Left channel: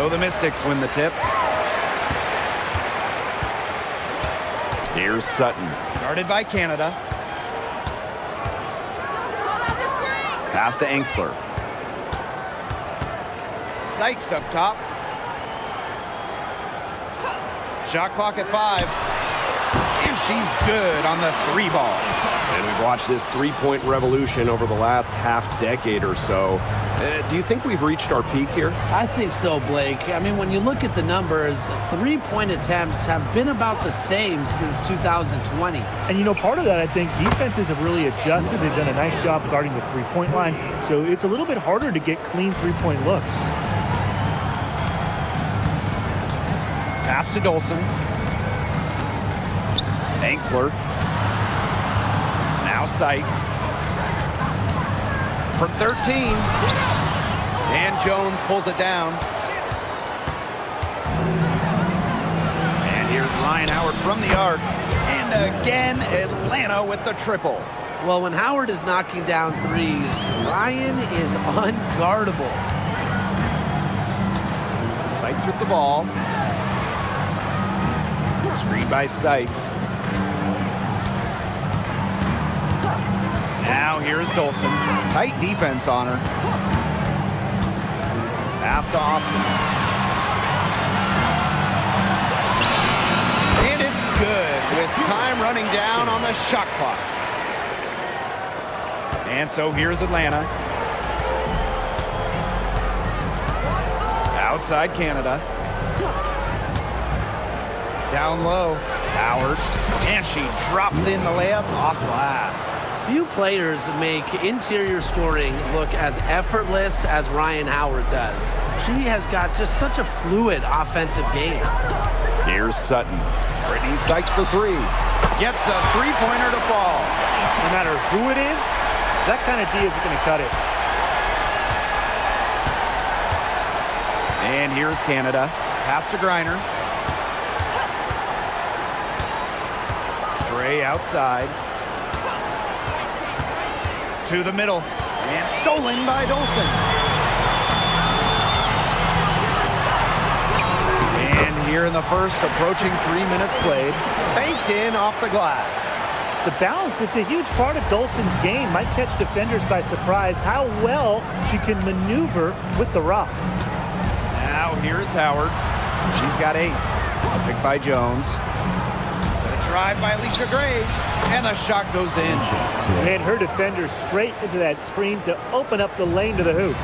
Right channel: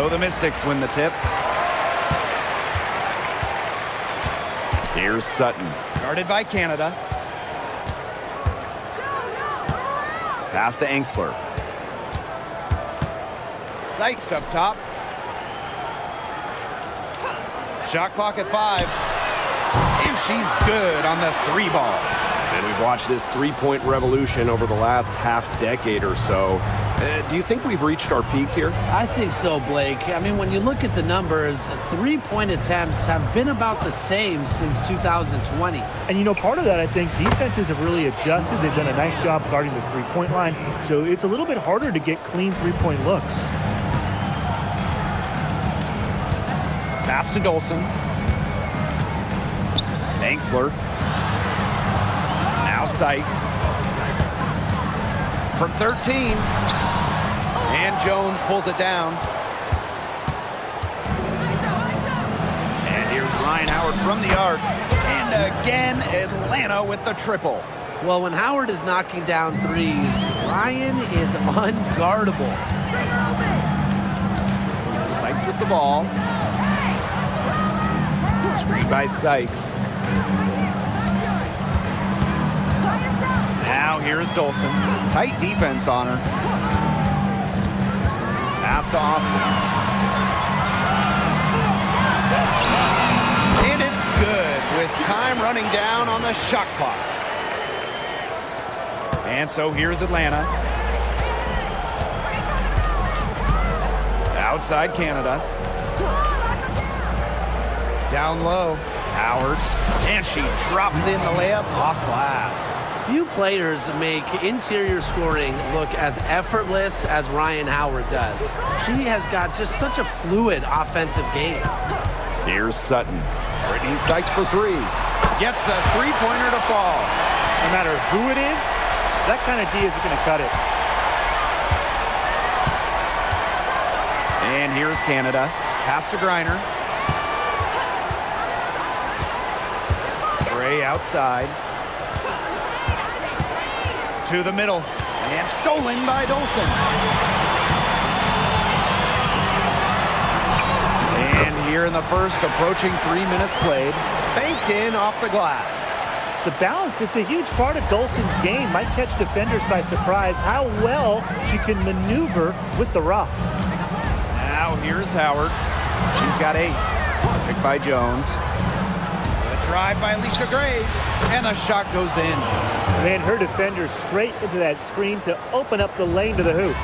So the Mystics win the tip. Here's Sutton. Guarded by Canada. Pass to Engstler. Sykes up top. Shot clock at 5. And she's good on the 3 balls. And we've watched this three-point revolution over the last half-decade or so. Do you think we've reached our peak here? I think so, Blake. I mean, when you look at the numbers, three-point attempts have been about the same since 2020. And, you know, part of that, I think, defenses have really adjusted. They've done a nice job guarding the three-point line, so it's a little bit harder to get clean three-point looks. Pass to Dolson. Engstler. Now Sykes. From 13. And Jones pulls it down. And here's Ryan Howard from the arc. And again, Atlanta with the triple. Well, when Howard is knocking down threes, Ryan is unguardable. Sykes with the ball. Screen by Sykes. Now here's Dolson. Tight defense on her. Pass to Austin. And it's good with time running down on the shot clock. And so here's Atlanta. Outside Canada. Down low. Howard. And she drops in the layup off glass. Few players make interior scoring look as effortless as Ryan Howard does. She has got just such a fluid offensive game. Here's Sutton. Brittany Sykes for 3. Gets a three-pointer to fall. No matter who it is, that kind of D isn't going to cut it. And here's Canada. Pass to Griner. Gray outside. To the middle. And stolen by Dolson. And here in the first, approaching 3 minutes played. Banked in off the glass. The balance, it's a huge part of Dolson's game. Might catch defenders by surprise how well she can maneuver with the rock. Now here's Howard. She's got 8. A pick by Jones. The drive by Alicia Gray. And the shot goes in. Man, her defender straight into that screen to open up the lane to the hoop.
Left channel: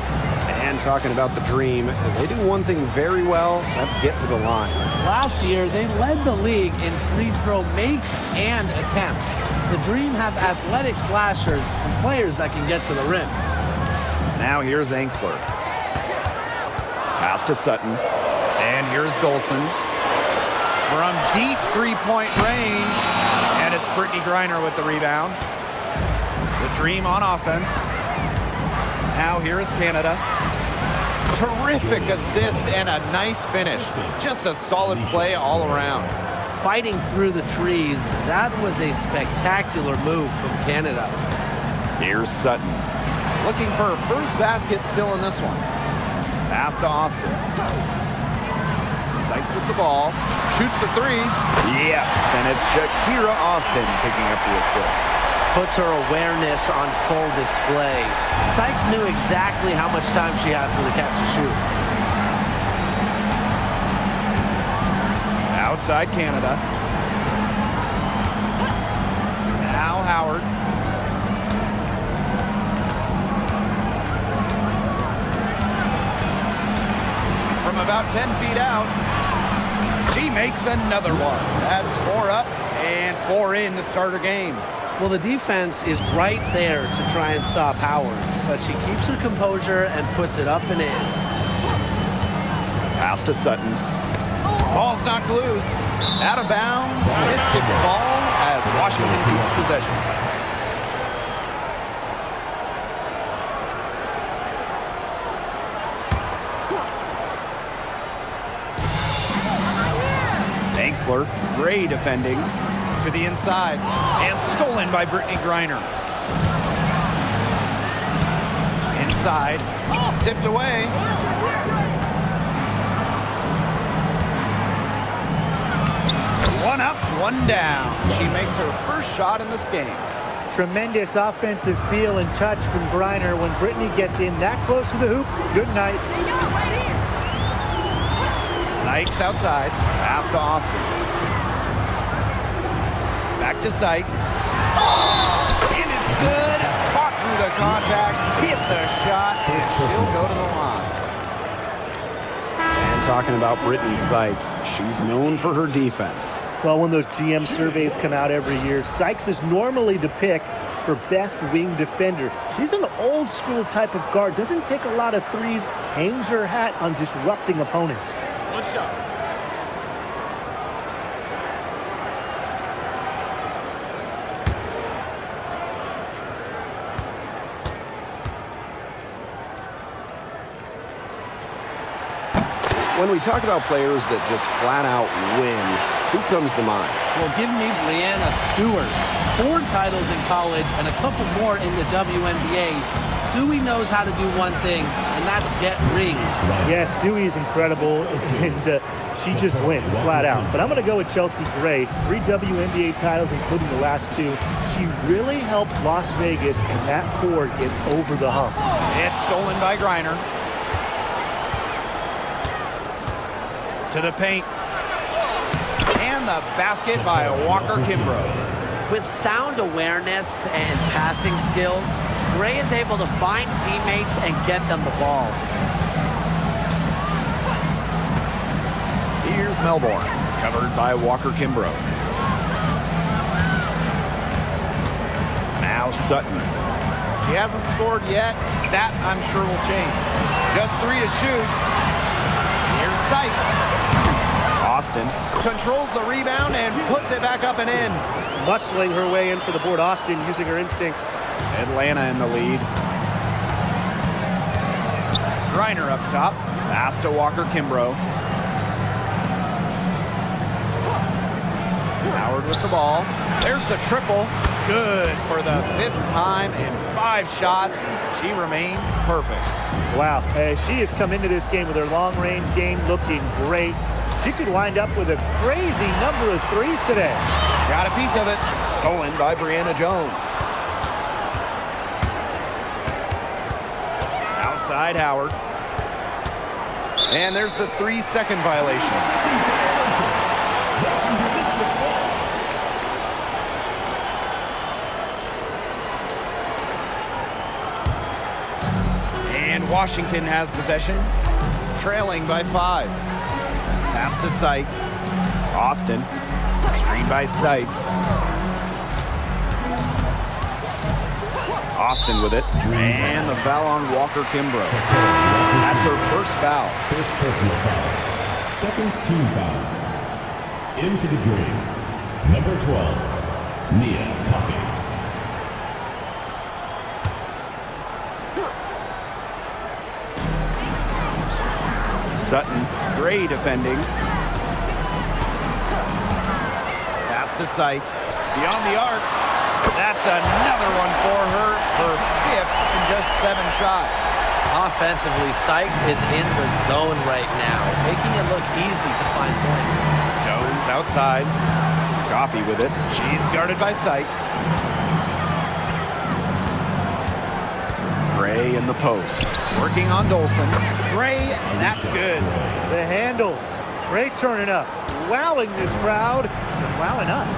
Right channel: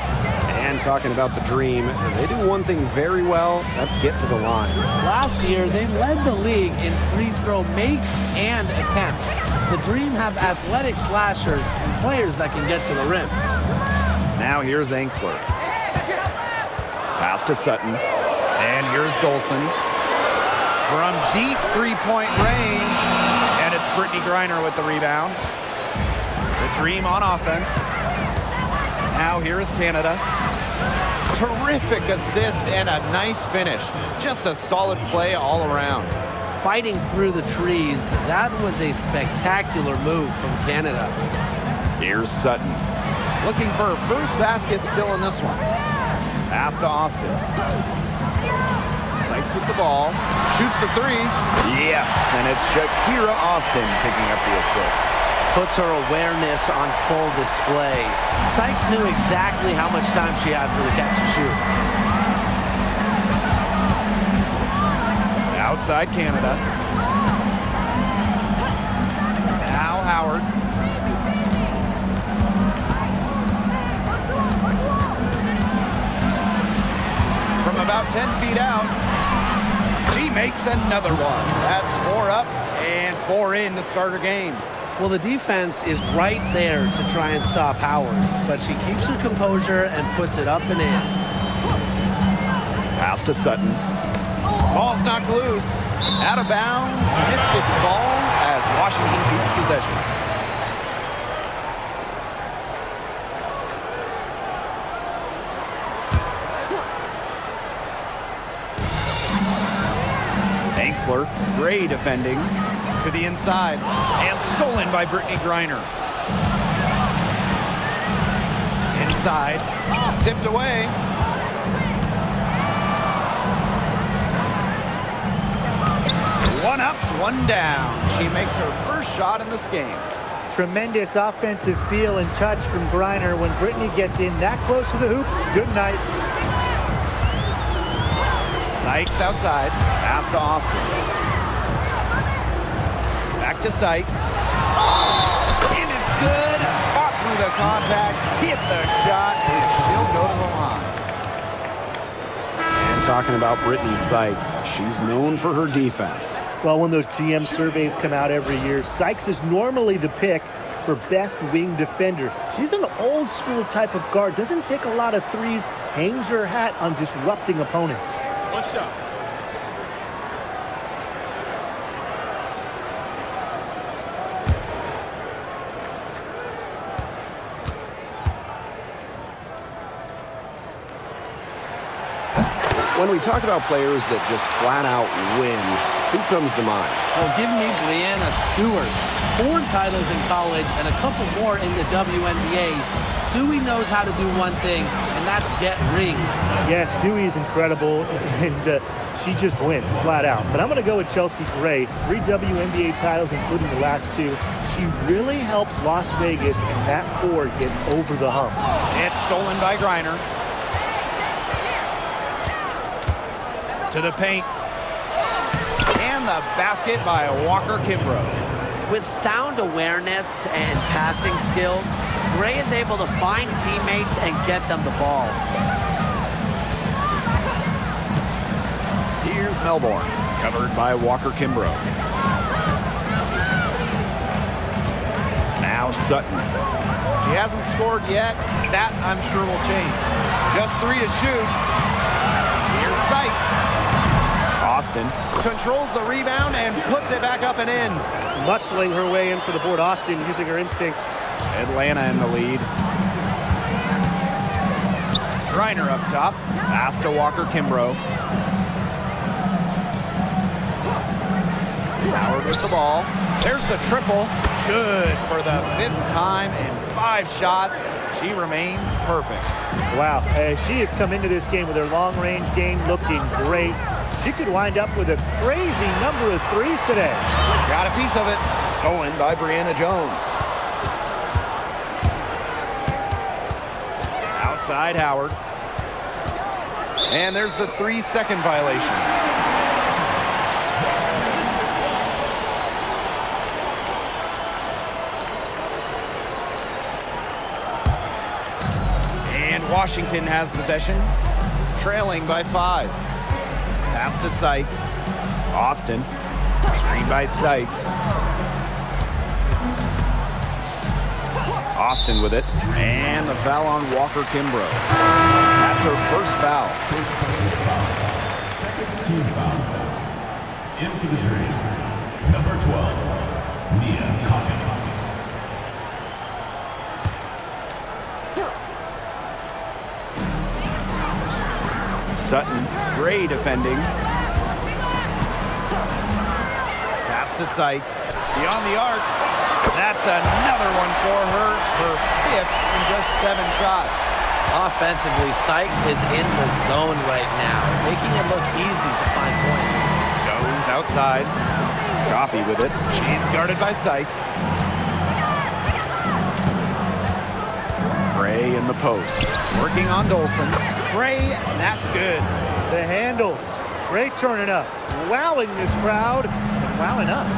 And talking about the Dream, they do one thing very well, that's get to the line. Last year, they led the league in free throw makes and attempts. The Dream have athletic slashers and players that can get to the rim. Now here's Engstler. Pass to Sutton. And here's Dolson. From deep three-point range. And it's Brittany Griner with the rebound. The Dream on offense. Now here is Canada. Terrific assist and a nice finish. Just a solid play all around. Fighting through the trees, that was a spectacular move from Canada. Here's Sutton. Looking for her first basket still in this one. Pass to Austin. Sykes with the ball. Shoots the 3. Yes, and it's Shakira Austin picking up the assist. Puts her awareness on full display. Sykes knew exactly how much time she had for the catch and shoot. Outside Canada. Now Howard. From about 10 feet out, she makes another one. That's 4 up and 4 in to start her game. Well, the defense is right there to try and stop Howard, but she keeps her composure and puts it up and in. Pass to Sutton. Ball's knocked loose. Out of bounds. Mystics ball as Washington keeps possession. Engstler, Gray defending. To the inside, and stolen by Brittany Griner. Inside, tipped away. One up, one down. She makes her first shot in this game. Tremendous offensive feel and touch from Griner. When Brittany gets in that close to the hoop, good night. Sykes outside. Pass to Austin. Back to Sykes. And it's good. Fought through the contact, hit the shot, and she'll go to the line. And talking about Brittany Sykes, she's known for her defense. Well, when those GM surveys come out every year, Sykes is normally the pick for best wing defender. She's an old school type of guard, doesn't take a lot of threes, hangs her hat on disrupting opponents. One shot. When we talk about players that just flat out win, who comes to mind? Well, give me Brianna Stewart. 4 titles in college and a couple more in the WNBA. Stewie knows how to do one thing, and that's get rings. Yeah, Stewie is incredible, and she just wins flat out. But I'm going to go with Chelsea Gray. 3 WNBA titles, including the last 2. She really helped Las Vegas and that core get over the hump. It's stolen by Griner. To the paint. And the basket by Walker Kimbrough. With sound awareness and passing skills, Gray is able to find teammates and get them the ball. Here's Melbourne, covered by Walker Kimbrough. Now Sutton. She hasn't scored yet. That, I'm sure, will change. Just 3 to shoot. Here's Sykes. Austin controls the rebound and puts it back up and in. Muscling her way in for the board. Austin using her instincts. Atlanta in the lead. Griner up top. Pass to Walker Kimbrough. Howard with the ball. There's the triple. Good for the 5th time in 5 shots. She remains perfect. Wow, she has come into this game with her long-range game looking great. She could wind up with a crazy number of threes today. Got a piece of it. Stolen by Brianna Jones. Outside Howard. And there's the 3-second violation. And Washington has possession, trailing by 5. Pass to Sykes. Austin. Screen by Sykes. Austin with it. And the foul on Walker Kimbrough. That's her first foul. First personal foul. Second team foul. In for the dream. Number 12, Nia Coffey. Sutton, Gray defending. Pass to Sykes. Beyond the arc. That's another one for her. Her 5th in just 7 shots. Offensively, Sykes is in the zone right now, making it look easy to find points. Jones outside. Coffey with it. She's guarded by Sykes. Gray in the post. Working on Dolson. Gray, that's good. The handles. Great turning up. Wowing this crowd and wowing us.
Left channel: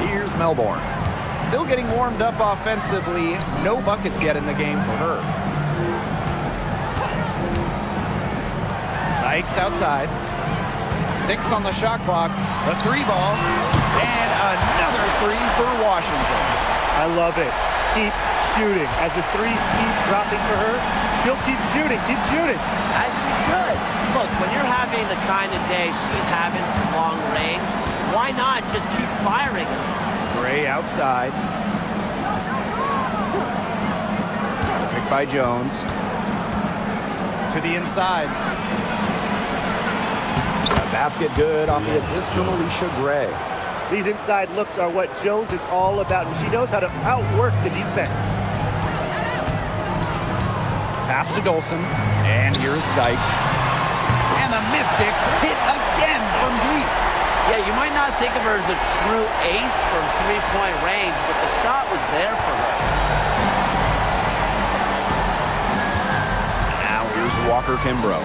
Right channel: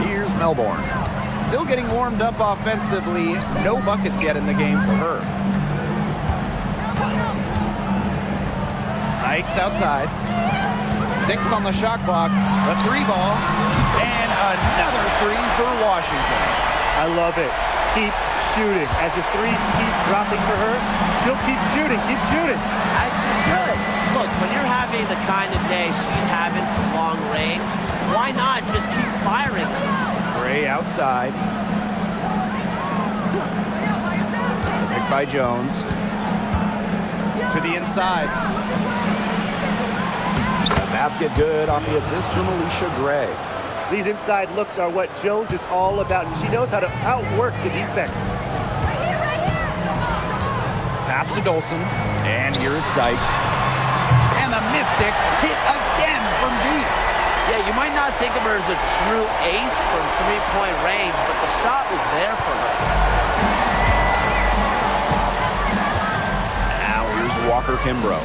Here's Melbourne. Still getting warmed up offensively. No buckets yet in the game for her. Sykes outside. 6 on the shot clock. The 3 ball. And another 3 for Washington. I love it. Keep shooting. As the threes keep dropping for her, she'll keep shooting, As she should. Look, when you're having the kind of day she's having from long range, why not just keep firing them? Gray outside. Picked by Jones. To the inside. A basket good off the assist from Alicia Gray. These inside looks are what Jones is all about, and she knows how to outwork the defense. Pass to Dolson. And here is Sykes. And the Mystics hit again from deep. Yeah, you might not think of her as a true ace from three-point range, but the shot was there for her. Now here's Walker Kimbrough.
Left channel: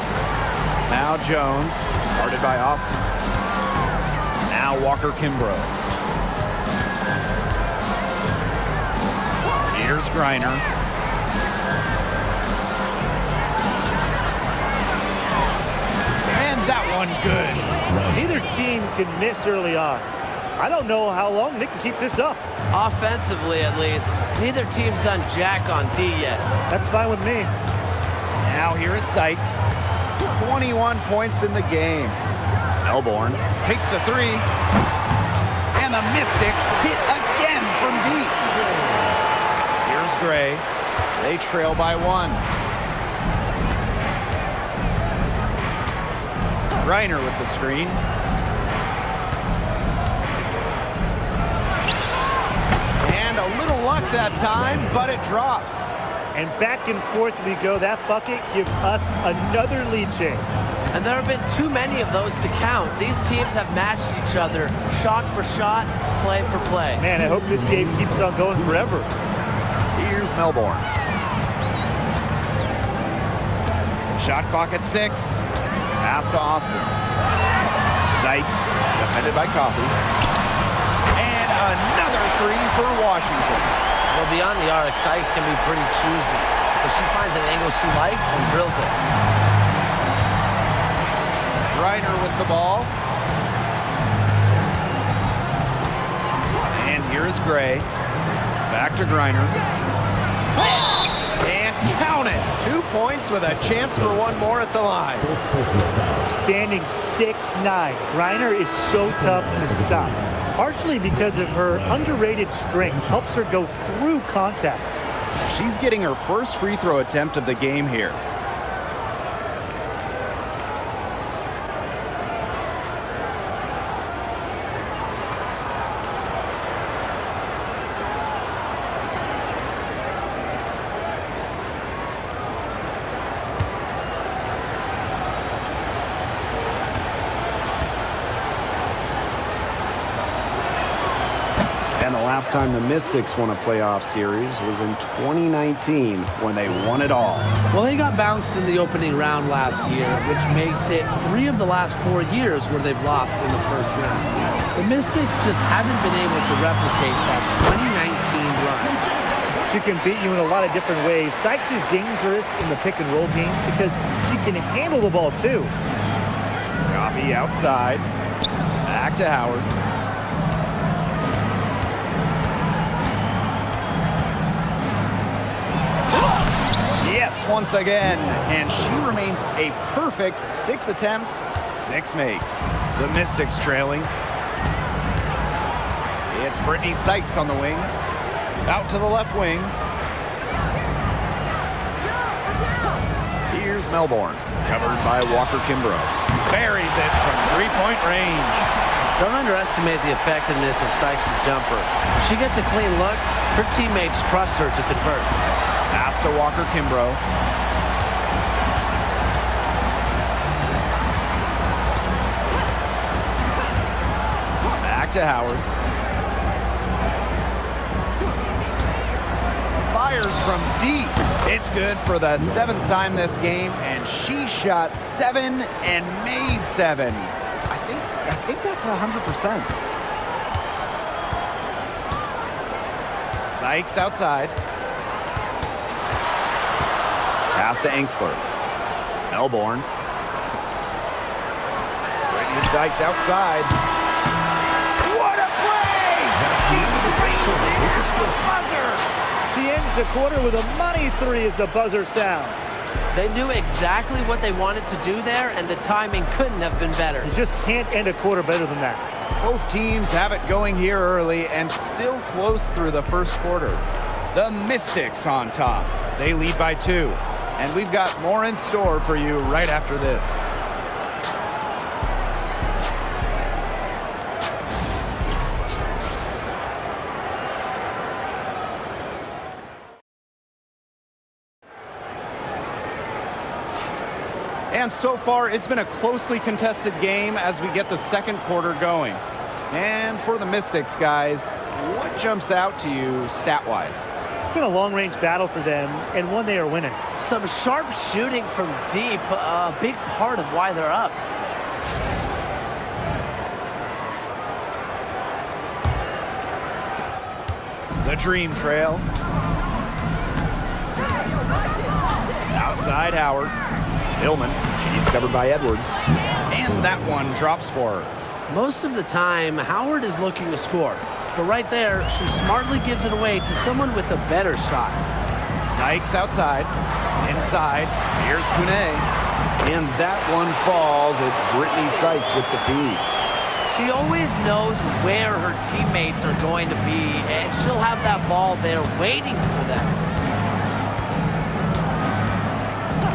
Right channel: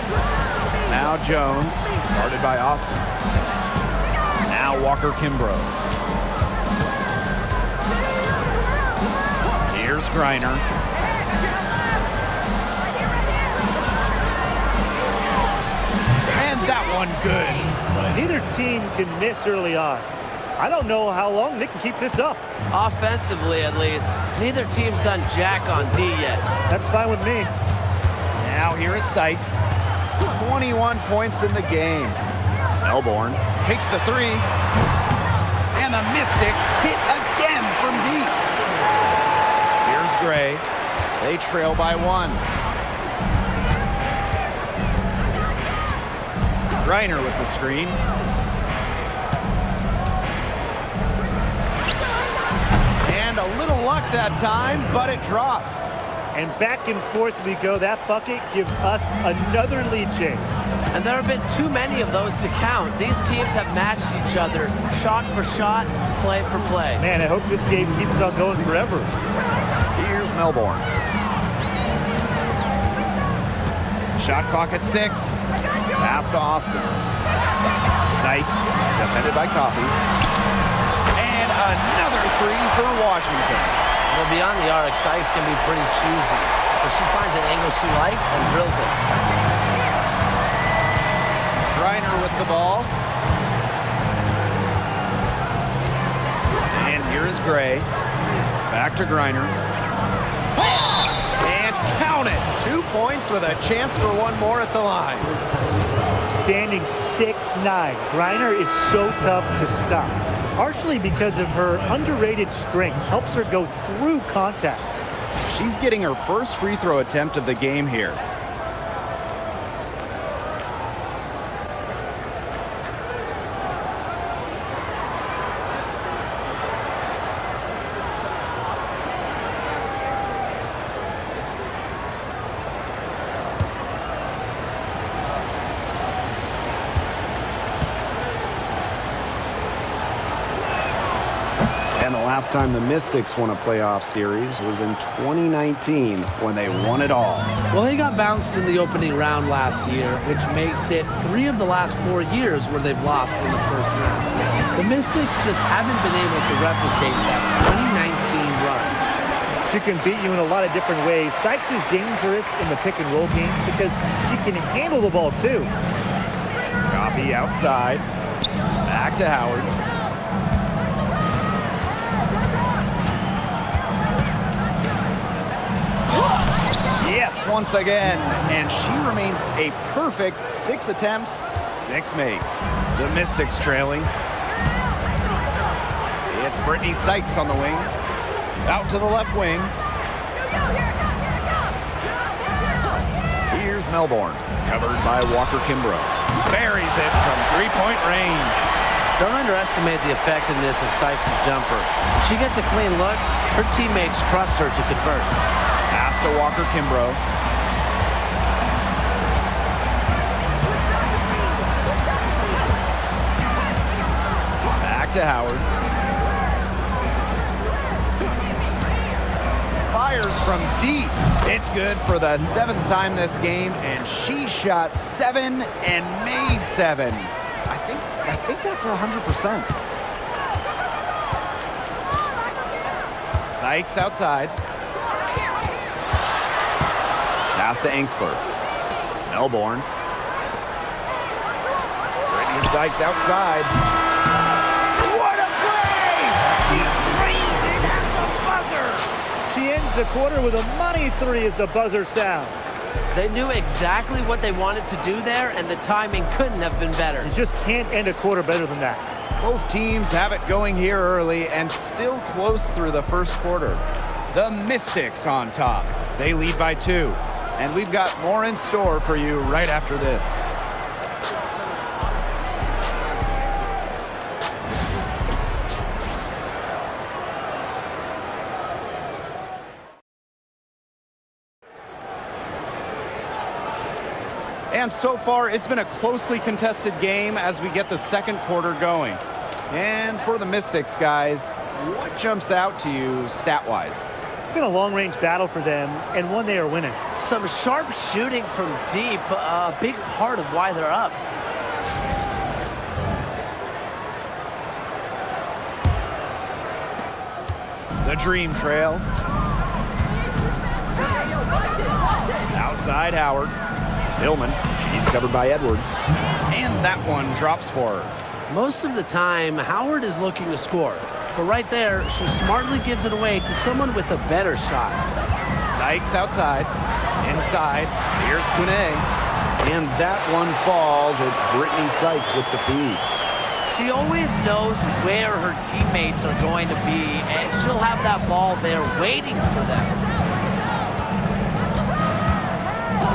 Now Jones, guarded by Austin. Now Walker Kimbrough. Here's Griner. And that one good. Neither team can miss early on. I don't know how long they can keep this up. Offensively, at least. Neither team's done jack on D yet. That's fine with me. Now here is Sykes. 21 points in the game. Melbourne takes the three. And the Mystics hit again from deep. Here's Gray. They trail by one. Griner with the screen. And a little luck that time, but it drops. And back and forth we go. That bucket gives us another lead change. And there have been too many of those to count. These teams have matched each other, shot for shot, play for play. Man, I hope this game keeps on going forever. Here's Melbourne. Shot clock at 6. Pass to Austin. Sykes, defended by Coffey. And another three for Washington. Well, beyond the arc, Sykes can be pretty choosy, but she finds an angle she likes and drills it. Griner with the ball. And here's Gray. Back to Griner. And count it. 2 points with a chance for one more at the line. Standing 6'9", Griner is so tough to stop. Partially because of her underrated strength, helps her go through contact. She's getting her first free throw attempt of the game here. And the last time the Mystics won a playoff series was in 2019 when they won it all. Well, they got bounced in the opening round last year, which makes it 3 of the last 4 years where they've lost in the first round. The Mystics just haven't been able to replicate that 2019 run. She can beat you in a lot of different ways. Sykes is dangerous in the pick and roll game because she can handle the ball too. Coffey outside. Back to Howard. Yes, once again. And she remains a perfect 6 attempts, 6 makes. The Mystics trailing. It's Brittany Sykes on the wing. Out to the left wing. Here's Melbourne, covered by Walker Kimbrough. Buries it from 3-point range. Don't underestimate the effectiveness of Sykes' jumper. If she gets a clean look, her teammates trust her to convert. Pass to Walker Kimbrough. Back to Howard. Fires from deep. It's good for the 7th time this game, and she shot 7 and made 7. I think that's 100%. Sykes outside. Pass to Angsler. Melbourne. Brittany Sykes outside. What a play! She drains it at the buzzer. She ends the quarter with a money 3 as the buzzer sounds. They knew exactly what they wanted to do there, and the timing couldn't have been better. You just can't end a quarter better than that. Both teams have it going here early and still close through the first quarter. The Mystics on top. They lead by 2. And we've got more in store for you right after this. And so far, it's been a closely contested game as we get the second quarter going. And for the Mystics, guys, what jumps out to you stat-wise? It's been a long-range battle for them, and one they are winning. Some sharp shooting from deep, a big part of why they're up. The dream trail. Outside Howard. Hillman. She's covered by Edwards. And that one drops for her. Most of the time, Howard is looking to score. But right there, she smartly gives it away to someone with a better shot. Sykes outside. Inside. Here's Kune. And that one falls. It's Brittany Sykes with the feed. She always knows where her teammates are going to be, and she'll have that ball there waiting for them.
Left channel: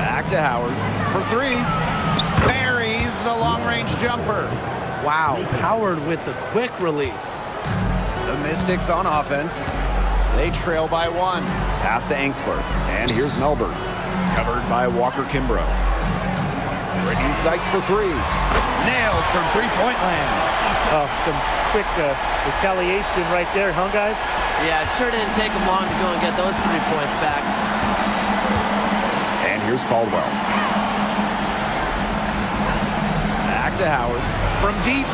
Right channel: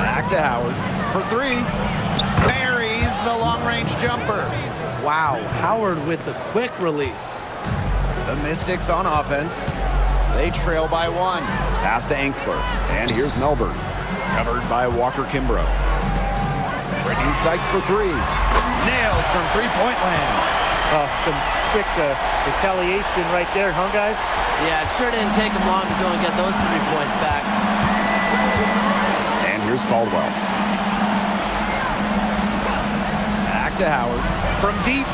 Back to Howard for three. Buries the long-range jumper. Wow, Howard with the quick release. The Mystics on offense. They trail by one. Pass to Angsler. And here's Melbourne. Covered by Walker Kimbrough. Brittany Sykes for three. Nailed from three-point land. Oh, some quick retaliation right there, huh, guys? Yeah, it sure didn't take him long to go and get those 3 points back. And here's Caldwell. Back to Howard. From deep.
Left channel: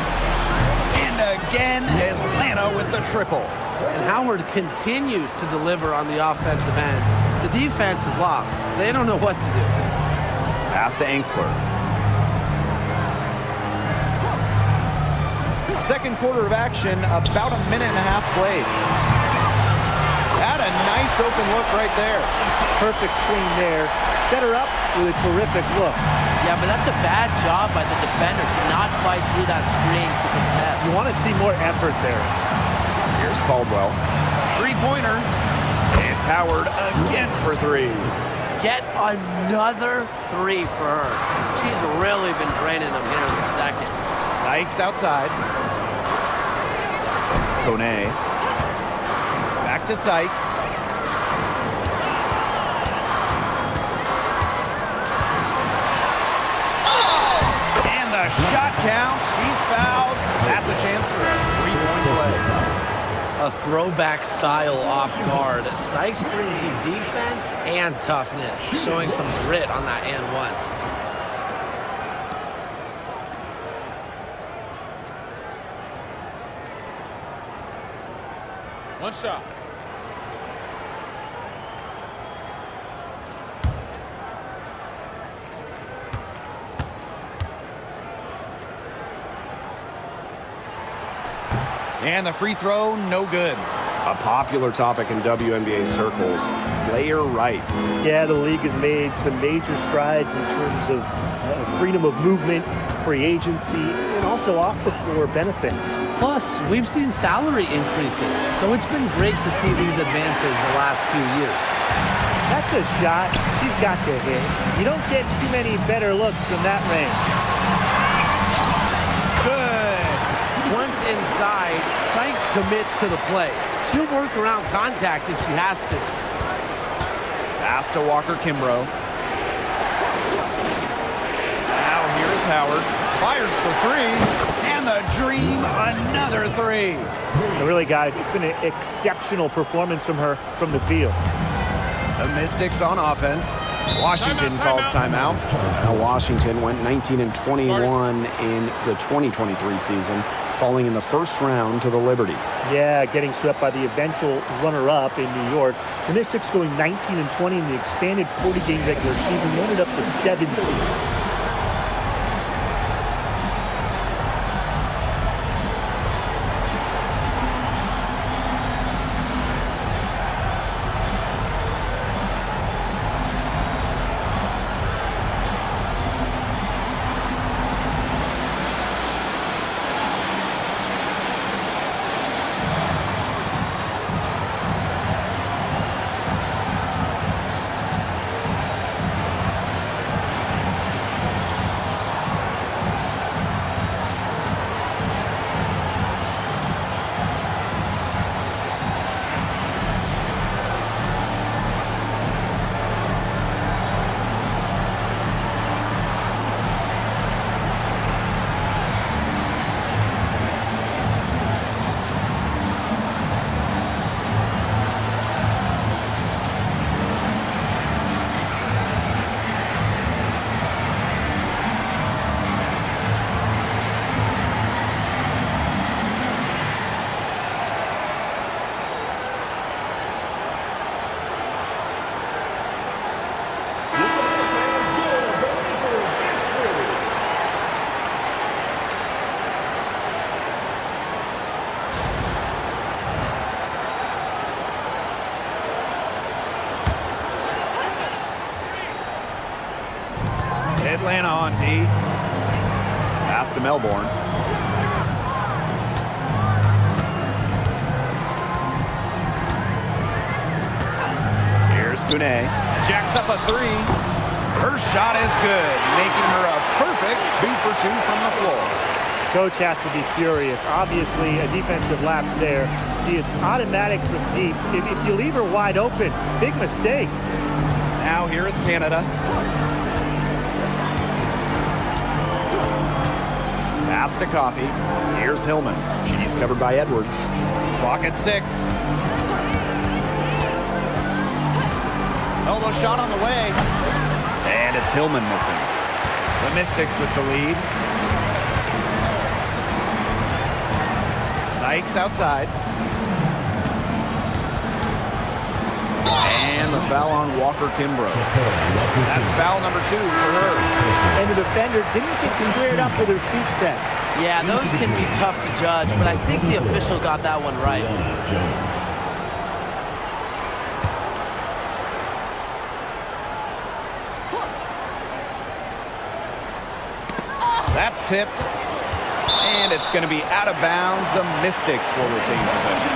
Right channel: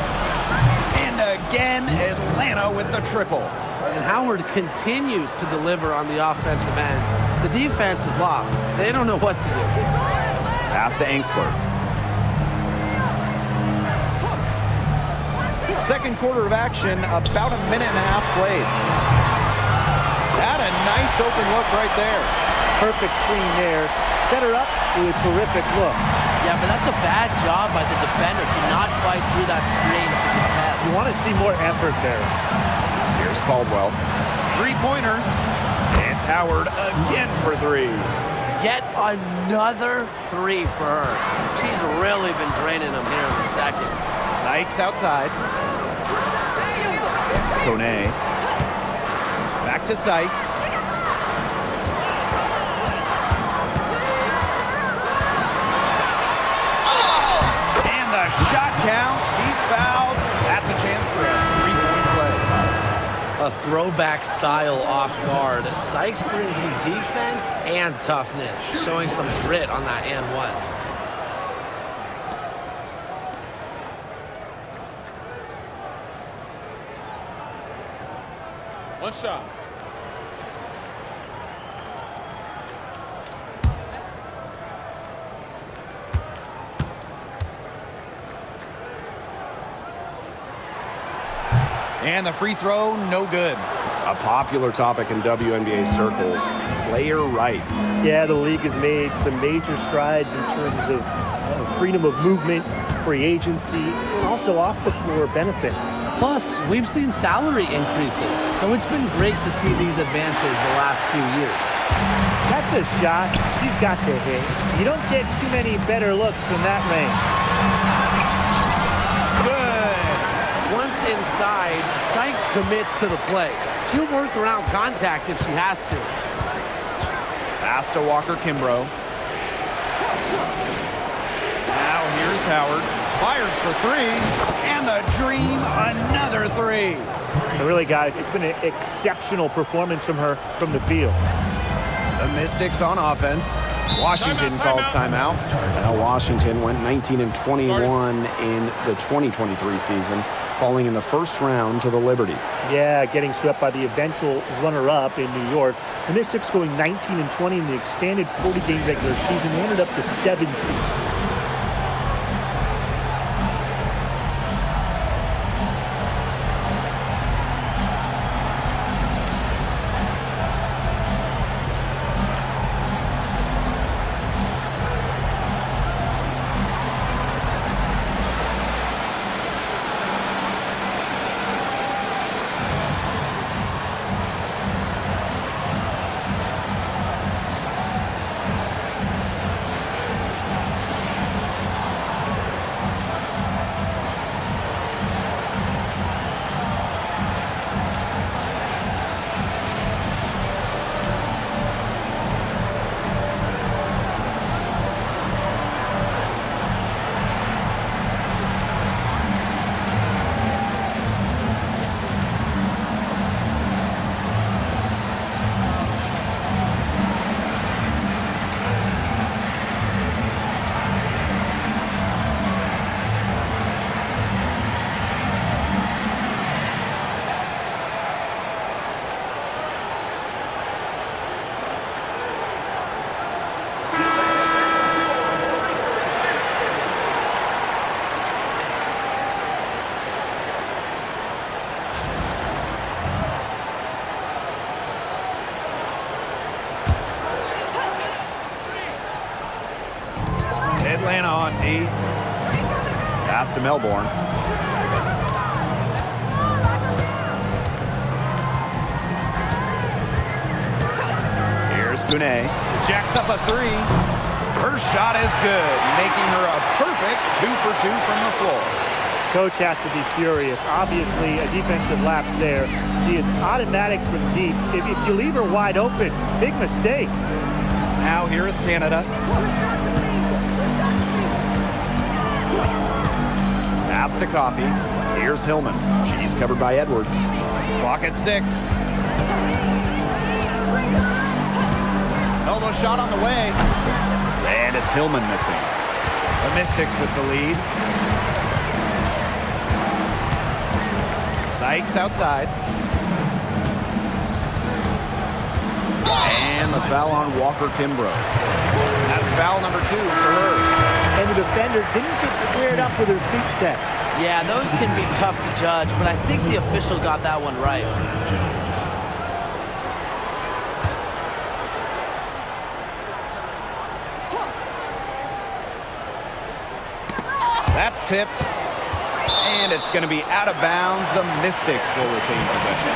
And again, Atlanta with the triple. And Howard continues to deliver on the offensive end. The defense is lost. They don't know what to do. Pass to Angsler. Second quarter of action, about a minute and a half played. Had a nice open look right there. Perfect screen there. Set her up with a terrific look. Yeah, but that's a bad job by the defender to not fight through that screen to contest. You want to see more effort there. Here's Caldwell. Three-pointer. It's Howard again for three. Yet another three for her. She's really been draining them here in the second. Sykes outside. Kone. Back to Sykes. And the shot count. She's fouled. That's a chance for a three-point play. A throwback style off guard. Sykes brings you defense and toughness, showing some grit on that and one. One shot. And the free throw, no good. A popular topic in WNBA circles, player rights. Yeah, the league has made some major strides in terms of freedom of movement, free agency, and also off-the-floor benefits. Plus, we've seen salary increases, so it's been great to see these advances the last few years. That's a shot she's got to hit. You don't get too many better looks from that range. Good. Once inside, Sykes commits to the play. She'll work around contact if she has to. Pass to Walker Kimbrough. Now here's Howard. Fires for three. And the dream, another three. And really, guys, it's been an exceptional performance from her from the field. The Mystics on offense. Washington calls timeout. Well, Washington went 19-21 in the 2023 season, falling in the first round to the Liberty. Yeah, getting swept by the eventual runner-up in New York. The Mystics going 19-20 in the expanded 40-game regular season. They ended up the 7th seed. Atlanta on D. Pass to Melbourne. Here's Kune. Jacks up a three. Her shot is good, making her a perfect 2 for 2 from the floor. Coach has to be furious. Obviously, a defensive lapse there. She is automatic from deep. If you leave her wide open, big mistake. Now here is Canada. Pass to Coffey. Here's Hillman. She's covered by Edwards. Clock at 6. Elbow shot on the way. And it's Hillman missing. The Mystics with the lead. Sykes outside. And the foul on Walker Kimbrough. That's foul number 2 for her. And the defender didn't get squared up with her feet set. Yeah, those can be tough to judge, but I think the official got that one right. That's tipped. And it's going to be out of bounds. The Mystics will retain possession.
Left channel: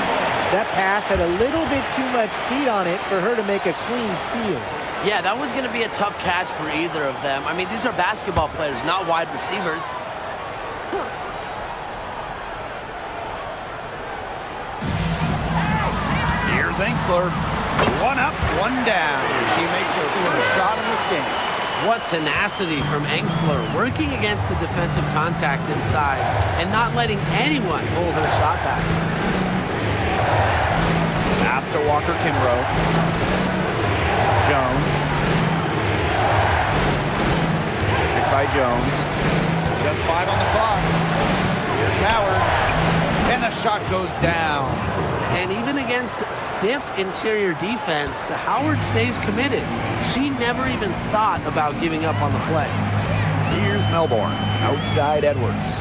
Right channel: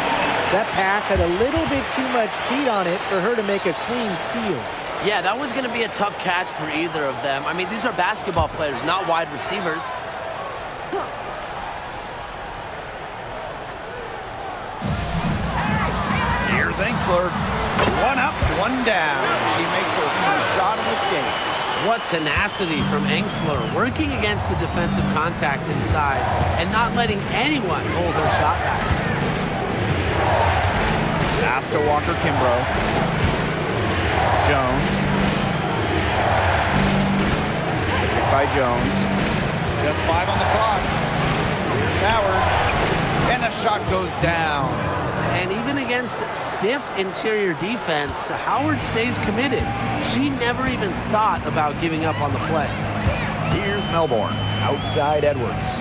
That pass had a little bit too much heat on it for her to make a clean steal. Yeah, that was going to be a tough catch for either of them. I mean, these are basketball players, not wide receivers. Here's Engsler. One up, one down. She makes her first shot in this game. What tenacity from Engsler, working against the defensive contact inside and not letting anyone hold her shot back. Pass to Walker Kimbrough. Jones. Picked by Jones. Just 5 on the clock. Here's Howard. And the shot goes down. And even against stiff interior defense, Howard stays committed. She never even thought about giving up on the play. Here's Melbourne. Outside Edwards.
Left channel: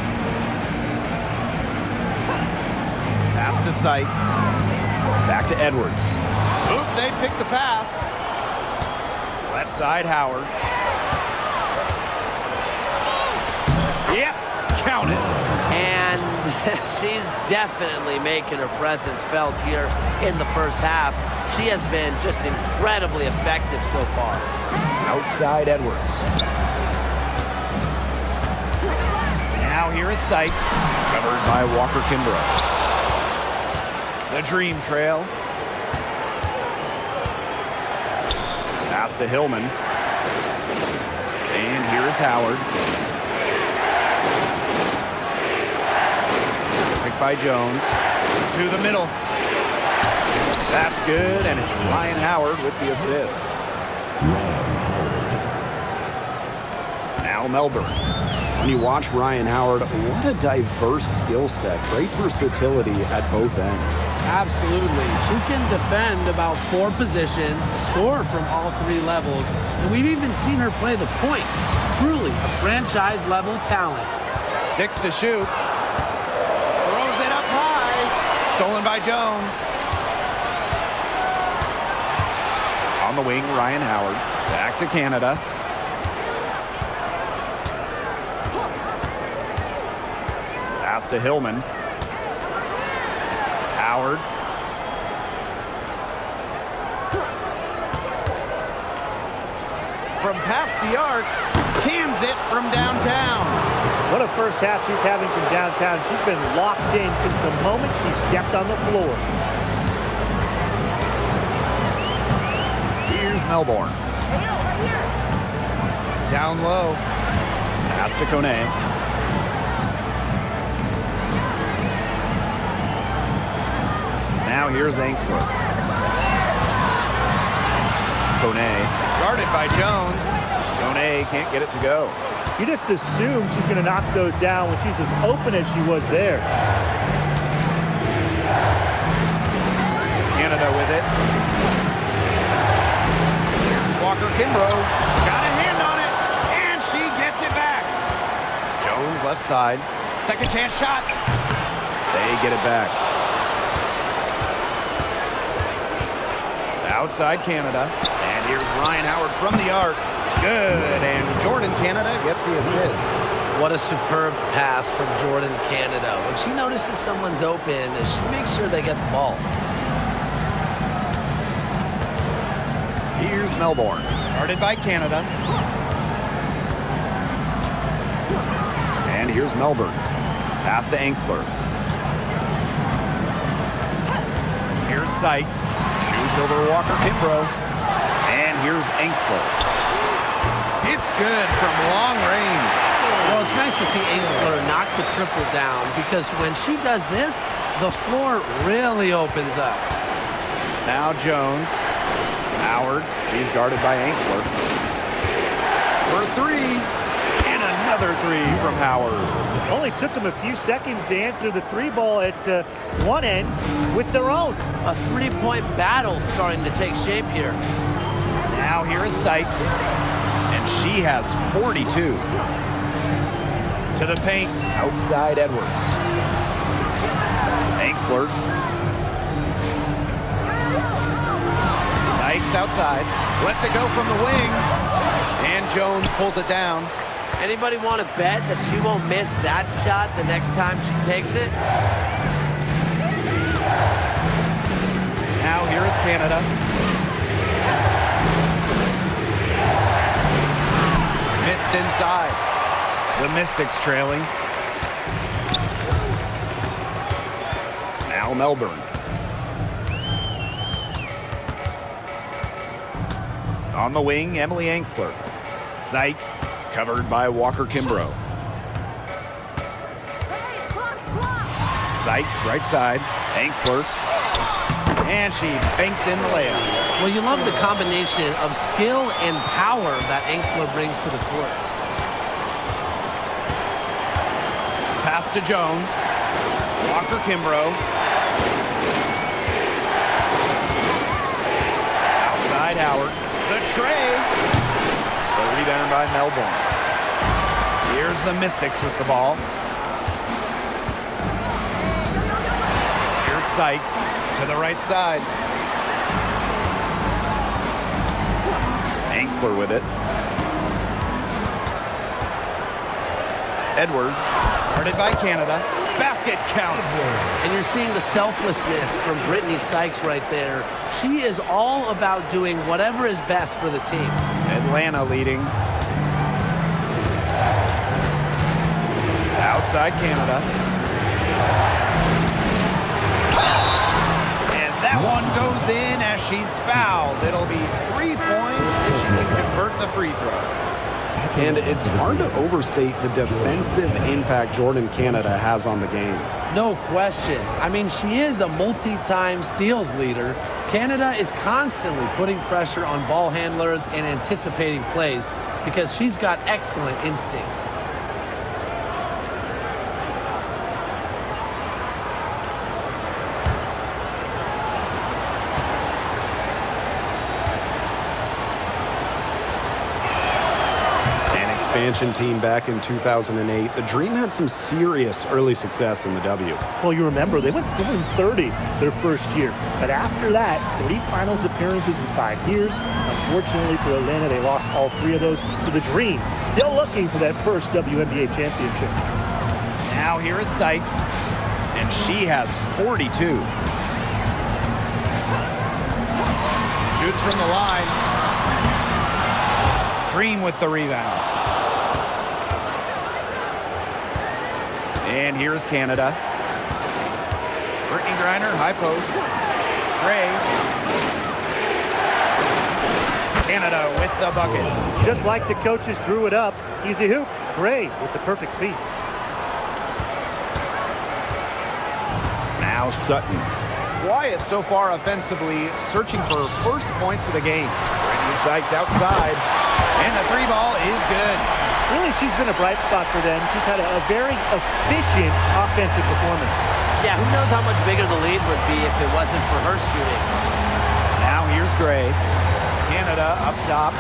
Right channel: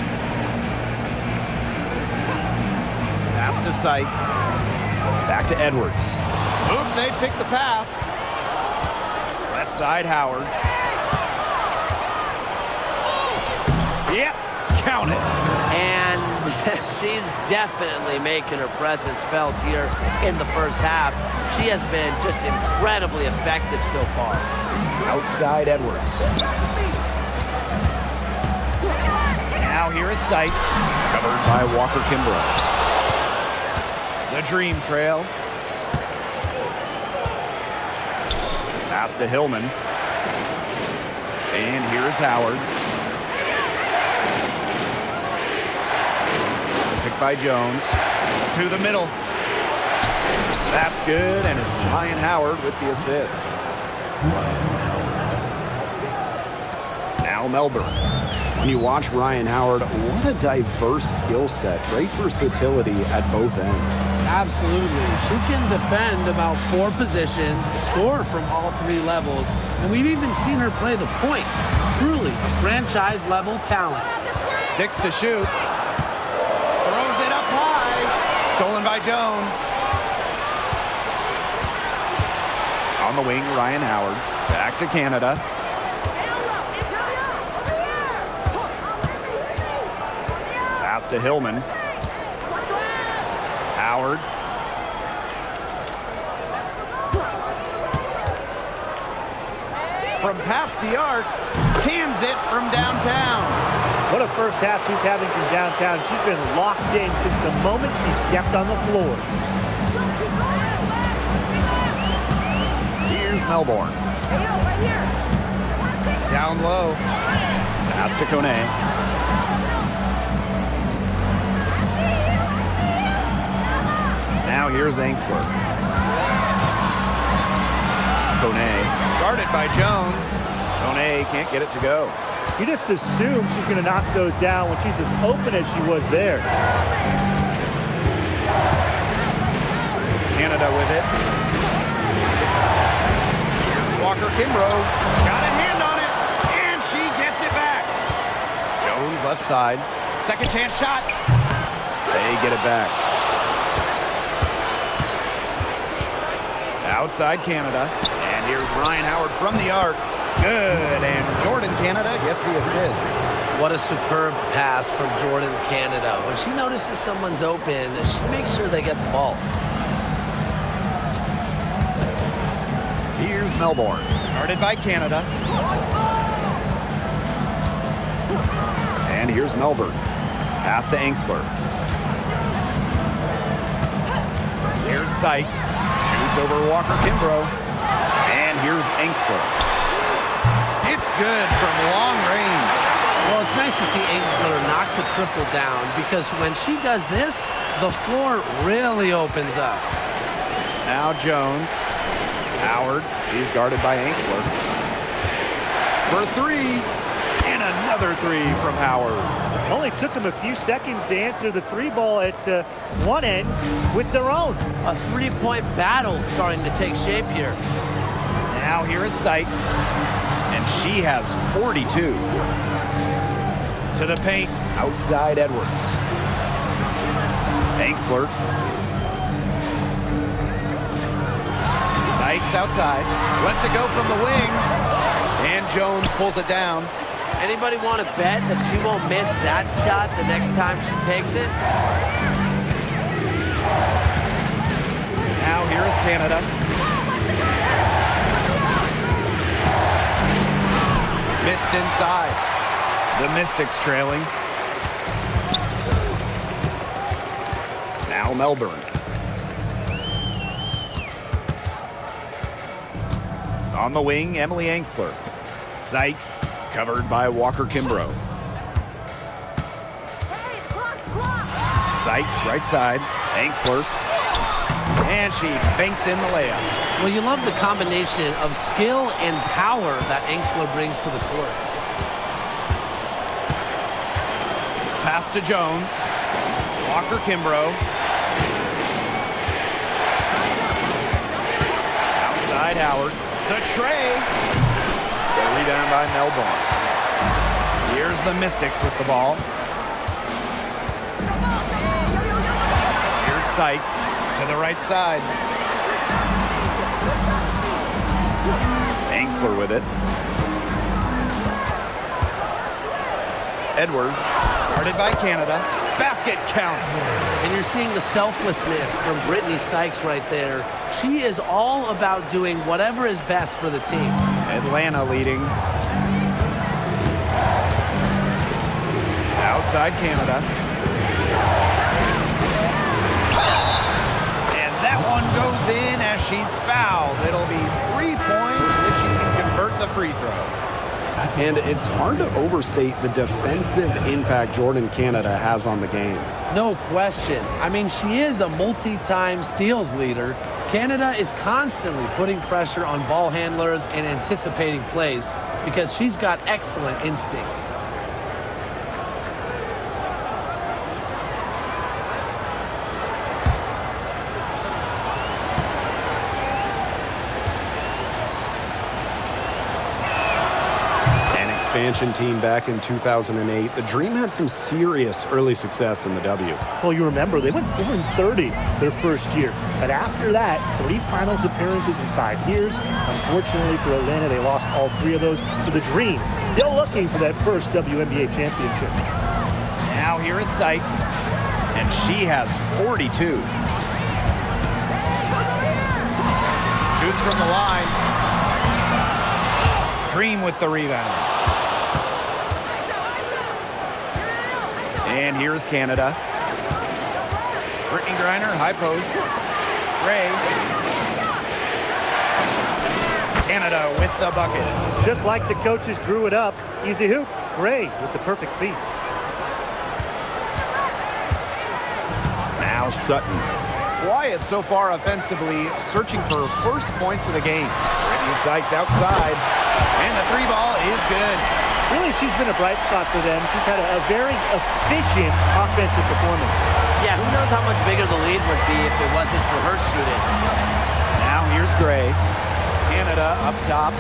Pass to Sykes. Back to Edwards. Oop, they picked the pass. Left side, Howard. Yep, count it. And she's definitely making her presence felt here in the first half. She has been just incredibly effective so far. Outside Edwards. Now here is Sykes. Covered by Walker Kimbrough. The Dream Trail. Pass to Hillman. And here is Howard. Picked by Jones. To the middle. That's good, and it's Ryan Howard with the assist. Now Melbourne. When you watch Ryan Howard, what a diverse skill set. Great versatility at both ends. Absolutely. She can defend about 4 positions, score from all 3 levels, and we've even seen her play the point. Truly a franchise-level talent. 6 to shoot. Throws it up high. Stolen by Jones. On the wing, Ryan Howard. Back to Canada. Pass to Hillman. Howard. From past the arc, cans it from downtown. What a first half she's having from downtown. She's been locked in since the moment she stepped on the floor. Here's Melbourne. Right here. Down low. Pass to Kone. Now here's Engsler. Kone. Guarded by Jones. Kone can't get it to go. You just assume she's going to knock those down when she's as open as she was there. Canada with it. Here's Walker Kimbrough. Got a hand on it, and she gets it back. Jones left side. Second chance shot. They get it back. Outside Canada. And here's Ryan Howard from the arc. Good, and Jordan Canada gets the assist. What a superb pass from Jordan Canada. When she notices someone's open, she makes sure they get the ball. Here's Melbourne, guarded by Canada. And here's Melbourne. Pass to Engstler. Here's Sykes, shoots over Walker Kimbrough. And here's Engstler. It's good from long range. Well, it's nice to see Engstler knock the triple down because when she does this, the floor really opens up. Now Jones. Howard, she's guarded by Engstler. For three, and another three from Howard. Only took them a few seconds to answer the three ball at one end with their own. A three-point battle starting to take shape here. Now here is Sykes, and she has 42. To the paint, Outside Edwards. Engstler. Sykes outside, lets it go from the wing, and Jones pulls it down. Anybody want to bet that she won't miss that shot the next time she takes it? Now here is Canada. Missed inside. The Mystics trailing. Now Melbourne. On the wing, Emily Engstler. Sykes, covered by Walker Kimbrough. Sykes, right side. Engstler. And she banks in the layup. Well, you love the combination of skill and power that Engstler brings to the court. Pass to Jones. Walker Kimbrough. Outside Howard. The tray. The rebound by Melbourne. Here's the Mystics with the ball. Here's Sykes to the right side. Engstler with it. Edwards, guarded by Canada. Basket counts. And you're seeing the selflessness from Brittany Sykes right there. She is all about doing whatever is best for the team. Atlanta leading. Outside Canada. And that one goes in as she's fouled. It'll be 3 points if she can convert the free throw. And it's hard to overstate the defensive impact Jordan Canada has on the game. No question. I mean, she is a multi-time steals leader. Canada is constantly putting pressure on ball handlers and anticipating plays because she's got excellent instincts. Expansion team back in 2008, the Dream had some serious early success in the W. Well, you remember, they went 4-30 their first year. But after that, 3 finals appearances in 5 years. Unfortunately for Atlanta, they lost all 3 of those. For the Dream, still looking for that first WNBA championship. Now here is Sykes, and she has 42. Shoots from the line. Dream with the rebound. And here's Canada. Brittany Griner, high post. Gray. Canada with the bucket. Just like the coaches drew it up. Easy hoop. Gray with the perfect feed. Now Sutton. Wyatt so far offensively searching for first points of the game. Brittany Sykes outside. And the 3 ball is good. Really, she's been a bright spot for them. She's had a very efficient offensive performance. Yeah, who knows how much bigger the lead would be if it wasn't for her shooting. Now here's Gray. Canada up top.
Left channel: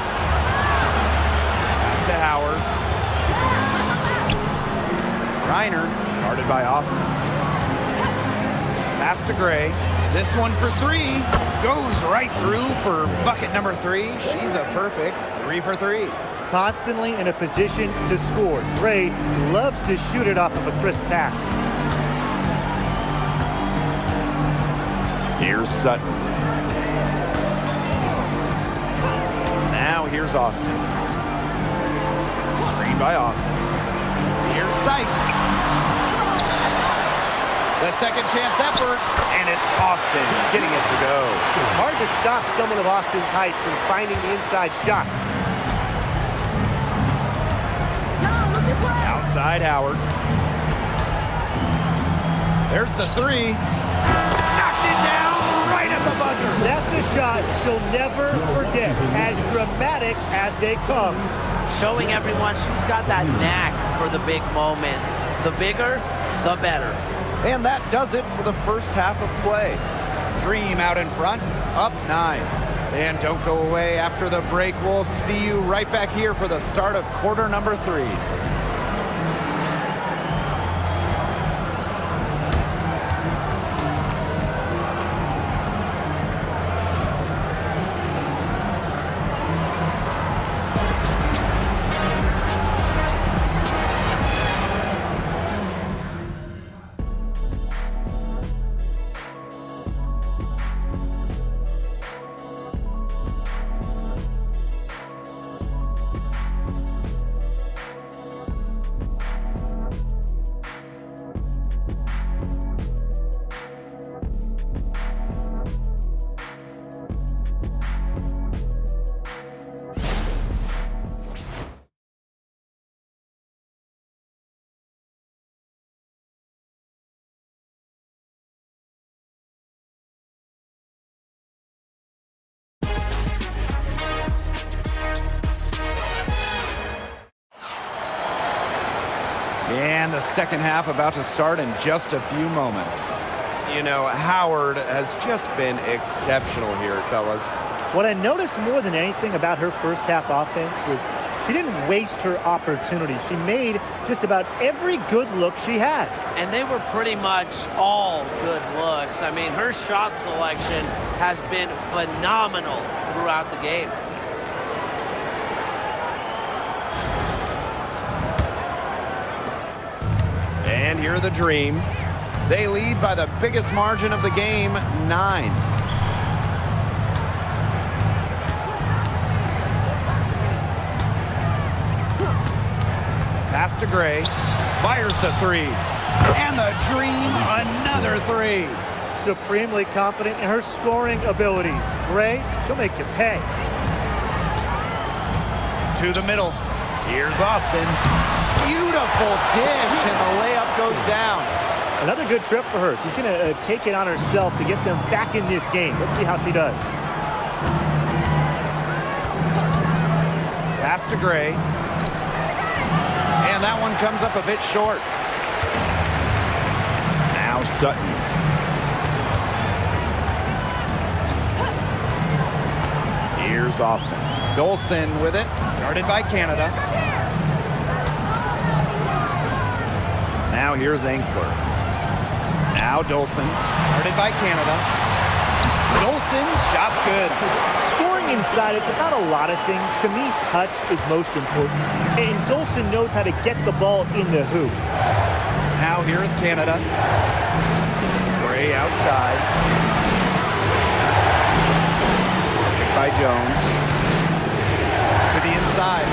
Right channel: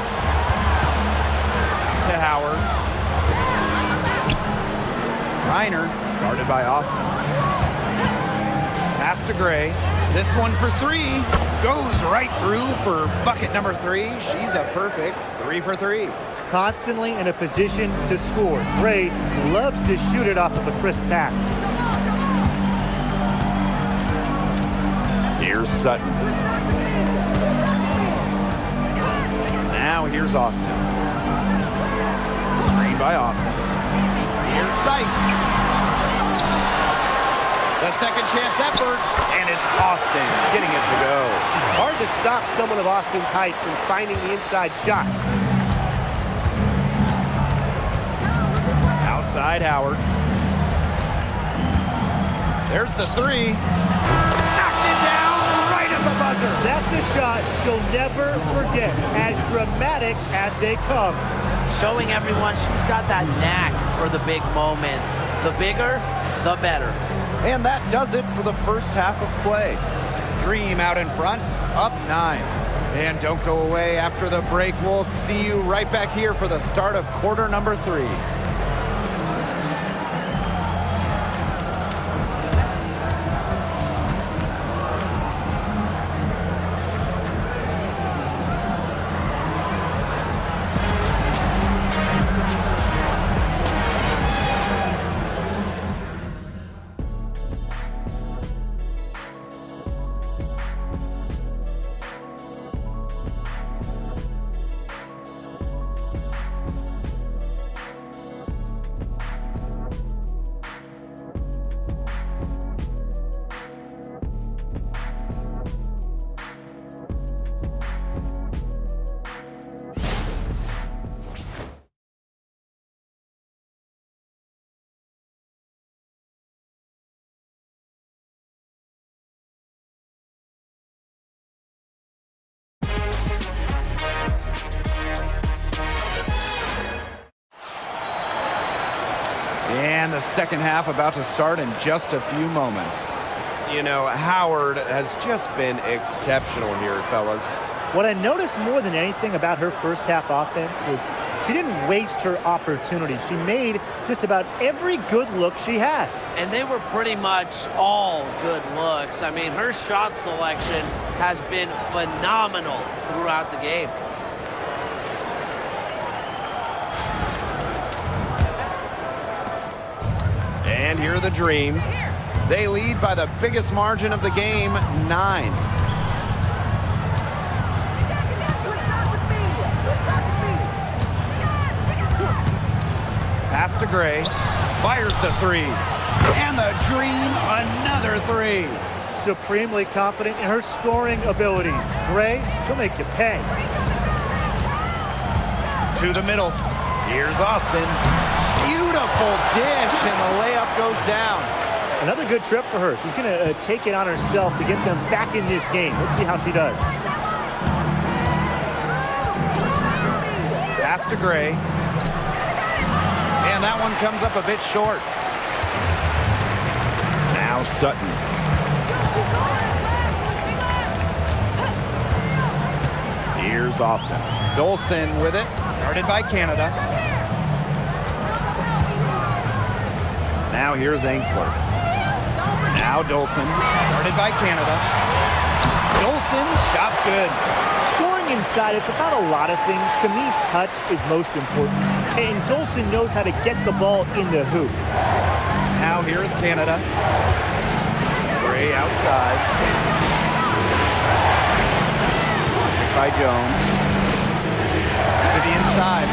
Out to Howard. Reiner, guarded by Austin. Pass to Gray. This one for 3. Goes right through for bucket number 3. She's a perfect 3 for 3. Constantly in a position to score. Gray loves to shoot it off of a crisp pass. Here's Sutton. Now here's Austin. Screen by Austin. Here's Sykes. The second chance effort, and it's Austin getting it to go. Hard to stop someone of Austin's height from finding the inside shot. Outside Howard. There's the 3. Knocked it down right at the buzzer. That's a shot she'll never forget, as dramatic as they come. Showing everyone she's got that knack for the big moments. The bigger, the better. And that does it for the first half of play. Dream out in front, up 9. And don't go away after the break. We'll see you right back here for the start of quarter number 3. And the second half about to start in just a few moments. You know, Howard has just been exceptional here, fellas. What I noticed more than anything about her first half offense was she didn't waste her opportunity. She made just about every good look she had. And they were pretty much all good looks. I mean, her shot selection has been phenomenal throughout the game. And here are the Dream. They lead by the biggest margin of the game, 9. Pass to Gray. Fires the 3. And the Dream, another 3. Supremely confident in her scoring abilities. Gray, she'll make you pay. To the middle. Here's Austin. Beautiful dish, and the layup goes down. Another good trip for her. She's going to take it on herself to get them back in this game. Let's see how she does. Pass to Gray. And that one comes up a bit short. Now Sutton. Here's Austin. Dolson with it. Guarded by Canada. Now here's Angsler. Now Dolson. Guarded by Canada. Dolson, shot's good. Scoring inside, it's about a lot of things. To me, touch is most important. And Dolson knows how to get the ball in the hoop. Now here's Canada. Gray outside. Picked by Jones. To the inside.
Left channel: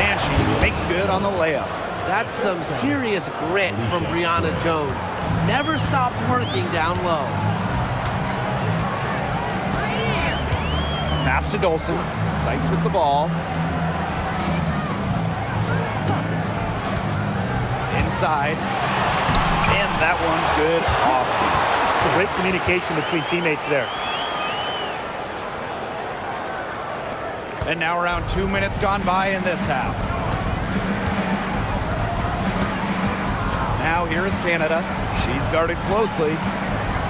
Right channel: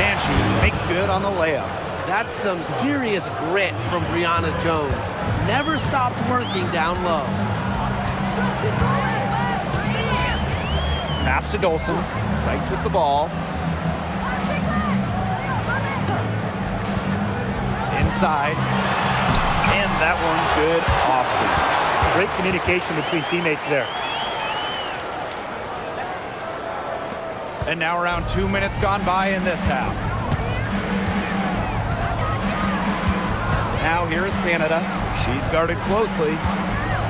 And she makes good on the layup. That's some serious grit from Brianna Jones. Never stopped working down low. Pass to Dolson. Sykes with the ball. Inside. And that one's good. Austin. Great communication between teammates there. And now around 2 minutes gone by in this half. Now here is Canada. She's guarded closely.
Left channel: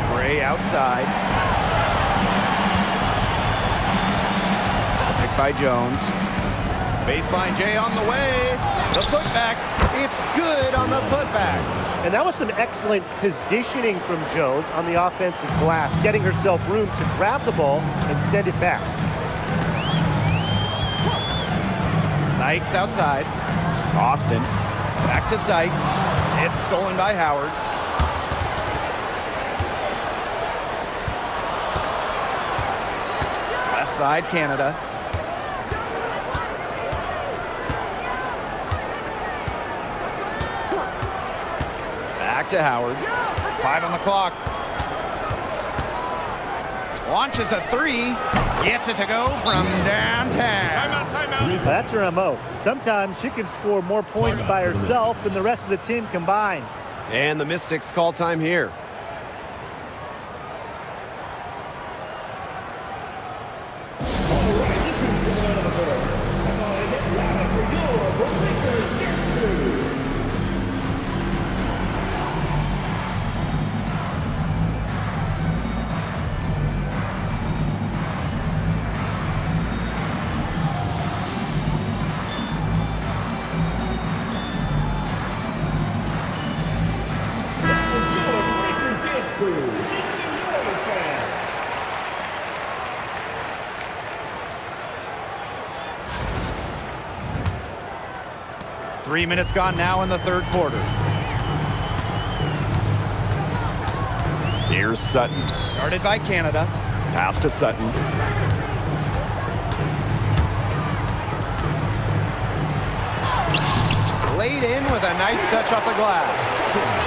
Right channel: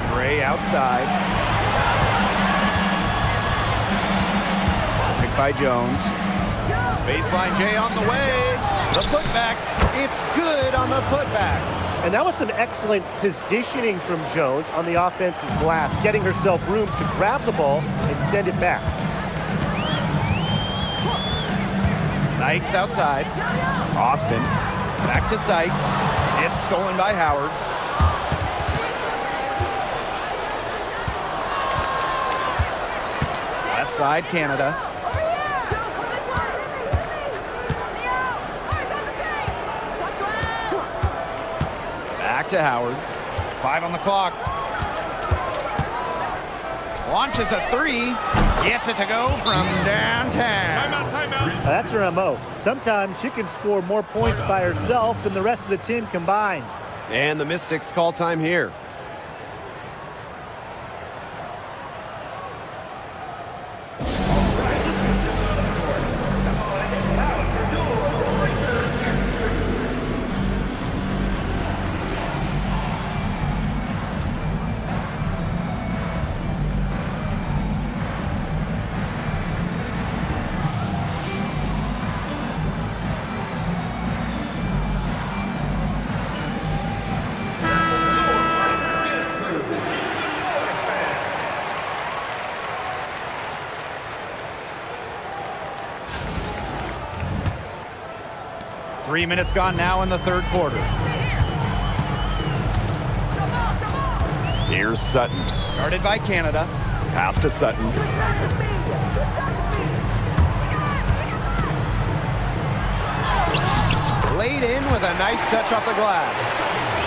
Gray outside. Picked by Jones. Baseline J on the way. The putback. It's good on the putback. And that was some excellent positioning from Jones on the offensive glass, getting herself room to grab the ball and send it back. Sykes outside. Austin. Back to Sykes. It's stolen by Howard. Left side, Canada. Back to Howard. 5 on the clock. Launches a 3. Gets it to go from downtown. Timeout. That's her MO. Sometimes she can score more points by herself than the rest of the team combined. And the Mystics call time here. Three minutes gone now in the third quarter. Here's Sutton. Guarded by Canada. Pass to Sutton. Laid in with a nice touch off the glass.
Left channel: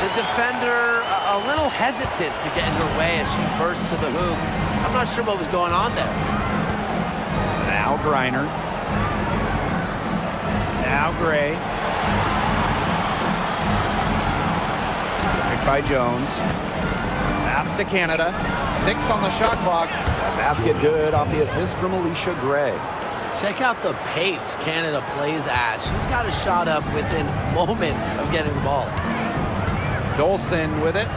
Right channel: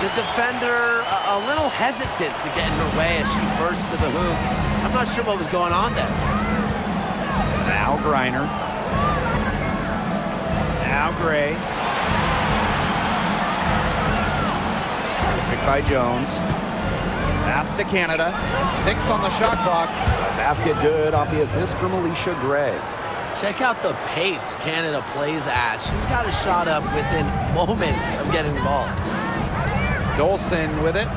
The defender a little hesitant to get in her way as she burst to the hoop. I'm not sure what was going on there. Now Griner. Now Gray. Perfect by Jones. Pass to Canada. 6 on the shot clock. The basket good off the assist from Alicia Gray. Check out the pace Canada plays at. She's got a shot up within moments of getting the ball. Dolson with it.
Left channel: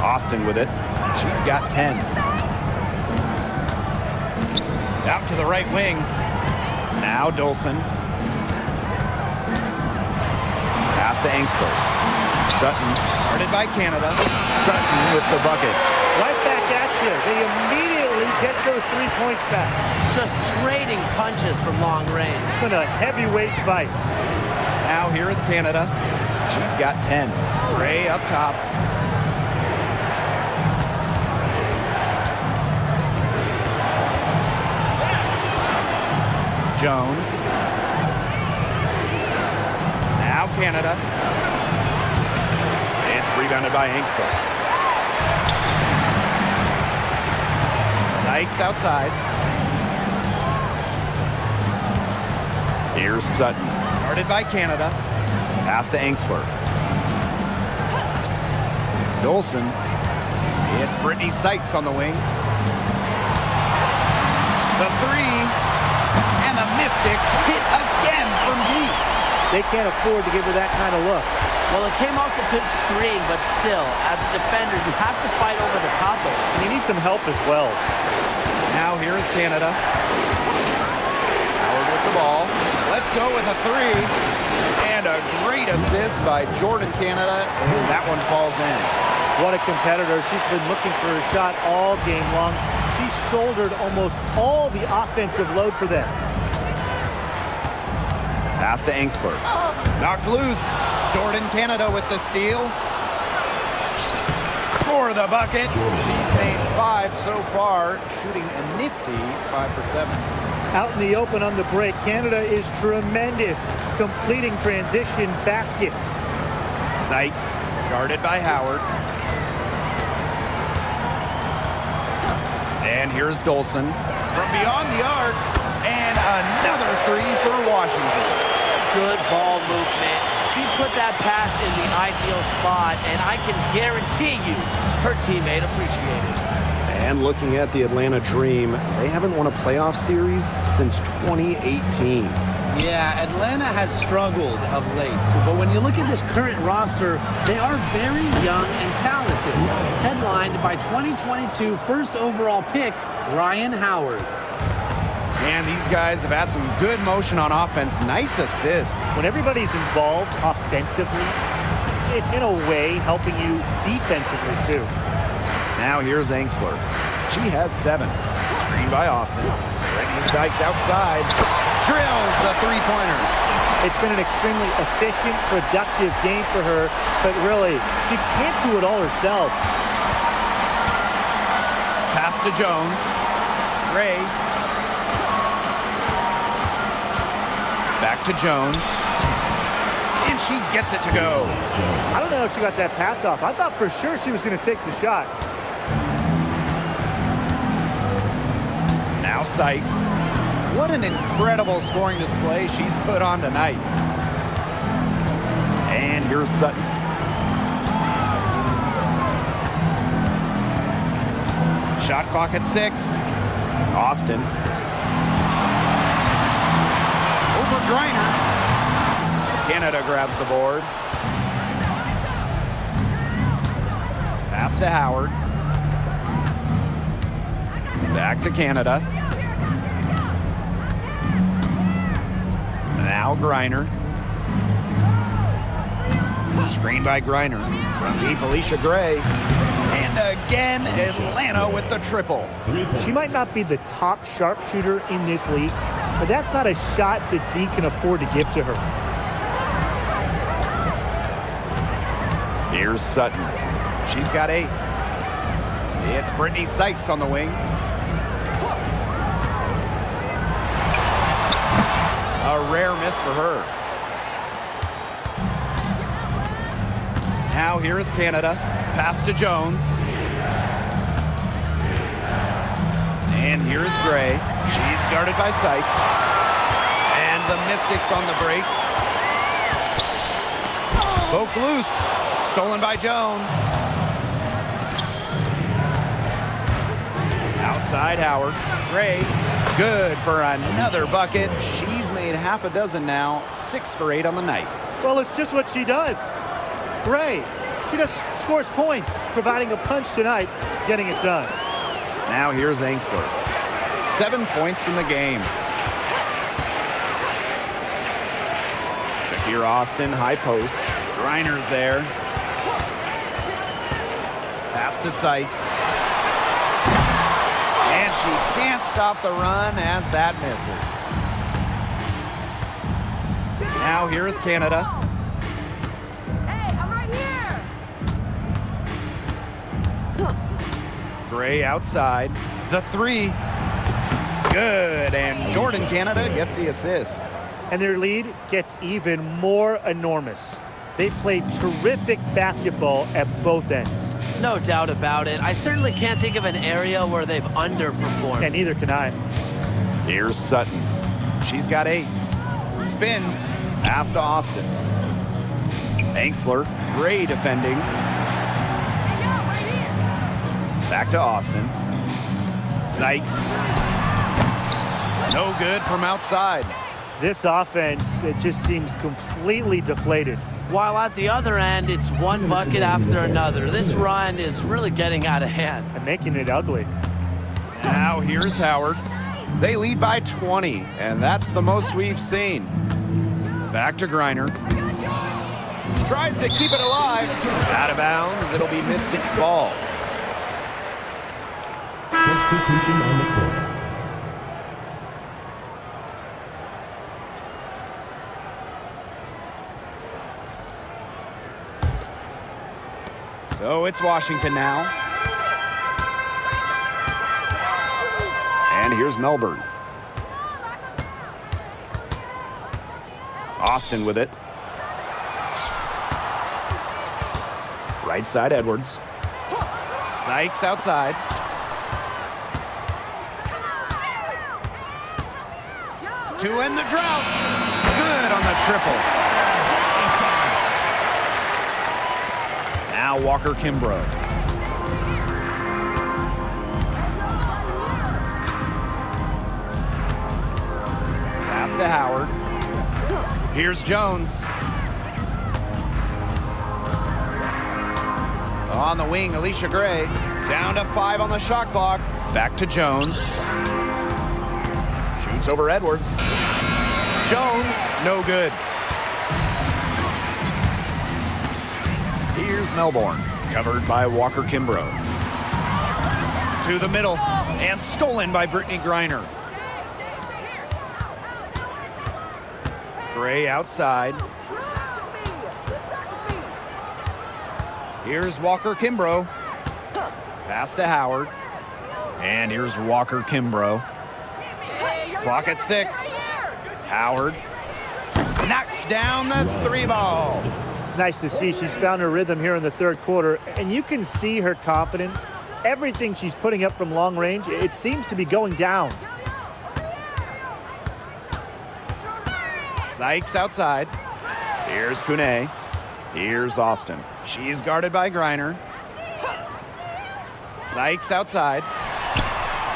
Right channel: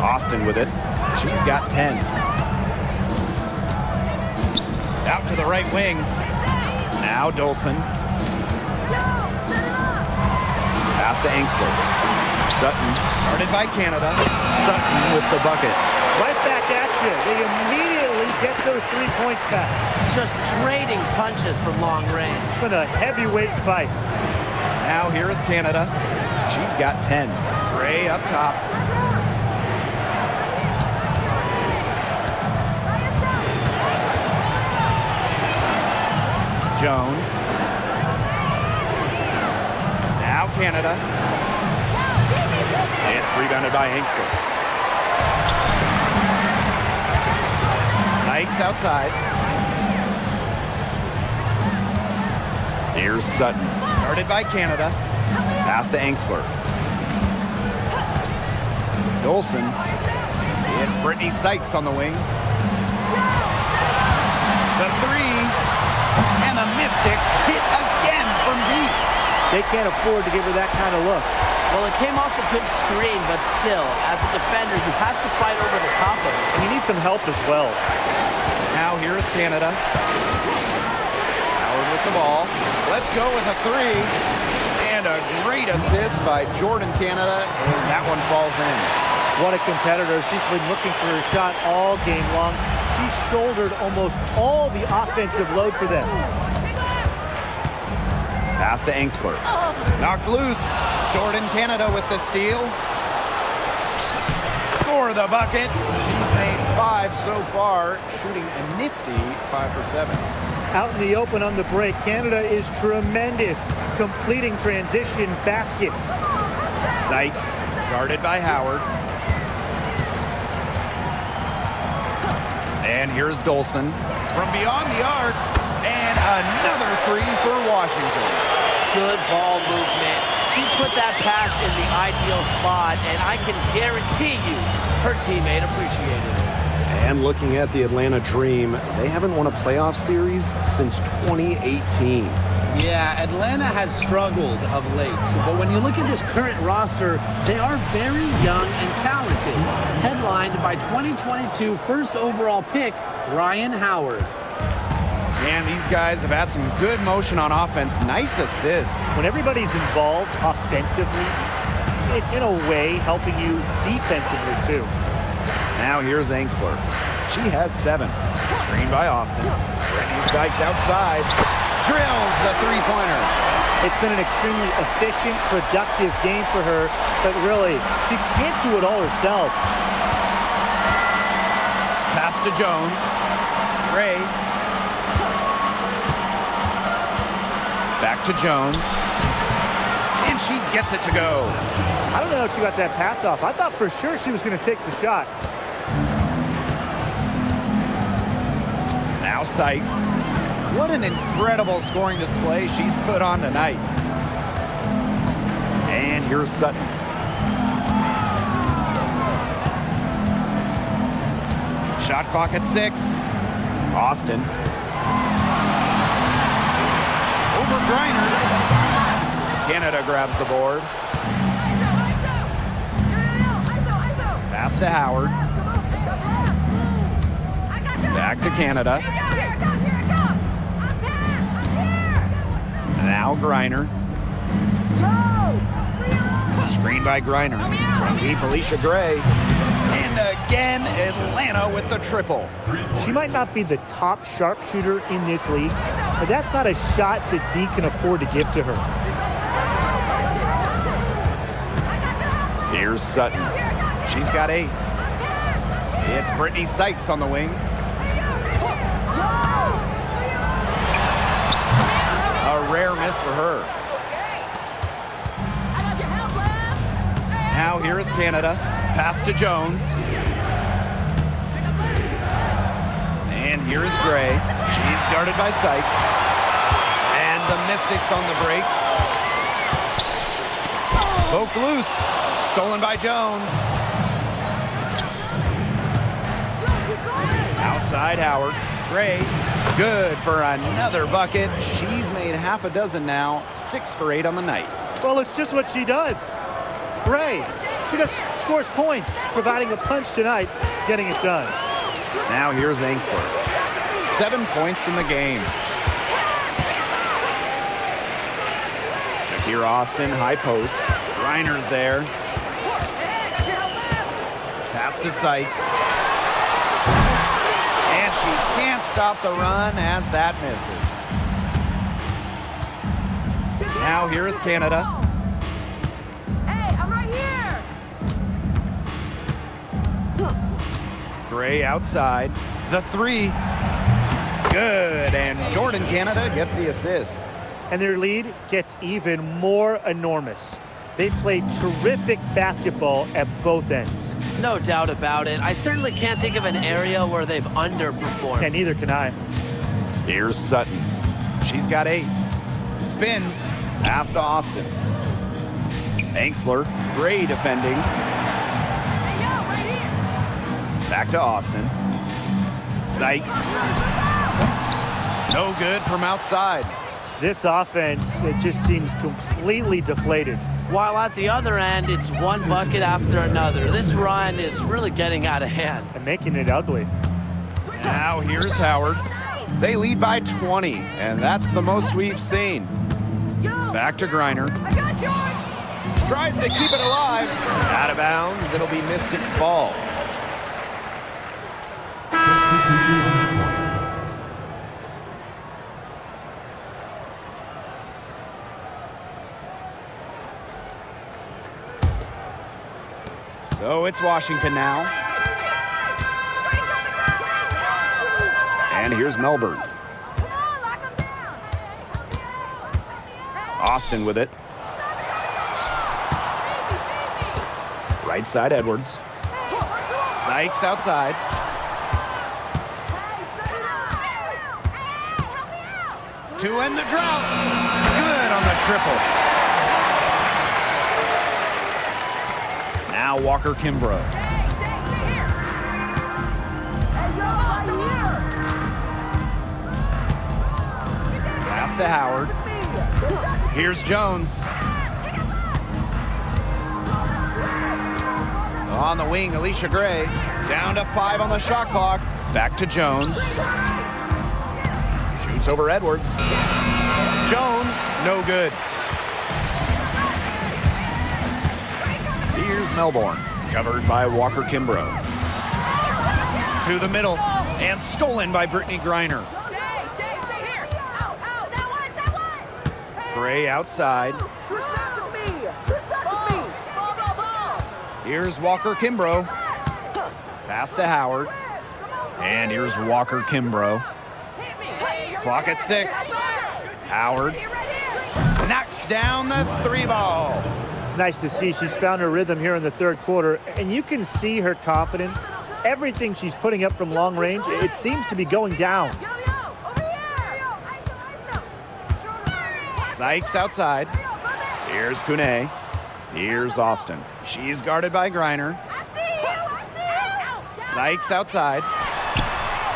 Austin with it. She's got 10. Out to the right wing. Now Dolson. Pass to Angsler. Sutton. Guarded by Canada. Sutton with the bucket. Right back at you. They immediately get those 3 points back. Just trading punches from long range. It's been a heavyweight fight. Now here is Canada. She's got 10. Gray up top. Jones. Now Canada. It's rebounded by Angsler. Sykes outside. Here's Sutton. Guarded by Canada. Pass to Angsler. Dolson. It's Brittany Sykes on the wing. The 3. And the Mystics hit again from deep. They can't afford to give her that kind of look. Well, it came off a good screen, but still, as a defender, you have to fight over the top of it. And you need some help as well. Now here is Canada. Howard with the ball. Let's go with a 3. And a great assist by Jordan Canada, and that one falls in. What a competitor. She's been looking for her shot all game long. She shouldered almost all the offensive load for them. Pass to Angsler. Knocked loose. Jordan Canada with the steal. Score the bucket. She's made 5 so far, shooting a nifty 5 for 7. Out in the open on the break, Canada is tremendous, completing transition baskets. Sykes, guarded by Howard. And here's Dolson from beyond the arc, and another 3 for Washington. Good ball movement. She put that pass in the ideal spot, and I can guarantee you her teammate appreciated it. And looking at the Atlanta Dream, they haven't won a playoff series since 2018. Yeah, Atlanta has struggled of late, but when you look at this current roster, they are very young and talented. Headlined by 2022 first overall pick, Ryan Howard. And these guys have had some good motion on offense. Nice assists. When everybody's involved offensively, it's in a way helping you defensively too. Now here's Angsler. She has 7. Screen by Austin. Brittany Sykes outside. Drills the three-pointer. It's been an extremely efficient, productive game for her, but really, she can't do it all herself. Pass to Jones. Gray. Back to Jones. And she gets it to go. I don't know if she got that pass off. I thought for sure she was going to take the shot. Now Sykes. What an incredible scoring display she's put on tonight. And here's Sutton. Shot clock at 6. Austin. Over Griner. Canada grabs the board. Pass to Howard. Back to Canada. Now Griner. Screen by Griner. From deep, Alicia Gray. And again, Atlanta with the triple. She might not be the top sharpshooter in this league, but that's not a shot that D can afford to give to her. Here's Sutton. She's got 8. It's Brittany Sykes on the wing. A rare miss for her. Now here is Canada. Pass to Jones. And here's Gray. She's guarded by Sykes. And the Mystics on the break. Poked loose. Stolen by Jones. Outside Howard. Gray. Good for another bucket. She's made half a dozen now. 6 for 8 on the night. Well, it's just what she does. Gray. She just scores points, providing a punch tonight, getting it done. Now here's Angsler. 7 points in the game. Shakira Austin, high post. Griner's there. Pass to Sykes. And she can't stop the run as that misses. Now here is Canada. Hey, I'm right here. Gray outside. The 3. Good. And Jordan Canada gets the assist. And their lead gets even more enormous. They've played terrific basketball at both ends. No doubt about it. I certainly can't think of an area where they've underperformed. And neither can I. Here's Sutton. She's got 8. Spins. Pass to Austin. Angsler. Gray defending. Back to Austin. Sykes. No good from outside. This offense, it just seems completely deflated. While at the other end, it's one bucket after another. This run is really getting out of hand. And making it ugly. Now here's Howard. They lead by 20, and that's the most we've seen. Back to Griner. Tries to keep it alive. Out of bounds. It'll be Mystics ball. Substitution on the court. So it's Washington now. And here's Melbourne. Austin with it. Right side Edwards. Sykes outside. To end the drought. Good on the triple. Now Walker Kimbrough. Pass to Howard. Here's Jones. On the wing, Alicia Gray. Down to 5 on the shot clock. Back to Jones. Jumps over Edwards. Jones, no good. Here's Melbourne, covered by Walker Kimbrough. To the middle, and stolen by Brittany Griner. Gray outside. Here's Walker Kimbrough. Pass to Howard. And here's Walker Kimbrough. Clock at 6. Howard knocks down the 3 ball. It's nice to see she's found her rhythm here in the third quarter, and you can see her confidence. Everything she's putting up from long range, it seems to be going down. Sykes outside. Here's Kune. Here's Austin. She's guarded by Griner. Sykes outside.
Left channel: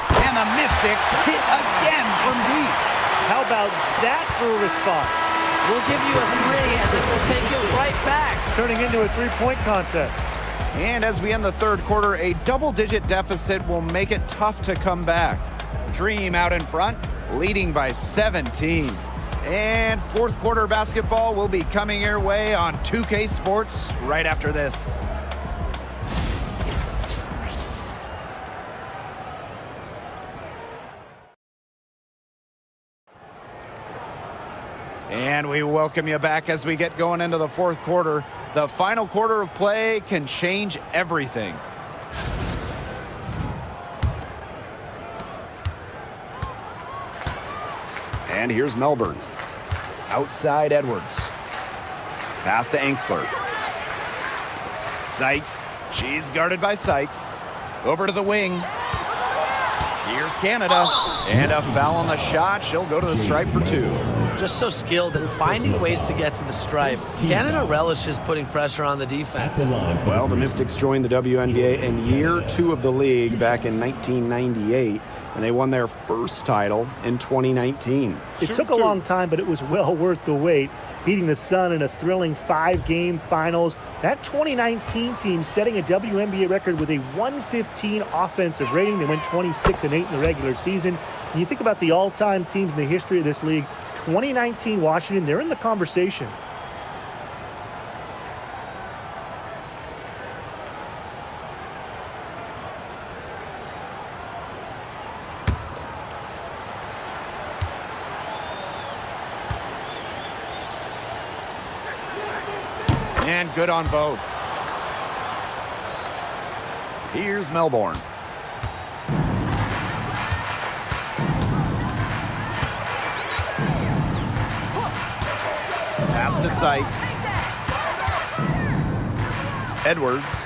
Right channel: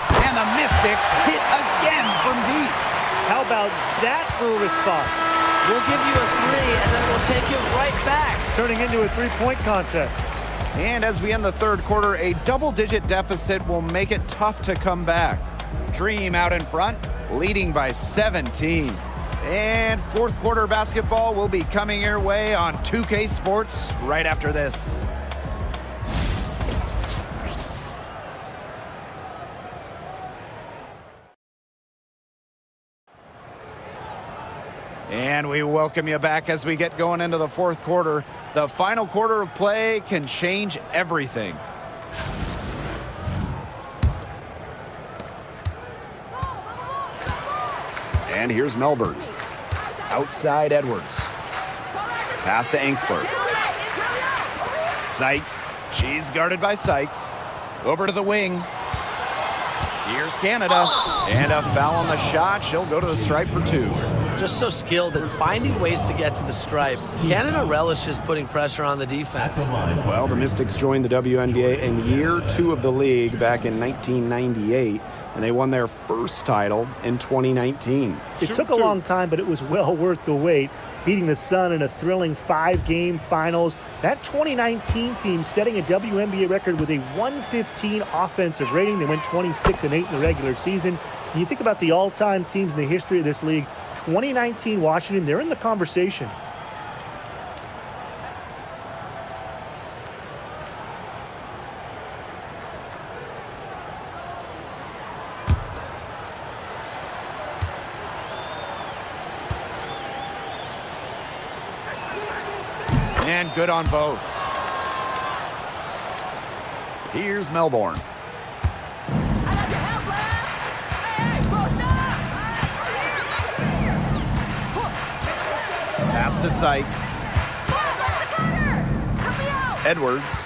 And the Mystics hit again from deep. How about that for a response? We'll give you a 3, and then we'll take it right back. It's turning into a three-point contest. And as we end the third quarter, a double-digit deficit will make it tough to come back. Dream out in front, leading by 17. And fourth quarter basketball will be coming your way on 2K Sports right after this. And we welcome you back as we get going into the fourth quarter. The final quarter of play can change everything. And here's Melbourne. Outside Edwards. Pass to Angsler. Sykes. She's guarded by Sykes. Over to the wing. Here's Canada. And a foul on the shot. She'll go to the stripe for 2. Just so skilled at finding ways to get to the stripe. Canada relishes putting pressure on the defense. Well, the Mystics joined the WNBA in year 2 of the league back in 1998, and they won their first title in 2019. It took a long time, but it was well worth the wait, beating the Sun in a thrilling 5-game finals. That 2019 team setting a WNBA record with a 115 offensive rating. They went 26-8 in the regular season. And you think about the all-time teams in the history of this league, 2019 Washington, they're in the conversation. And good on both. Here's Melbourne. Pass to Sykes. Edwards.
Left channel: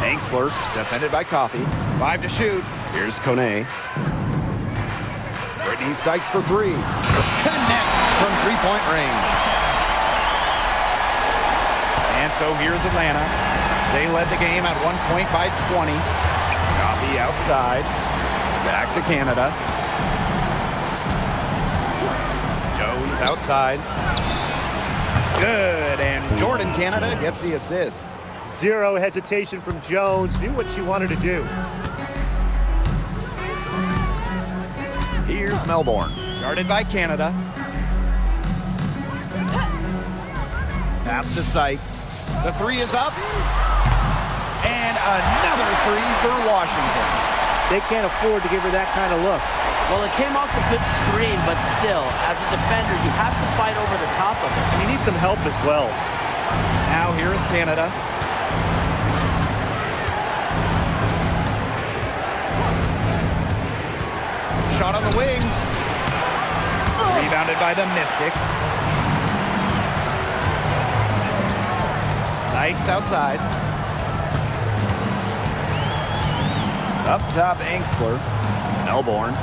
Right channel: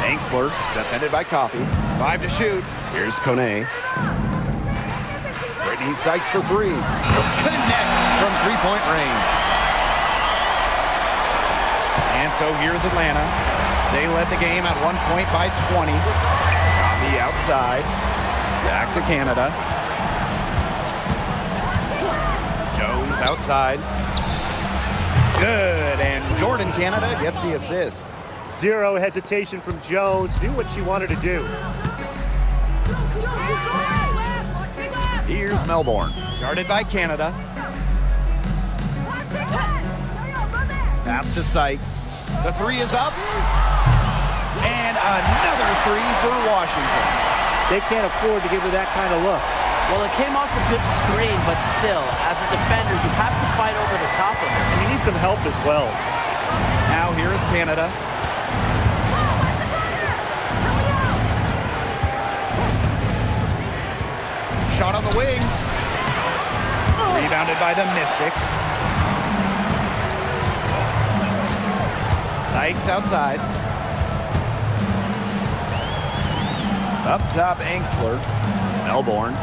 Angsler, defended by Coffey. 5 to shoot. Here's Kone. Brittany Sykes for 3. Connects from 3-point range. And so here's Atlanta. They led the game at 1 point by 20. Coffey outside. Back to Canada. Jones outside. Good, and Jordan Canada gets the assist. Zero hesitation from Jones, knew what she wanted to do. Here's Melbourne, guarded by Canada. Pass to Sykes. The 3 is up. And another 3 for Washington. They can't afford to give her that kind of look. Well, it came off a good screen, but still, as a defender, you have to fight over the top of it. And you need some help as well. Now here is Canada. Shot on the wing. Rebounded by the Mystics. Sykes outside. Up top, Angsler. Melbourne.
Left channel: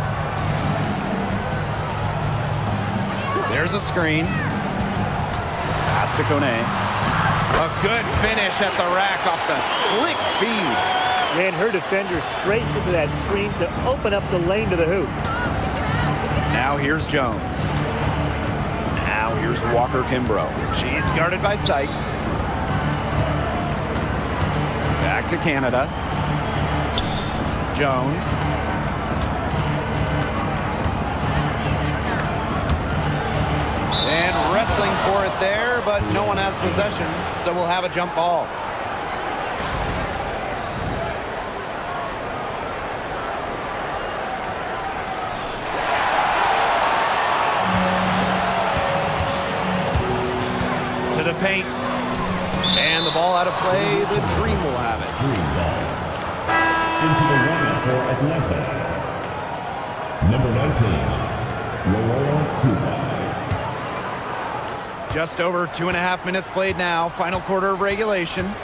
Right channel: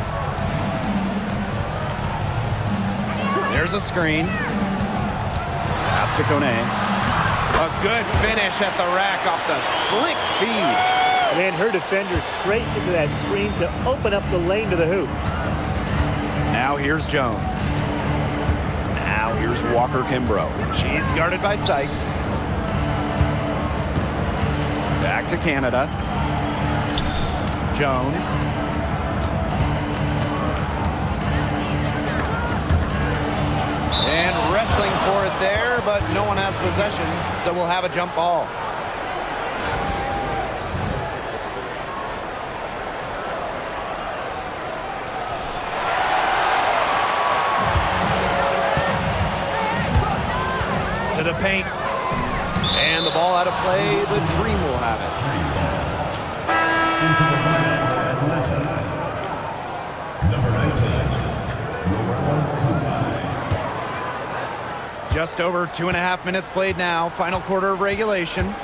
There's a screen. Pass to Kone. A good finish at the rack off the slick feed. Ran her defender straight into that screen to open up the lane to the hoop. Now here's Jones. Now here's Walker Kimbrough. She's guarded by Sykes. Back to Canada. Jones. And wrestling for it there, but no one has possession, so we'll have a jump ball. To the paint. And the ball out of play. The Dream will have it. Dream ball. Into the lineup for Atlanta. Number 19, Roella Kubai. Just over 2.5 minutes played now. Final quarter of regulation.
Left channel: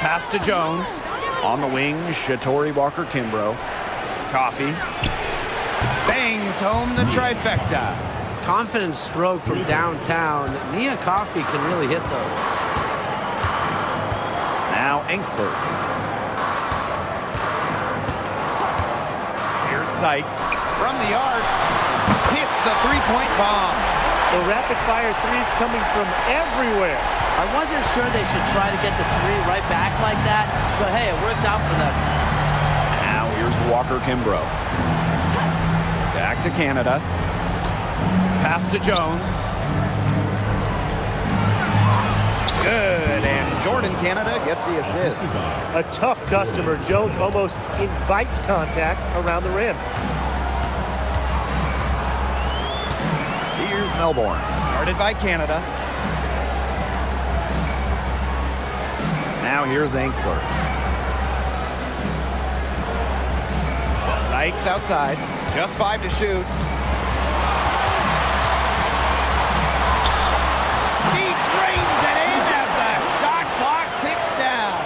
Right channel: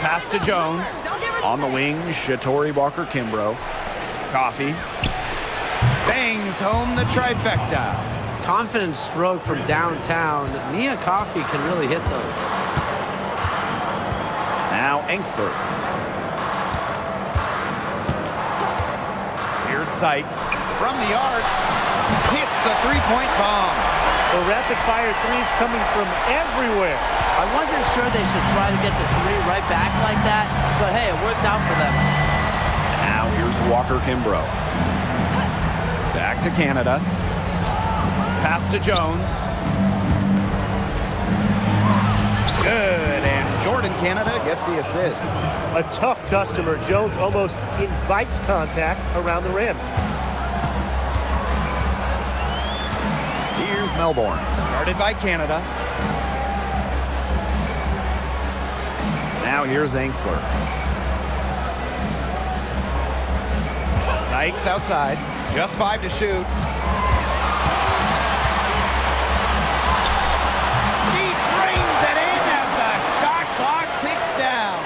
Pass to Jones. On the wing, Shatori Walker-Kimbrough. Coffee. Bangs home the trifecta. Confident stroke from downtown. Nia Coffey can really hit those. Now Engstler. Here's Sykes from the arc. Hits the three-point bomb. The rapid-fire threes coming from everywhere. I wasn't sure they should try to get the three right back like that, but hey, it worked out for them. Now here's Walker-Kimbrough. Back to Canada. Pass to Jones. Good, and Jordan Canada gets the assist. A tough customer. Jones almost invites contact around the rim. Here's Melbourne, guarded by Canada. Now here's Engstler. Sykes outside, just 5 to shoot. Deep rings it in as the shot clock ticks down.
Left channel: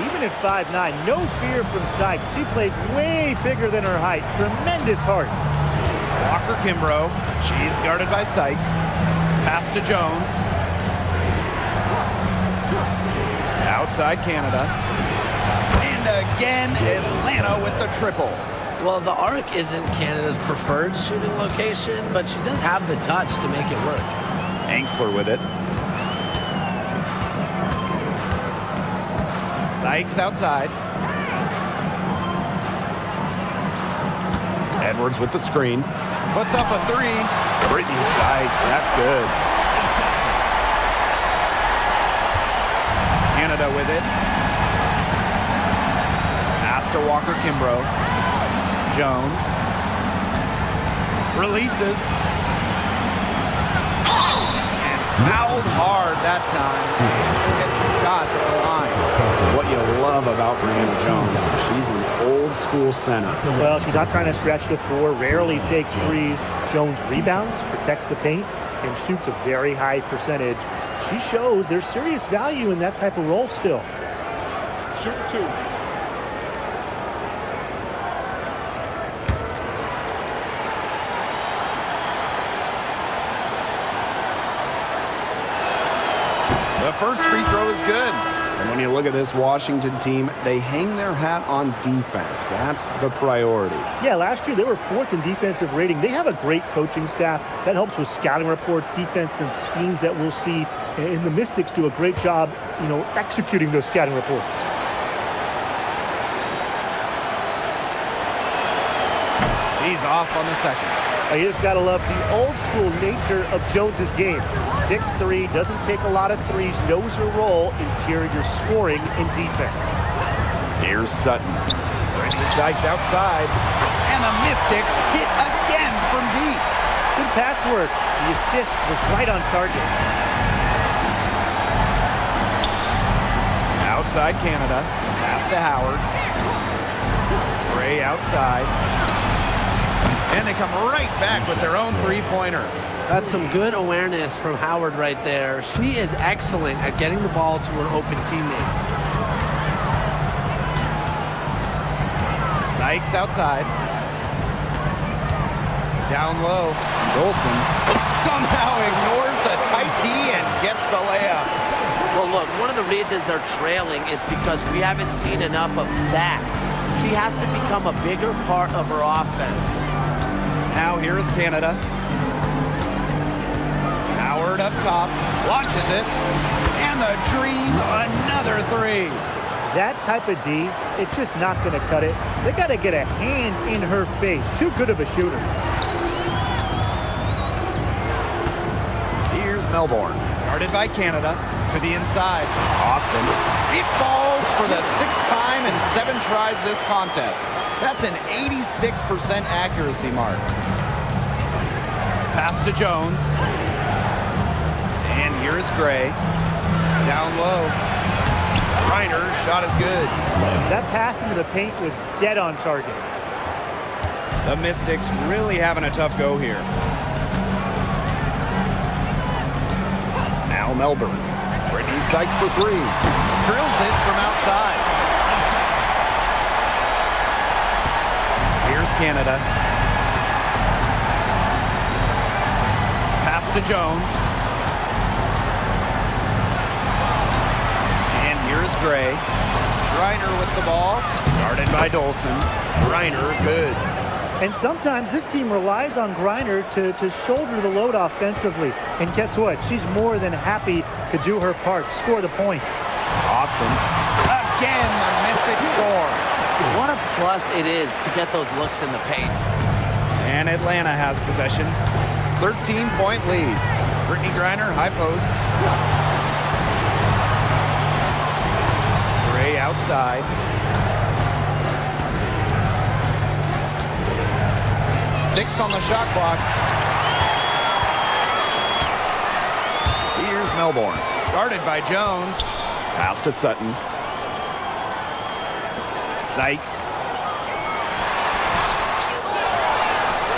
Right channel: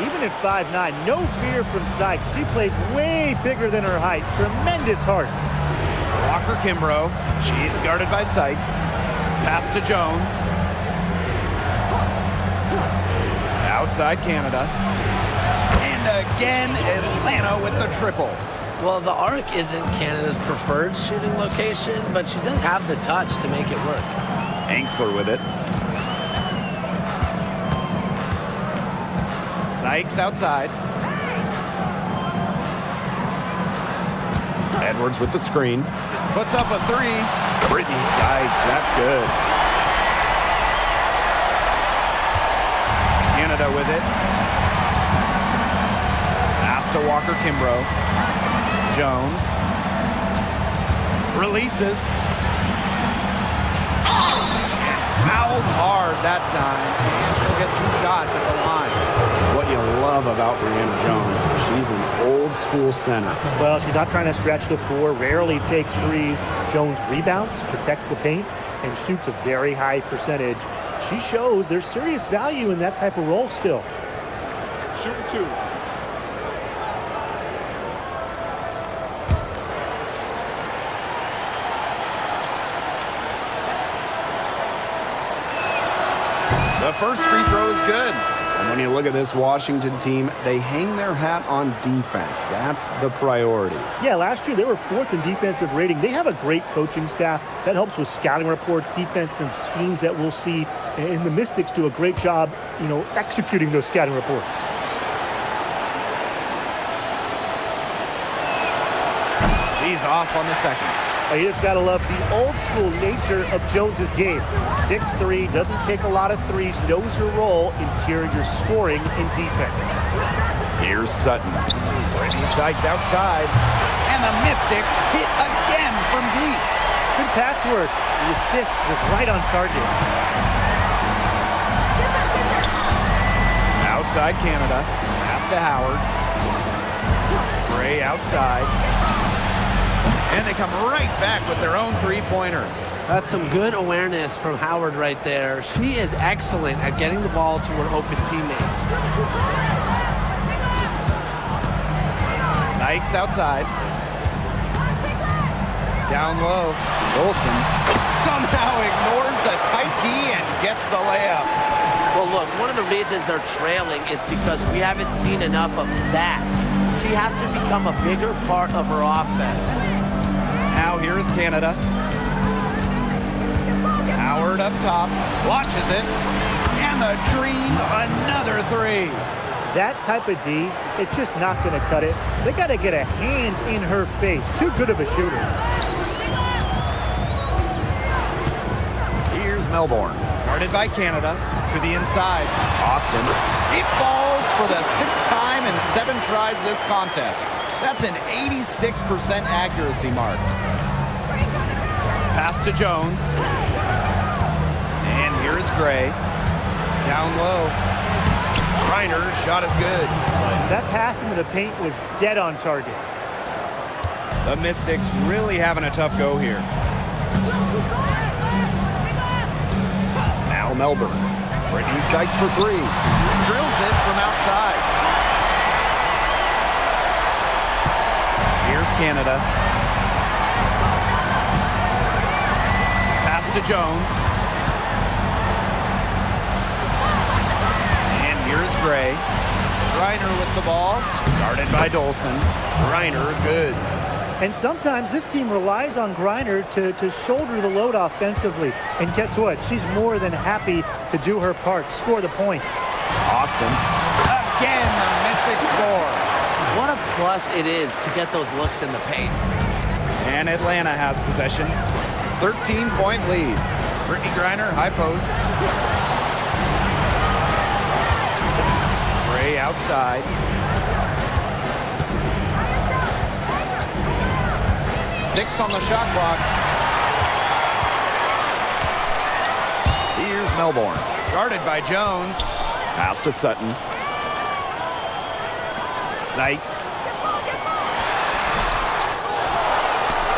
Even at 5'9", no fear from Sykes. She plays way bigger than her height. Tremendous heart. Walker-Kimbrough, she's guarded by Sykes. Pass to Jones. Outside Canada. And again, Atlanta with the triple. Well, the arc isn't Canada's preferred shooting location, but she does have the touch to make it work. Engstler with it. Sykes outside. Edwards with the screen. Puts up a three. Brittany Sykes, that's good. Canada with it. Pass to Walker-Kimbrough. Jones. Releases. And fouled hard that time. And she'll get 2 shots at the line. What you love about Brianna Jones, she's an old school center. Well, she's not trying to stretch the floor, rarely takes threes. Jones rebounds, protects the paint, and shoots a very high percentage. She shows there's serious value in that type of role still. Shooting 2. The first free throw is good. And when you look at this Washington team, they hang their hat on defense. That's the priority. Yeah, last year they were 4th in defensive rating. They have a great coaching staff that helps with scouting reports, defensive schemes that we'll see. And the Mystics do a great job, executing those scouting reports. She's off on the second. You just got to love the old school nature of Jones's game. 6'3", doesn't take a lot of threes, knows her role, interior scoring and defense. Here's Sutton. Brittany Sykes outside. And the Mystics hit again from deep. Good pass work. The assist was right on target. Outside Canada. Pass to Howard. Gray outside. And they come right back with their own three-pointer. That's some good awareness from Howard right there. She is excellent at getting the ball to her open teammates. Sykes outside. Down low. Golson somehow ignores the tight D and gets the layup. Well, look, one of the reasons they're trailing is because we haven't seen enough of that. She has to become a bigger part of her offense. Now here is Canada. Howard up top, launches it, and the Dream, another three. That type of D, it's just not going to cut it. They got to get a hand in her face. Too good of a shooter. Here's Melbourne. Guarded by Canada. To the inside. Austin. It falls for the 6th time in 7 tries this contest. That's an 86% accuracy mark. Pass to Jones. And here's Gray. Down low. Reiner's shot is good. That pass into the paint was dead on target. The Mystics really having a tough go here. Now Melbourne. Brittany Sykes for 3. Drills it from outside. Here's Canada. Pass to Jones. And here's Gray. Reiner with the ball. Guarded by Dolson. Reiner good. And sometimes this team relies on Griner to shoulder the load offensively. And guess what? She's more than happy to do her part, score the points. Austin. Again, the Mystics score. What a plus it is to get those looks in the paint. And Atlanta has possession. 13-point lead. Brittany Griner, high post. Gray outside. Six on the shot clock. Here's Melbourne. Guarded by Jones. Pass to Sutton. Sykes.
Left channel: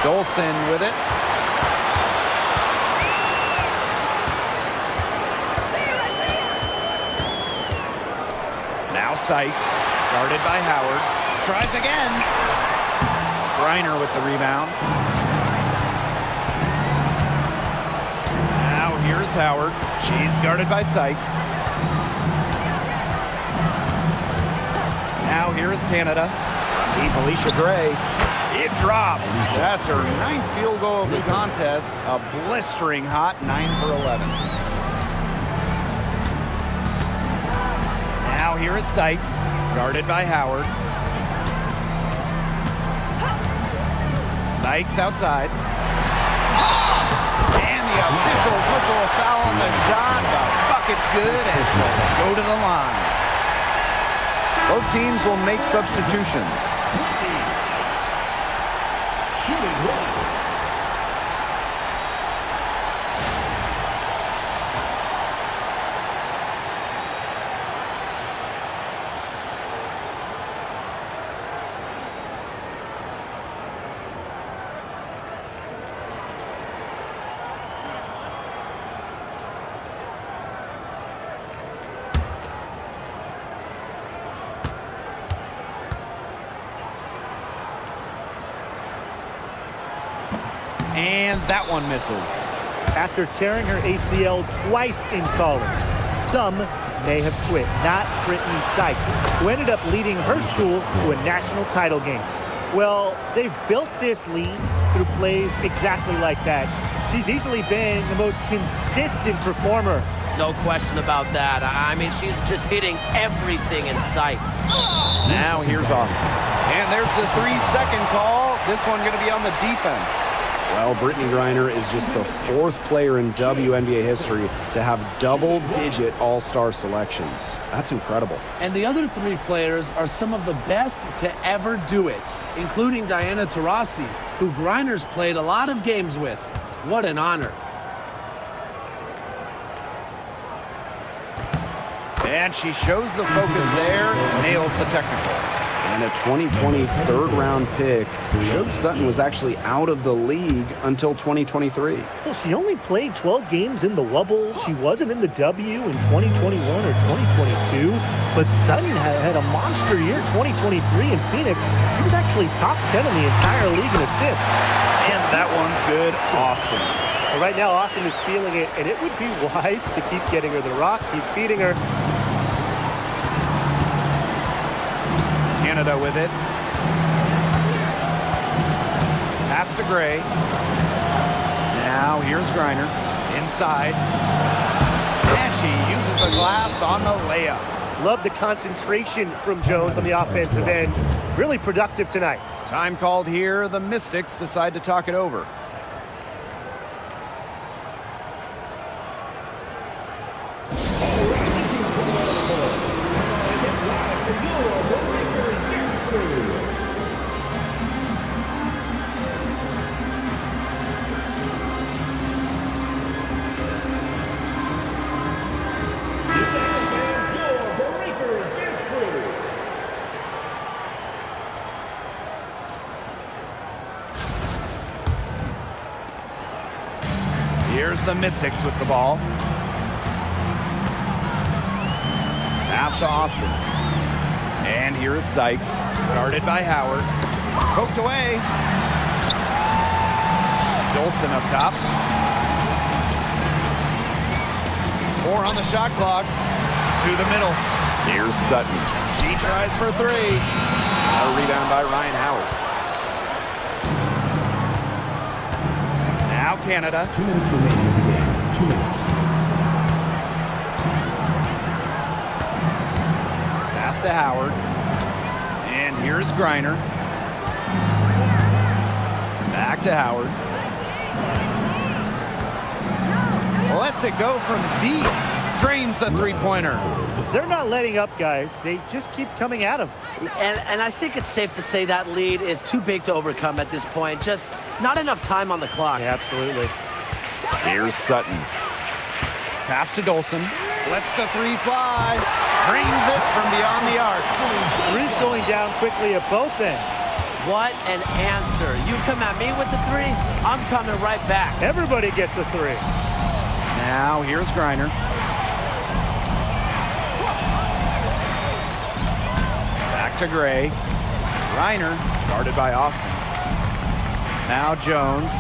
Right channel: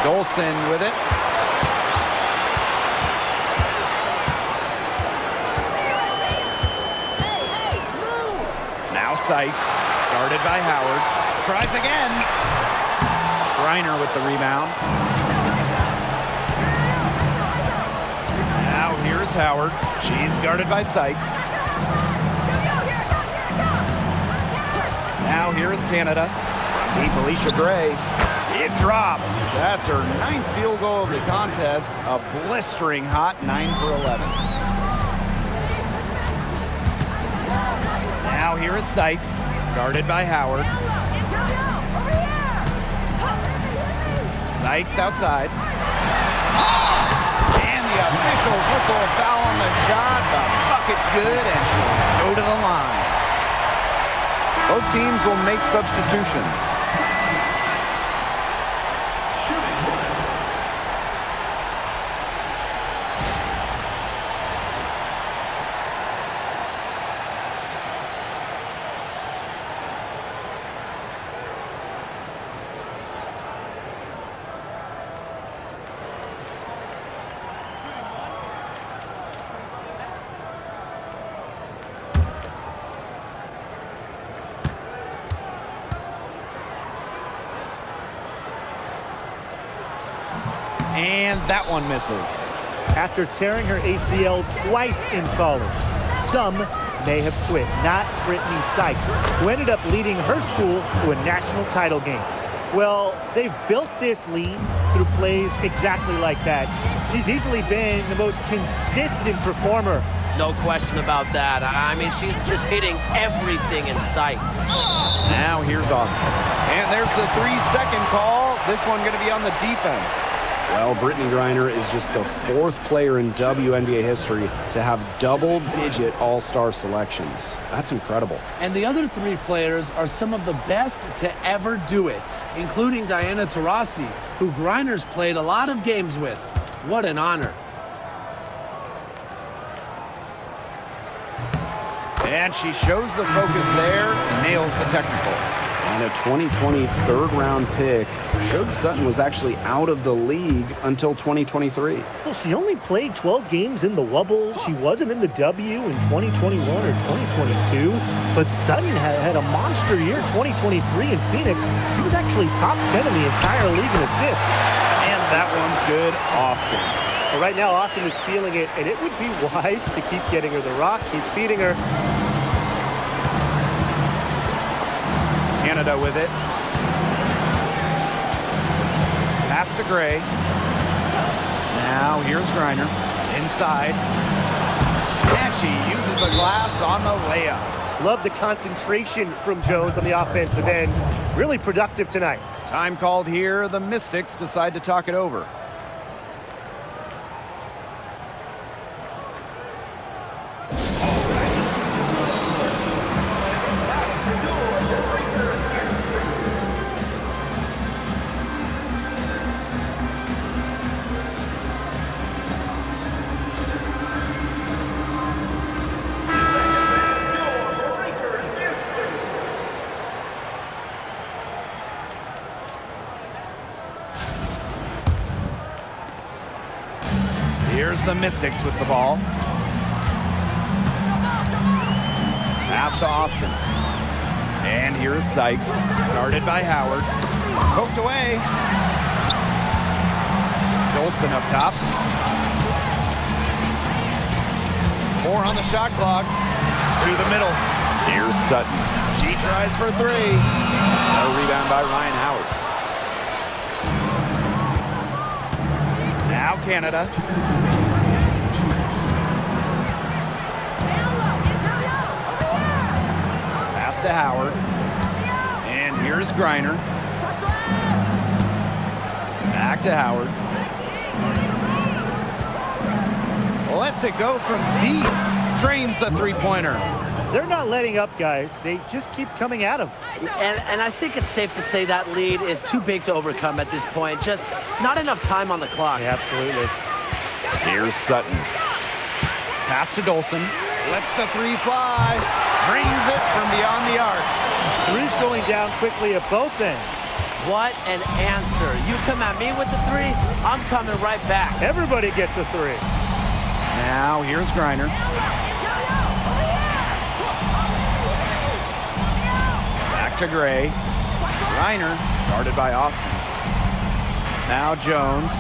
Dolson with it. Now Sykes. Guarded by Howard. Tries again. Reiner with the rebound. Now here's Howard. She's guarded by Sykes. Now here's Canada. From deep, Alicia Gray. It drops. That's her 9th field goal of the contest. A blistering hot 9 for 11. Now here is Sykes. Guarded by Howard. Sykes outside. And the officials whistle a foul on the shot. The bucket's good, and she'll go to the line. Both teams will make substitutions. And that one misses. After tearing her ACL twice in college, some may have quit. Not Brittany Sykes, who ended up leading her school to a national title game. Well, they've built this lead through plays exactly like that. She's easily been the most consistent performer. No question about that. I mean, she's just hitting everything in sight. Now here's Austin. And there's the 3-second call. This one going to be on the defense. Well, Brittany Griner is just the 4th player in WNBA history to have double-digit all-star selections. That's incredible. And the other 3 players are some of the best to ever do it, including Diana Taurasi, who Griner's played a lot of games with. What an honor. And she shows the focus there, nails the technical. And a 2020 third-round pick. Shug Sutton was actually out of the league until 2023. Well, she only played 12 games in the Wubble. She wasn't in the W in 2021 or 2022. But Sutton had a monster year 2023 in Phoenix. She was actually top 10 in the entire league in assists. And that one's good, Austin. Well, right now, Austin is feeling it, and it would be wise to keep getting her the rock, keep feeding her. Canada with it. Pass to Gray. Now here's Griner. Inside. And she uses the glass on the layup. Love the concentration from Jones on the offensive end. Really productive tonight. Time called here. The Mystics decide to talk it over. Here's the Mystics with the ball. Pass to Austin. And here is Sykes, guarded by Howard. Poked away. Dolson up top. 4 on the shot clock. To the middle. Here's Sutton. She tries for 3. A rebound by Ryan Howard. Now Canada. 2 minutes remaining in the game. 2 minutes. Pass to Howard. And here's Griner. Back to Howard. Lets it go from deep. Drains the three-pointer. They're not letting up, guys. They just keep coming at them. And I think it's safe to say that lead is too big to overcome at this point. Just not enough time on the clock. Yeah, absolutely. Here's Sutton. Pass to Dolson. Lets the 3 fly. Drains it from beyond the arc. 3's going down quickly at both ends. What an answer. You come at me with the 3, I'm coming right back. Everybody gets a 3. Now here's Griner. Back to Gray. Griner, guarded by Austin. Now Jones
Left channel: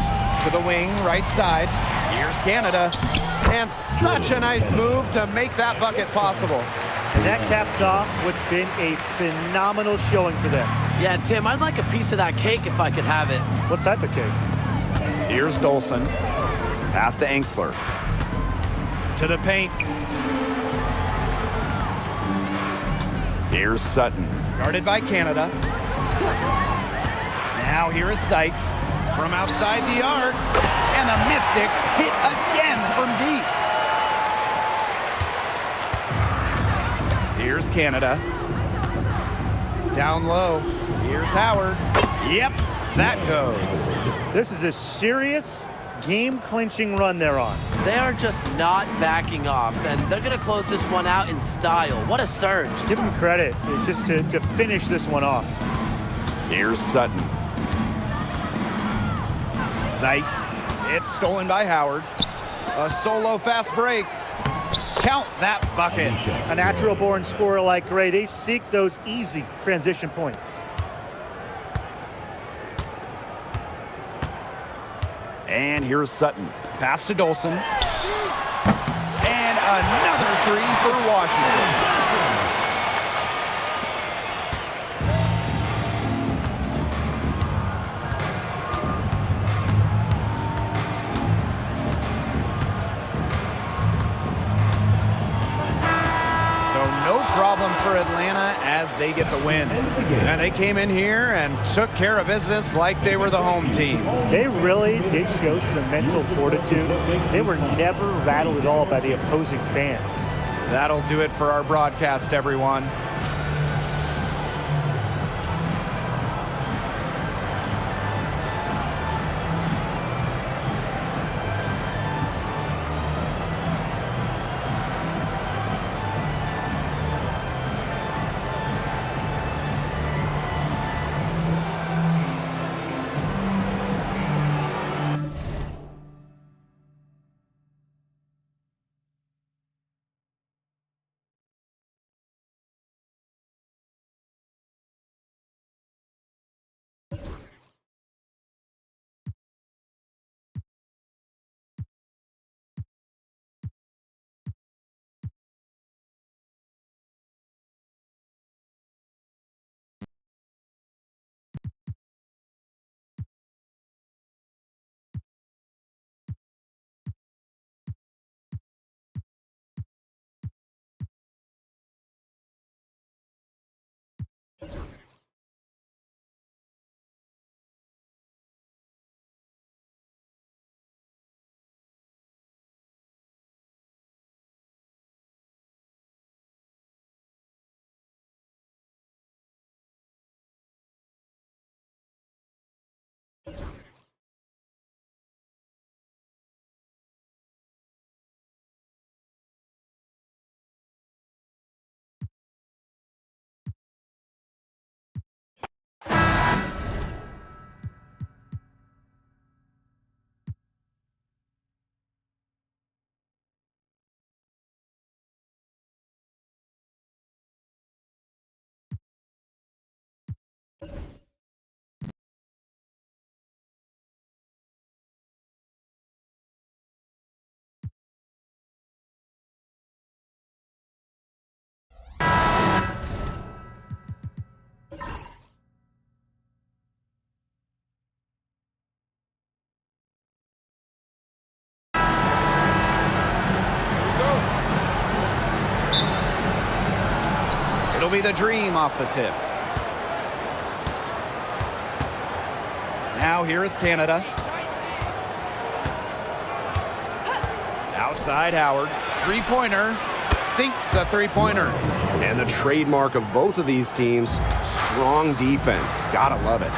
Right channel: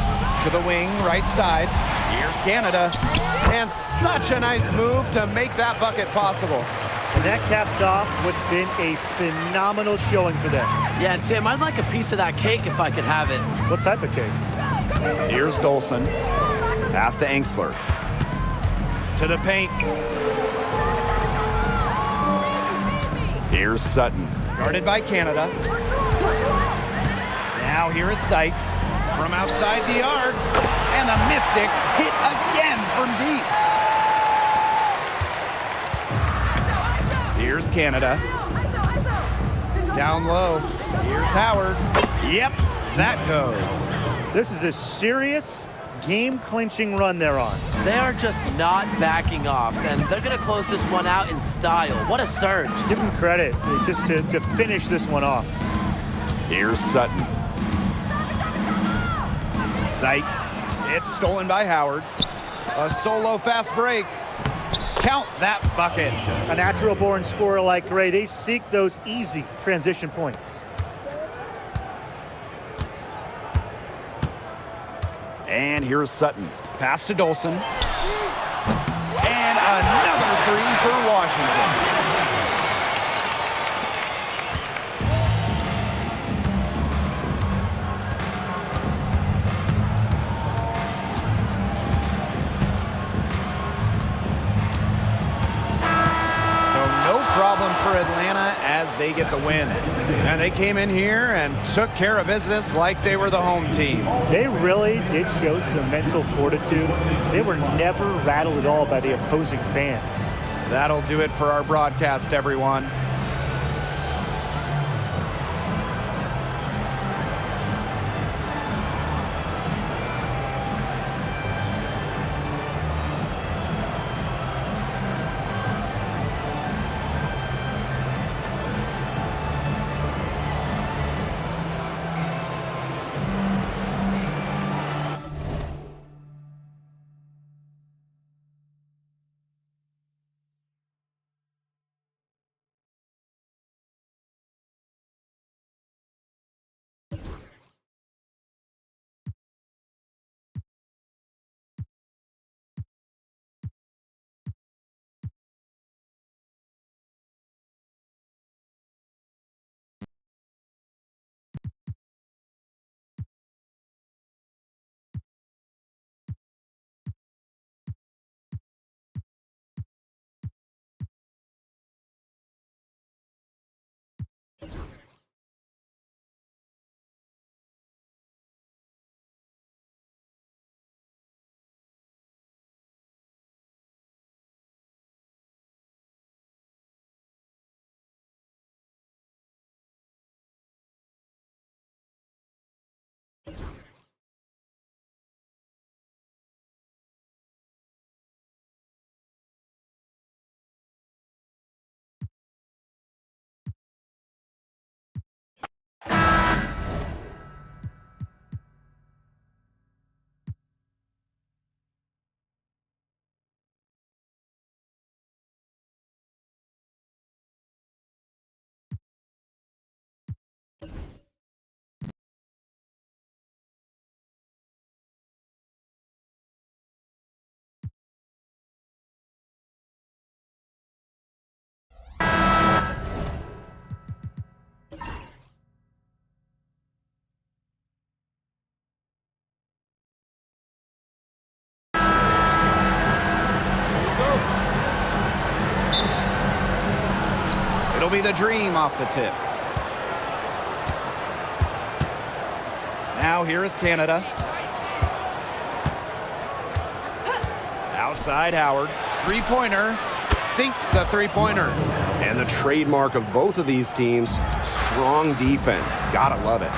to the wing, right side. Here's Canada. And such a nice move to make that bucket possible. And that caps off what's been a phenomenal showing for them. Yeah, Tim, I'd like a piece of that cake if I could have it. What type of cake? Here's Dolson. Pass to Engsler. To the paint. Here's Sutton. Guarded by Canada. Now here is Sykes. From outside the arc. And the Mystics hit again from deep. Here's Canada. Down low. Here's Howard. Yep, that goes. This is a serious game-clinching run they're on. They are just not backing off, and they're going to close this one out in style. What a surge. Give them credit just to finish this one off. Here's Sutton. Sykes. It's stolen by Howard. A solo fast break. Count that bucket. A natural-born scorer like Gray, they seek those easy transition points. And here's Sutton. Pass to Dolson. And another 3 for Washington. No problem for Atlanta as they get the win. And they came in here and took care of business like they were the home team. They really did show some mental fortitude. They were never rattled at all by the opposing fans. That'll do it for our broadcast, everyone. It'll be the dream off the tip. Now here is Canada. Outside Howard. Three-pointer. Sinks the three-pointer. And the trademark of both of these teams, strong defense. Gotta love it.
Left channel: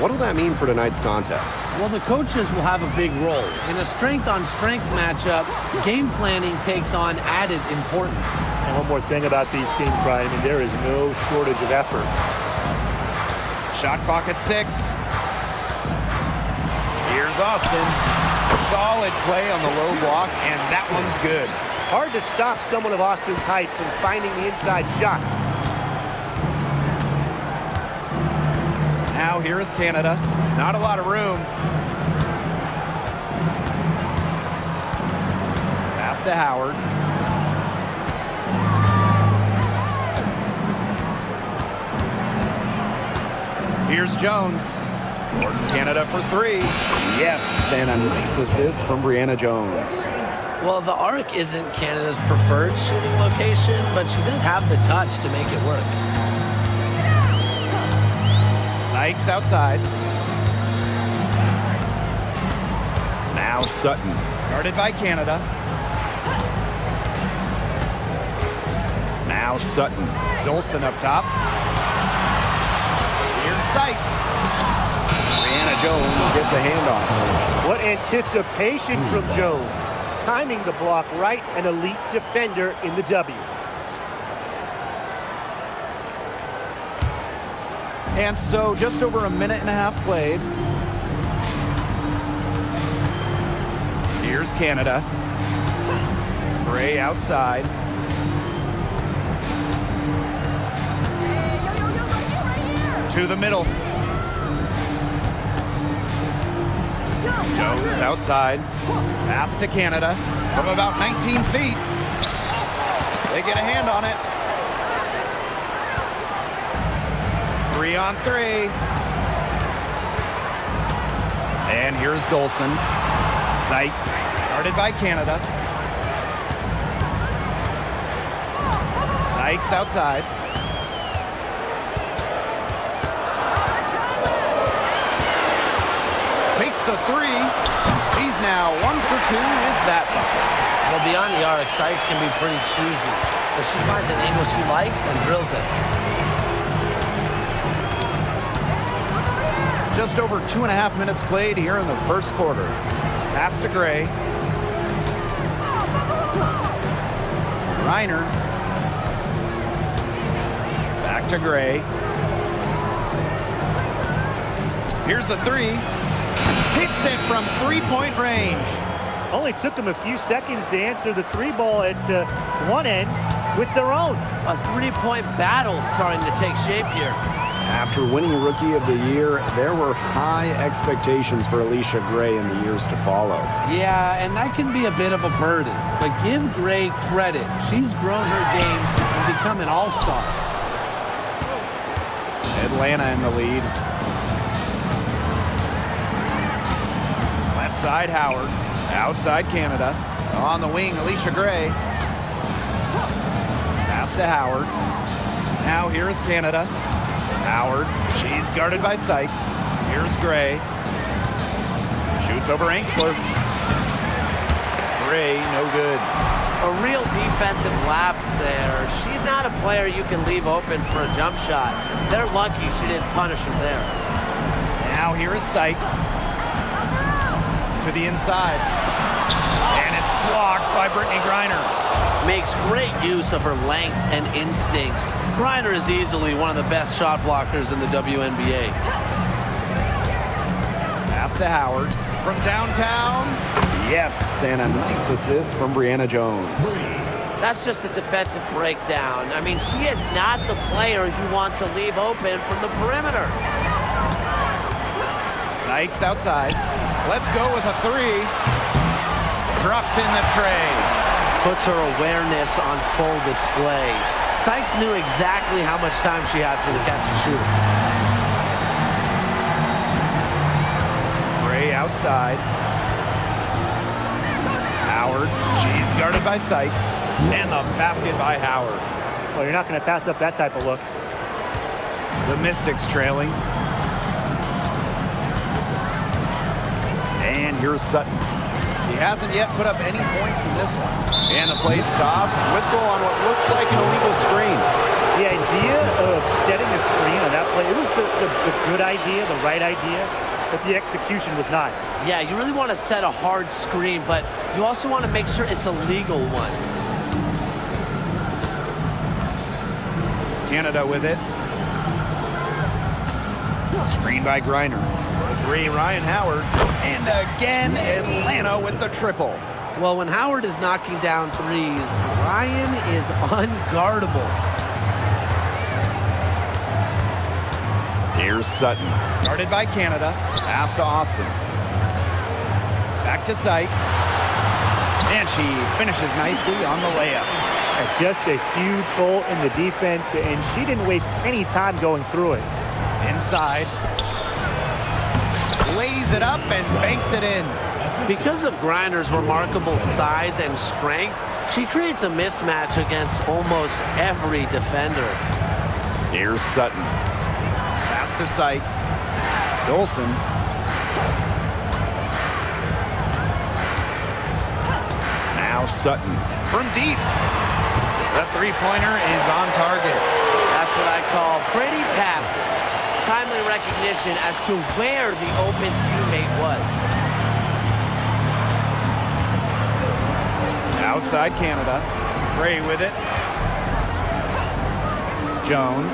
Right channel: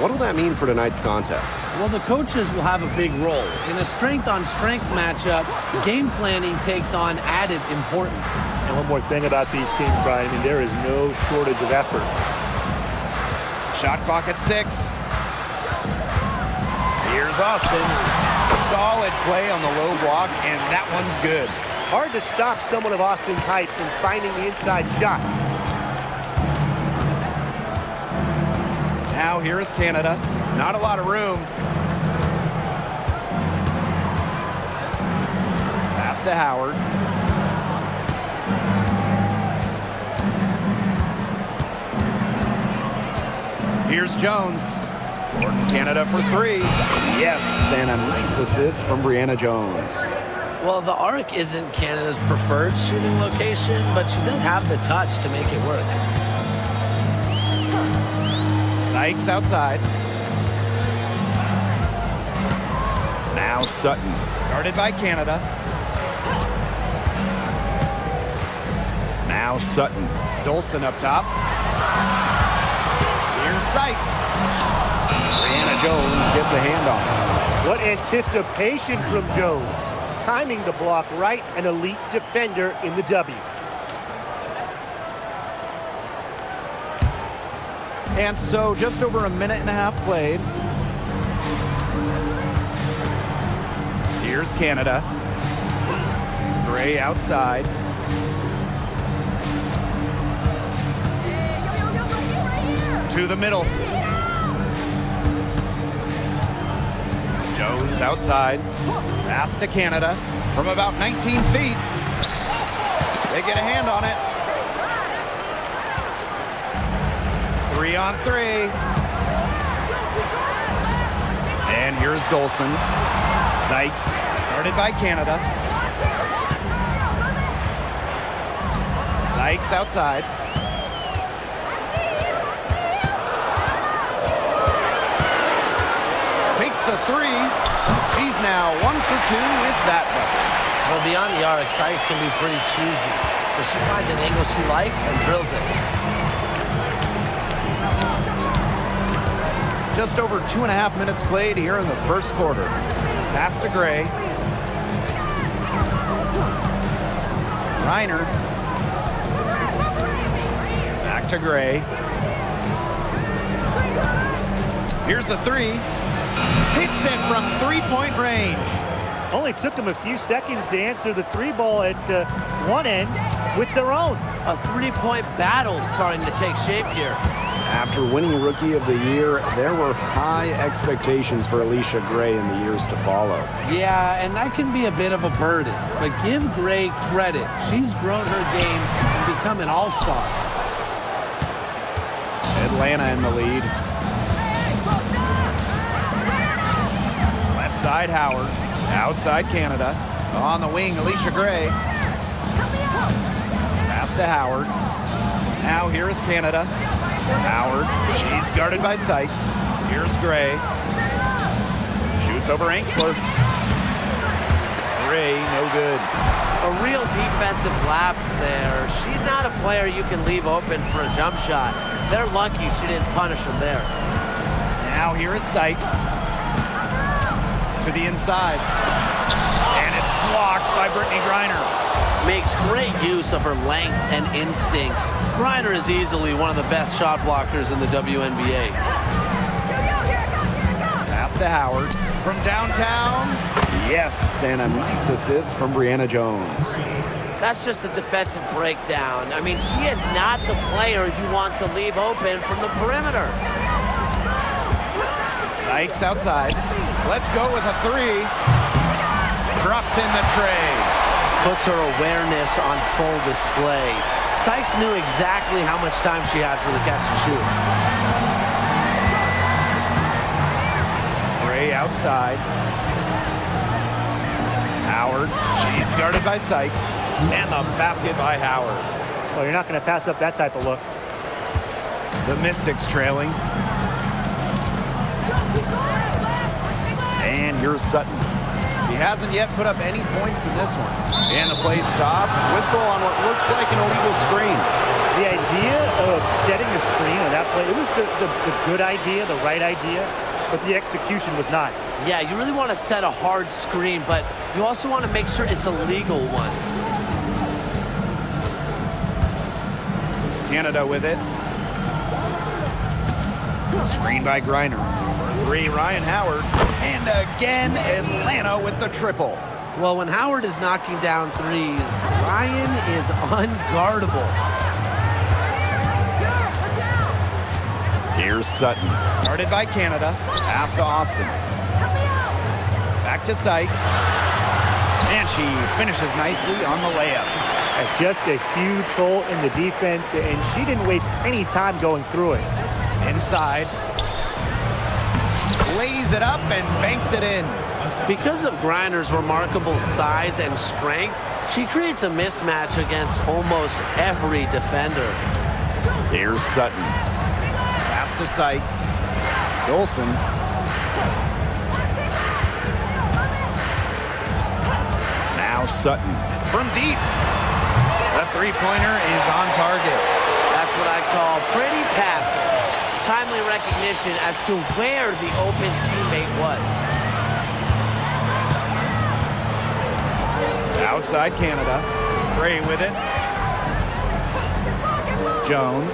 What will that mean for tonight's contest? Well, the coaches will have a big role. In a strength-on-strength matchup, game planning takes on added importance. And one more thing about these teams, Brian, I mean, there is no shortage of effort. Shot clock at 6. Here's Austin. Solid play on the low block, and that one's good. Hard to stop someone of Austin's height from finding the inside shot. Now here is Canada. Not a lot of room. Pass to Howard. Here's Jones. Jordan Canada for 3. Yes, and a nice assist from Brianna Jones. Well, the arc isn't Canada's preferred shooting location, but she does have the touch to make it work. Sykes outside. Now Sutton. Guarded by Canada. Now Sutton. Dolson up top. Here's Sykes. Brianna Jones gets a hand on it. What anticipation from Jones. Timing the block right, an elite defender in the W. And so just over a minute and a half played. Here's Canada. Gray outside. Hey, yo, right here. To the middle. Jones outside. Pass to Canada from about 19 feet. They get a hand on it. 3-on-3. And here's Dolson. Sykes, guarded by Canada. Sykes outside. Takes the 3. She's now 1 for 2 with that bucket. Well, beyond the arc, Sykes can be pretty choosy, but she finds an angle she likes and drills it. Just over 2.5 minutes played here in the first quarter. Pass to Gray. Reiner. Back to Gray. Here's the 3. Hits it from three-point range. Only took them a few seconds to answer the 3 ball at one end with their own. A three-point battle starting to take shape here. After winning Rookie of the Year, there were high expectations for Alicia Gray in the years to follow. Yeah, and that can be a bit of a burden, but give Gray credit. She's grown her game and become an all-star. Atlanta in the lead. Left side, Howard. Outside, Canada. On the wing, Alicia Gray. Pass to Howard. Now here is Canada. Howard. She's guarded by Sykes. Here's Gray. Shoots over Angsler. Gray, no good. A real defensive lapse there. She's not a player you can leave open for a jump shot. They're lucky she didn't punish him there. Now here is Sykes. To the inside. And it's blocked by Brittany Griner. Makes great use of her length and instincts. Griner is easily one of the best shot blockers in the WNBA. Pass to Howard. From downtown. Yes, and a nice assist from Brianna Jones. That's just a defensive breakdown. I mean, she is not the player you want to leave open from the perimeter. Sykes outside. Let's go with a 3. Drops in the tray. Puts her awareness on full display. Sykes knew exactly how much time she had for the catch and shoot. Gray outside. Howard. She's guarded by Sykes. And the basket by Howard. Well, you're not going to pass up that type of look. The Mystics trailing. And here's Sutton. He hasn't yet put up any points in this one. And the play stops. Whistle on what looks like an illegal screen. The idea of setting a screen on that play, it was the good idea, the right idea, but the execution was not. Yeah, you really want to set a hard screen, but you also want to make sure it's a legal one. Canada with it. Screen by Griner. For three, Ryan Howard. And again, Atlanta with the triple. Well, when Howard is knocking down threes, Ryan is unguardable. Here's Sutton. Guarded by Canada. Pass to Austin. Back to Sykes. And she finishes nicely on the layup. Just a huge hole in the defense, and she didn't waste any time going through it. Inside. Lays it up and banks it in. Because of Griner's remarkable size and strength, she creates a mismatch against almost every defender. Here's Sutton. Pass to Sykes. Dolson. Now Sutton. From deep. The three-pointer is on target. That's what I call pretty passive. Timely recognition as to where the open teammate was. Outside Canada. Gray with it. Jones.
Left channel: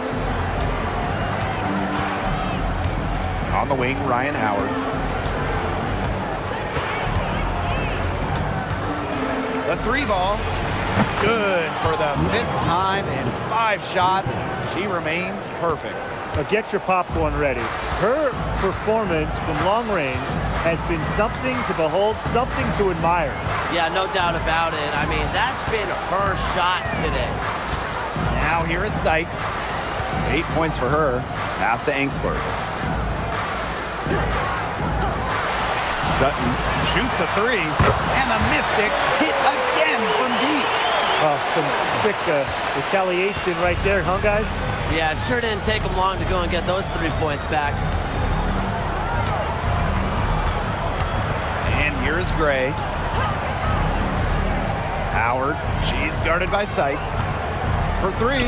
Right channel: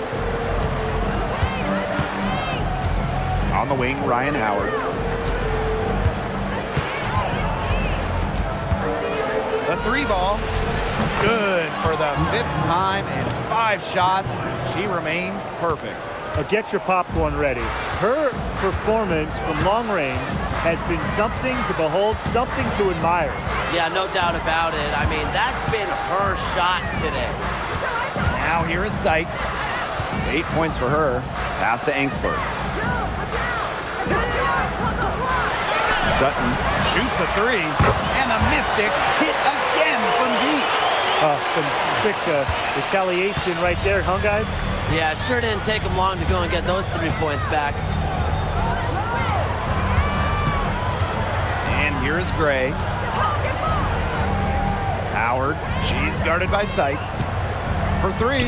On the wing, Ryan Howard. The three ball. Good for the fifth time in 5 shots. She remains perfect. Get your popcorn ready. Her performance from long range has been something to behold, something to admire. Yeah, no doubt about it. I mean, that's been her shot today. Now here is Sykes. 8 points for her. Pass to Angsler. Sutton shoots a three, and the Mystics hit again from deep. Some quick retaliation right there, huh, guys? Yeah, it sure didn't take them long to go and get those 3 points back. And here's Gray. Howard, she's guarded by Sykes. For three.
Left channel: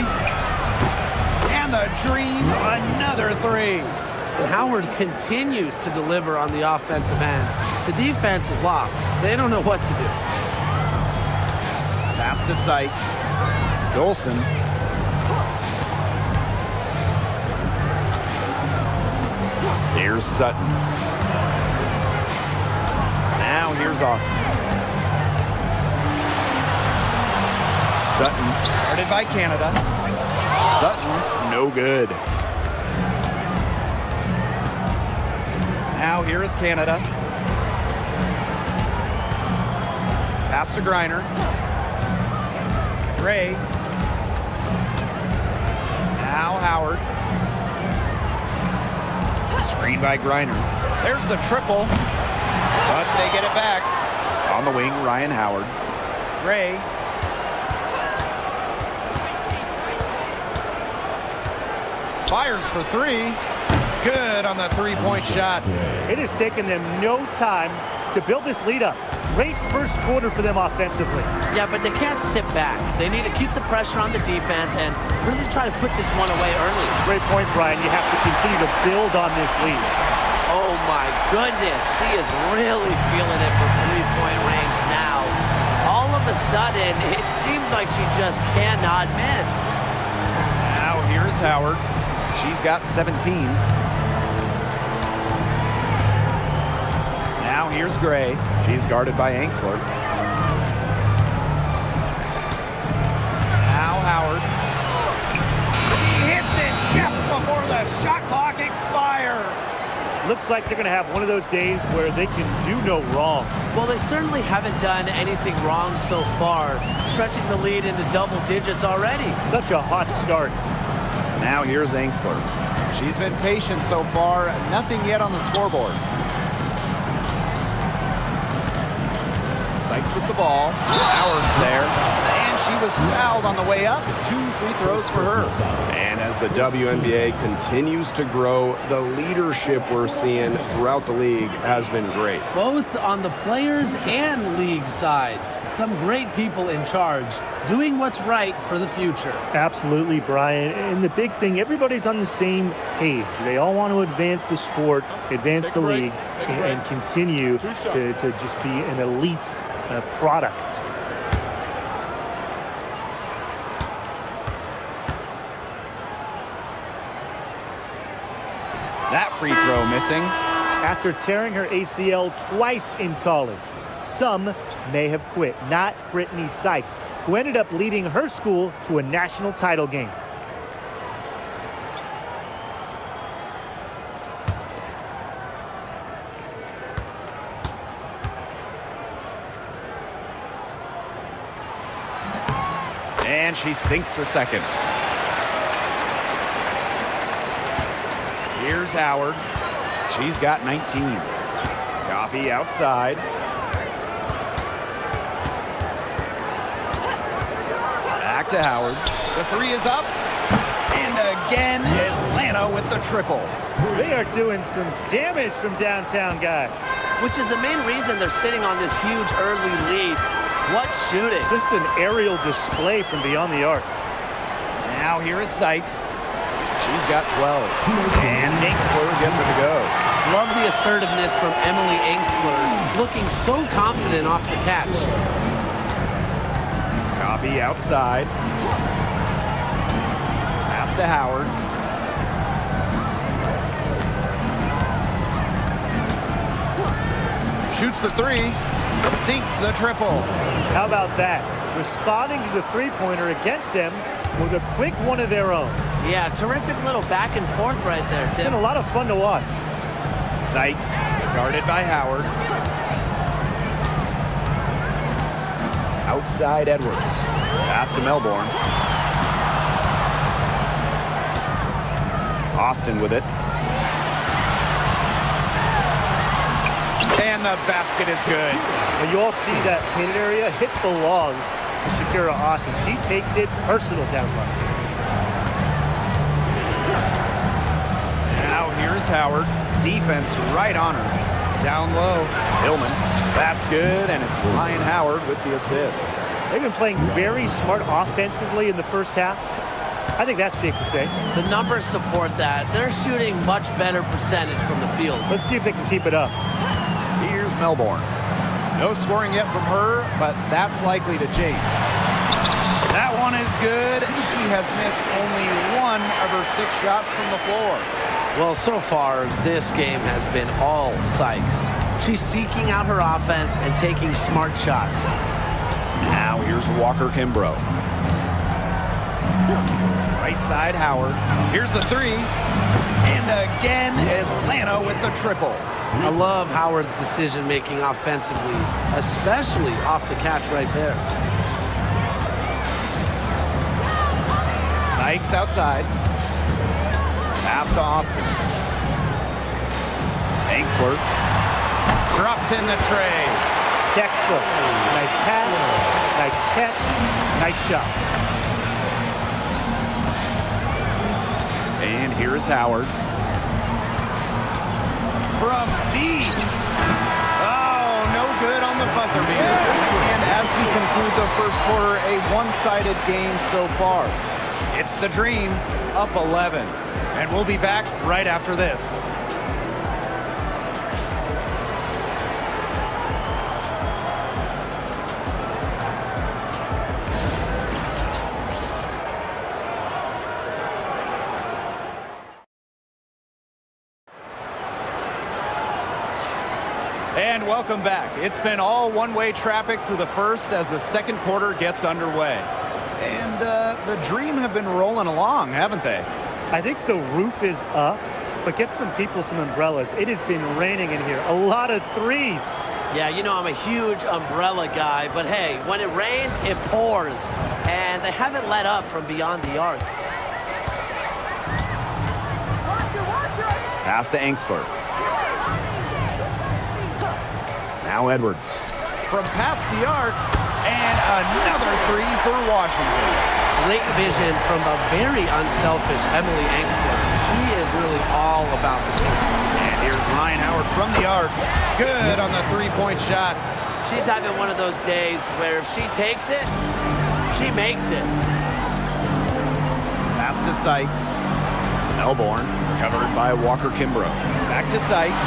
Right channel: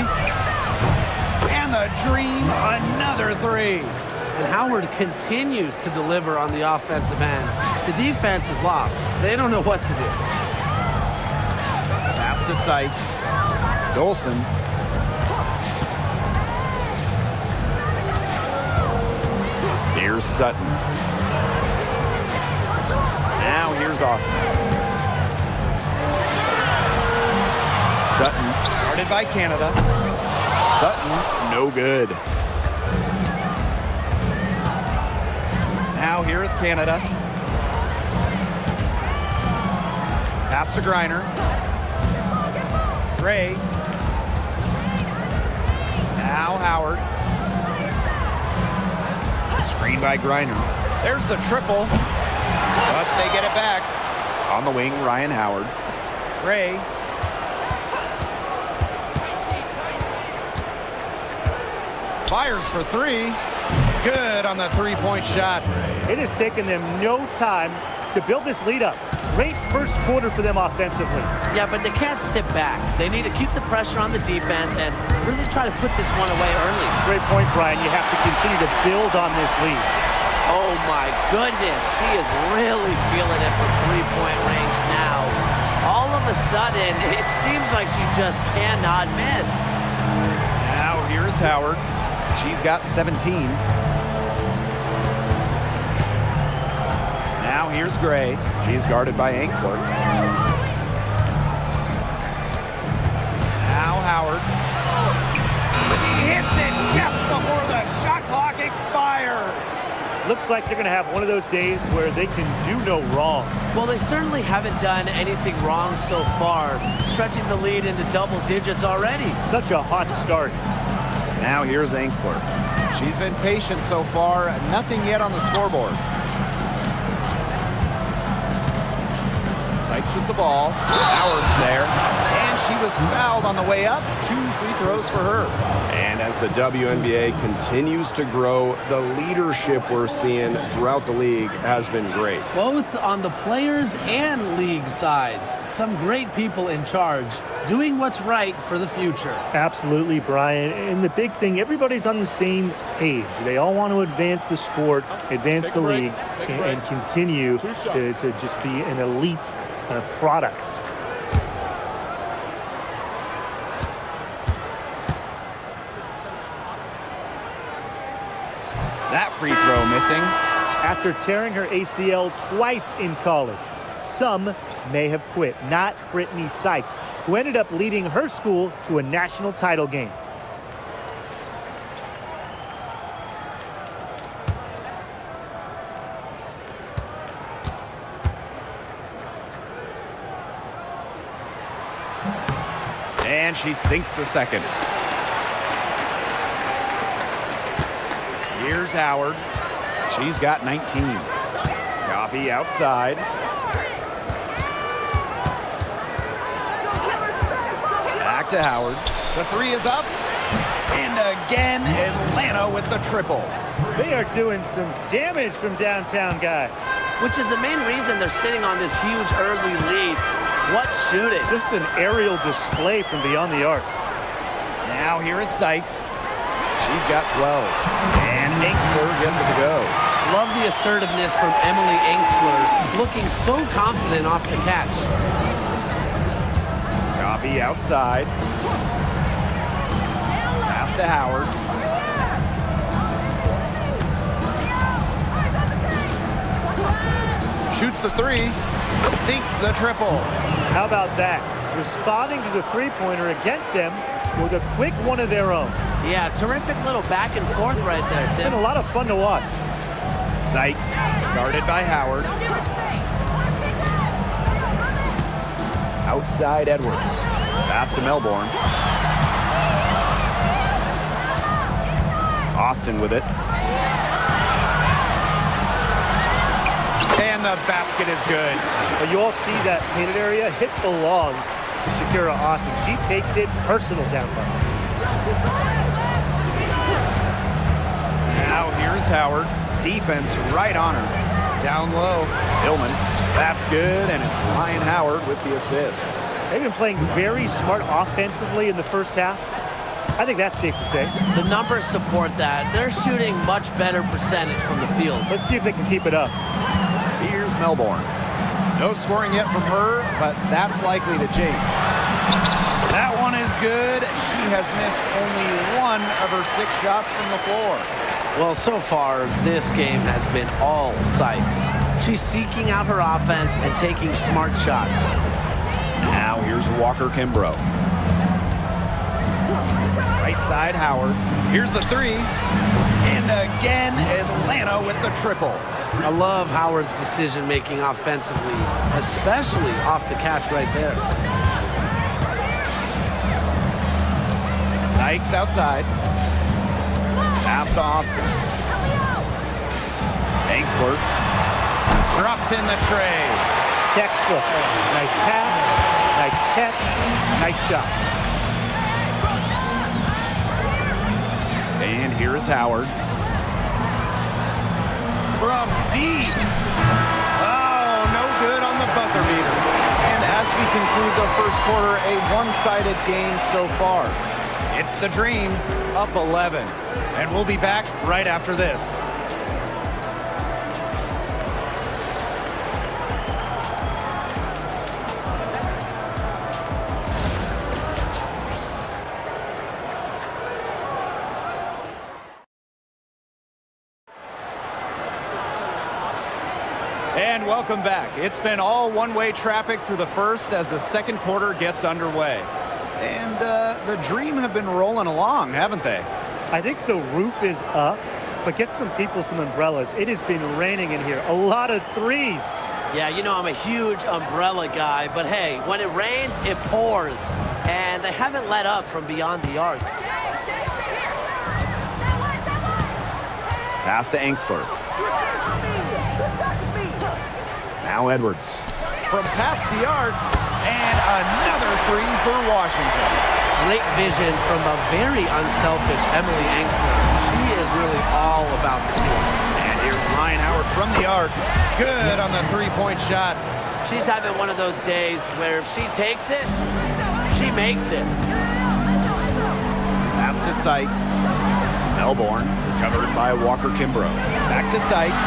And the Dream, another three. And Howard continues to deliver on the offensive end. The defense is lost. They don't know what to do. Pass to Sykes. Dolson. Here's Sutton. Now here's Austin. Sutton, guarded by Canada. Sutton, no good. Now here is Canada. Pass to Griner. Gray. Now Howard. Screen by Griner. There's the triple. But they get it back. On the wing, Ryan Howard. Gray. Fires for three. Good on the three-point shot. It has taken them no time to build this lead up. Great first quarter for them offensively. Yeah, but they can't sit back. They need to keep the pressure on the defense and really try to put this one away early. Great point, Brian. You have to continue to build on this lead. Oh my goodness, she is really feeling it from three-point range now. All of a sudden, it seems like she just cannot miss. Now here's Howard. She's got 17. Now here's Gray. She's guarded by Angsler. Now Howard. She hits it just before the shot clock expires. Looks like they're going to have one of those days where they can do no wrong. Well, they certainly haven't done anything wrong so far, stretching the lead into double digits already. Such a hot start. Now here's Angsler. She's been patient so far, nothing yet on the scoreboard. Sykes with the ball. Howard's there. And she was fouled on the way up. 2 free throws for her. And as the WNBA continues to grow, the leadership we're seeing throughout the league has been great. Both on the players and league sides. Some great people in charge, doing what's right for the future. Absolutely, Brian. And the big thing, everybody's on the same page. They all want to advance the sport, advance the league, and continue to just be an elite product. That free throw missing. After tearing her ACL twice in college, some may have quit. Not Brittany Sykes, who ended up leading her school to a national title game. And she sinks the second. Here's Howard. She's got 19. Coffee outside. Back to Howard. The three is up. And again, Atlanta with the triple. They are doing some damage from downtown, guys. Which is the main reason they're sitting on this huge early lead. What shooting. Just an aerial display from beyond the arc. Now here is Sykes. She's got 12. And Enxler gets it to go. Love the assertiveness from Emily Enxler, looking so confident off the catch. Coffee outside. Pass to Howard. Shoots the three. Sinks the triple. How about that? Responding to the three-pointer against them with a quick one of their own. Yeah, terrific little back and forth right there, It's Tim. been a lot of fun to watch. Sykes, guarded by Howard. Outside Edwards. Pass to Melbourne. Austin with it. And the basket is good. Well, you all see that painted area hit belongs to Shakira Austin. She takes it personal down low. Now here's Howard. Defense right on her. Down low. Hillman. That's good, and it's Ryan Howard with the assist. They've been playing very smart offensively in the first half. I think that's safe to say. The numbers support that. They're shooting much better percentage from the field. Let's see if they can keep it up. Here's Melbourne. No scoring yet from her, but that's likely to change. That one is good. She has missed only 1 of her 6 shots from the floor. Well, so far, this game has been all Sykes. She's seeking out her offense and taking smart shots. Now here's Walker Kimbrough. Right side Howard. Here's the three. And again, Atlanta with the triple. I love Howard's decision-making offensively, especially off the catch right there. Sykes outside. Pass to Austin. Enxler drops in the tray. Textbook. Nice pass, nice catch, nice shot. And here's Howard. From deep. Oh, no good on the buzzer beater. And as we conclude the first quarter, a one-sided game so far. It's the Dream, up 11. And we'll be back right after this. And welcome back. It's been all one-way traffic through the first as the second quarter gets underway. And the Dream have been rolling along, haven't they? I think the roof is up, but get some people some umbrellas. It has been raining in here. A lot of threes. Yeah, you know I'm a huge umbrella guy, but hey, when it rains, it pours. And they haven't let up from beyond the arc. Pass to Enxler. Now Edwards. From past the arc, And another three for Washington. Great vision from the very unselfish Emily Engstler. She is really all about the team. And here's Ryan Howard from the arc. Good on the three-point shot. She's having one of those days where if she takes it, she makes it. Pass to Sykes. Melbourne covered by Walker Kimbrough. Back to Sykes.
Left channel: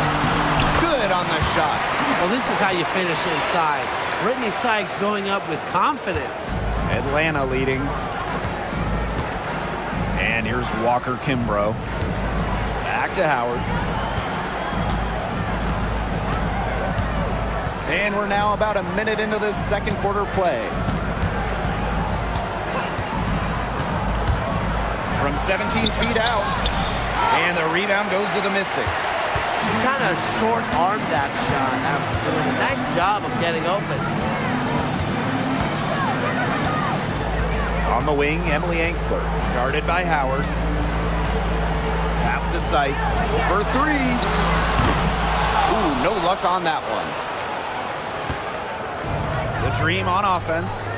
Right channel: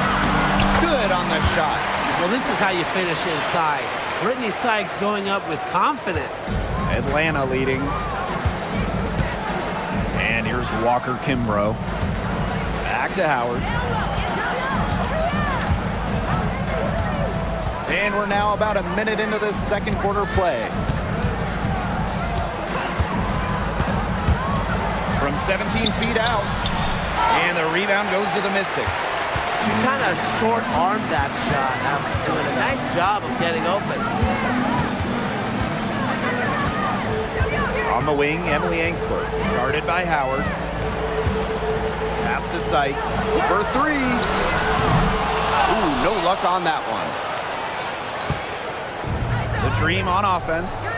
Good on the shot. Well, this is how you finish inside. Brittany Sykes going up with confidence. Atlanta leading. And here's Walker Kimbrough. Back to Howard. And we're now about a minute into this second quarter play. From 17 feet out. And the rebound goes to the Mystics. She kind of short-armed that shot after doing a nice job of getting open. On the wing, Emily Engstler, guarded by Howard. Pass to Sykes for three. Ooh, no luck on that one. The Dream on offense.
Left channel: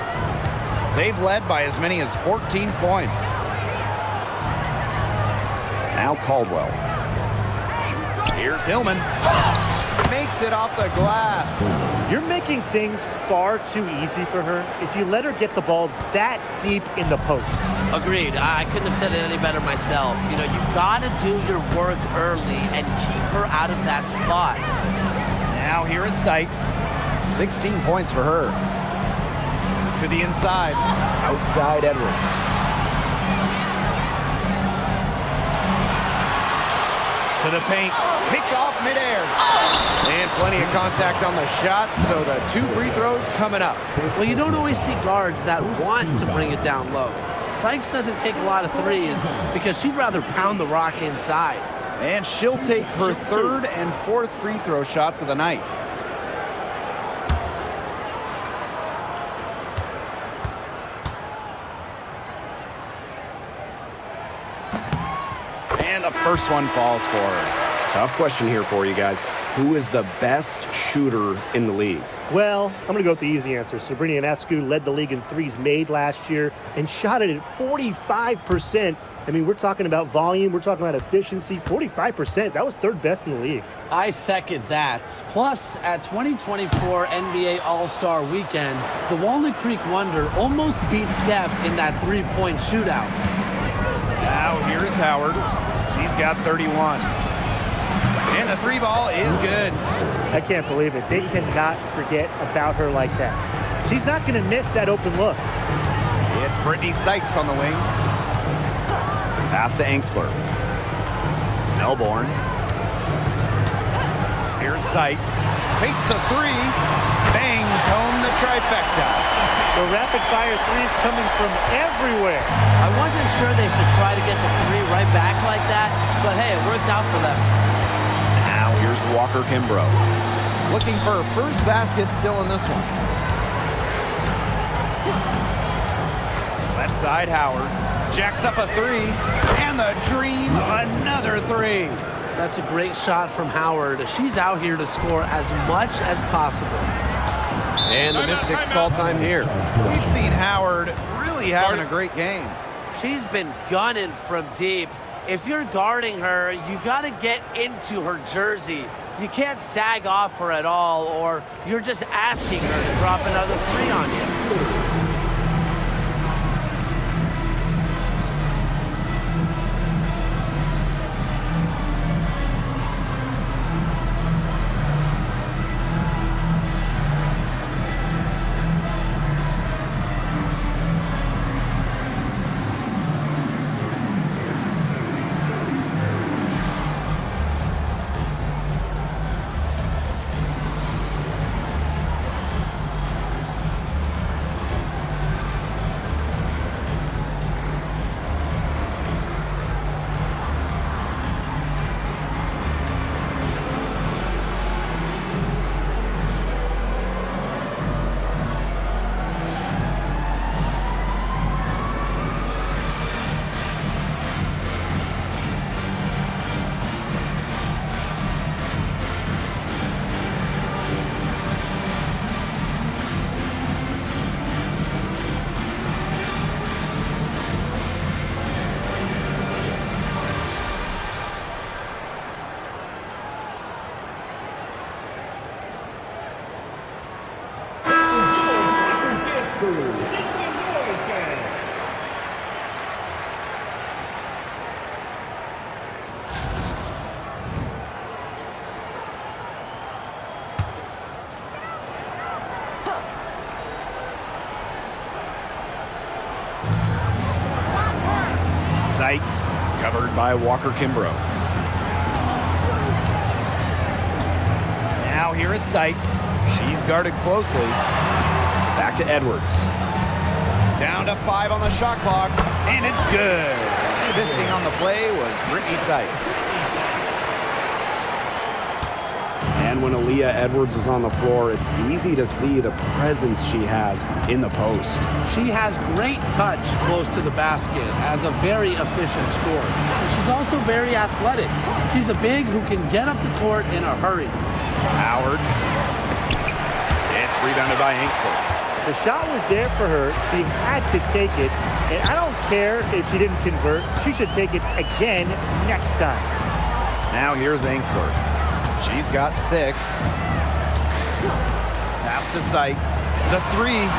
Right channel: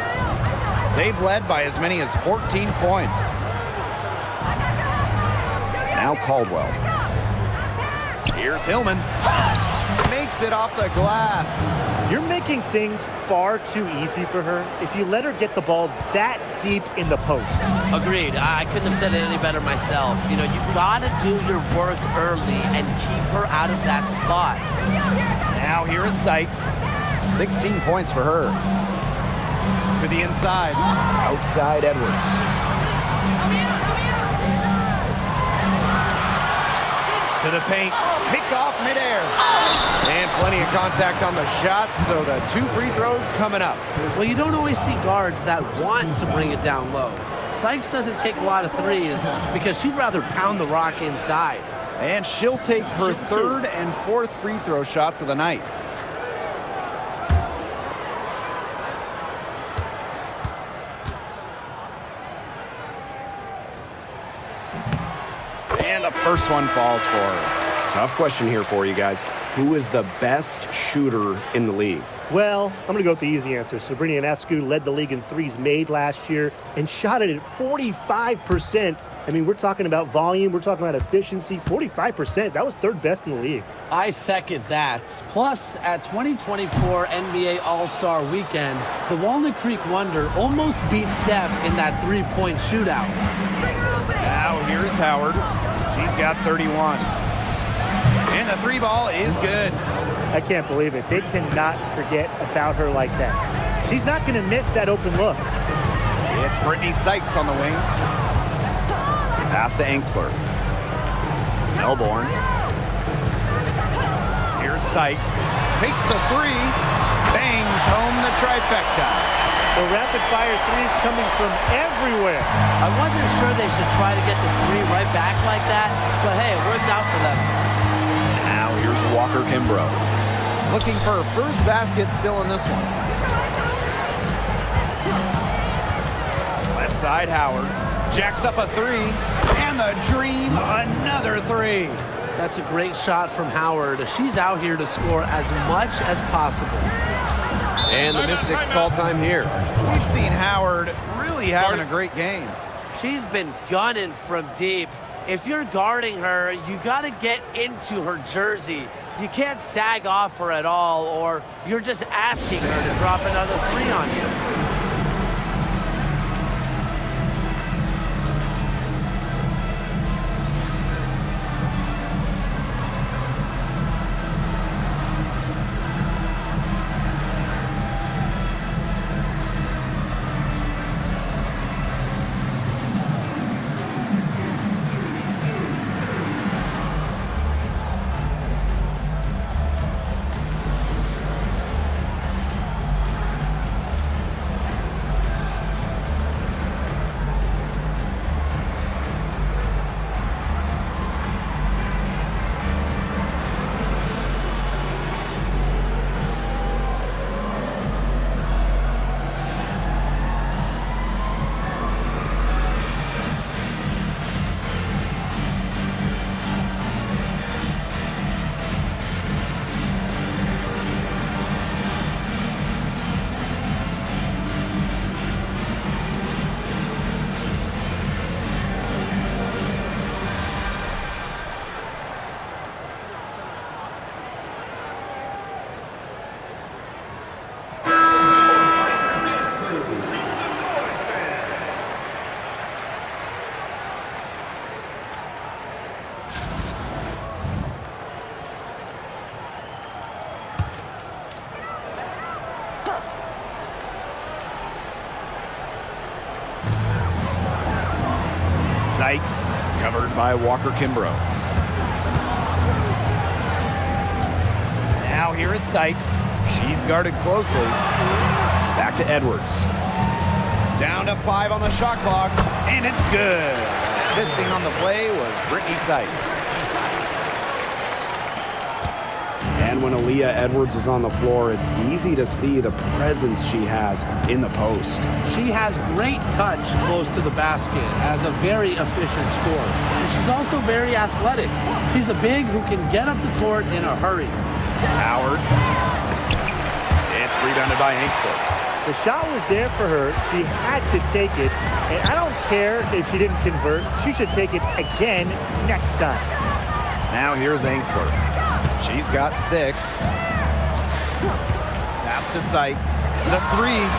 They've led by as many as 14 points. Now Caldwell. Here's Hillman. Makes it off the glass. You're making things far too easy for her if you let her get the ball that deep in the post. Agreed. I couldn't have said it any better myself. You know, you got to do your work early and keep her out of that spot. Now here is Sykes. 16 points for her. To the inside. Outside Edwards. To the paint, picked off midair. And plenty of contact on the shot, so the two free throws coming up. Well, you don't always see guards that want to bring it down low. Sykes doesn't take a lot of threes because she'd rather pound the rock inside. And she'll take her third and fourth free throw shots of the night. And the first one falls for her. Tough question here for you guys. Who is the best shooter in the league? Well, I'm going to go with the easy answer. Sabrina Ionescu led the league in threes made last year and shot it at 45%. I mean, we're talking about volume. We're talking about efficiency. 45%. That was third best in the league. I second that. Plus, at 2024 NBA All-Star Weekend, the Walnut Creek Wonder almost beat Steph in that three-point shootout. Now here's Howard. She's got 31. And the three ball is good. I can't believe it. They cannot forget about her like that. She's not going to miss that open look. It's Brittany Sykes on the wing. Pass to Engstler. Melbourne. Here's Sykes. Takes the three. Bangs home the trifecta. The rapid-fire threes coming from everywhere. I wasn't sure they should try to get the three right back like that, but hey, it worked out for them. Now here's Walker Kimbrough. Looking for her first basket still in this one. Left side Howard. Jacks up a three. And the Dream another three. That's a great shot from Howard. She's out here to score as much as possible. And the Mystics call time here. We've seen Howard really having a great game. She's been gunning from deep. If you're guarding her, you got to get into her jersey. You can't sag off her at all, or you're just asking her to drop another three on you. Sykes, covered by Walker Kimbrough. Now here is Sykes. She's guarded closely. Back to Edwards. Down to 5 on the shot clock, and it's good. Assisting on the play was Brittany Sykes. And when Aaliyah Edwards is on the floor, it's easy to see the presence she has in the post. She has great touch close to the basket as a very efficient scorer. And she's also very athletic. She's a big who can get up the court in a hurry. Howard. It's rebounded by Angstler. The shot was there for her. She had to take it. And I don't care if she didn't convert. She should take it again next time. Now here's Angstler. She's got 6. Pass to Sykes. The 3.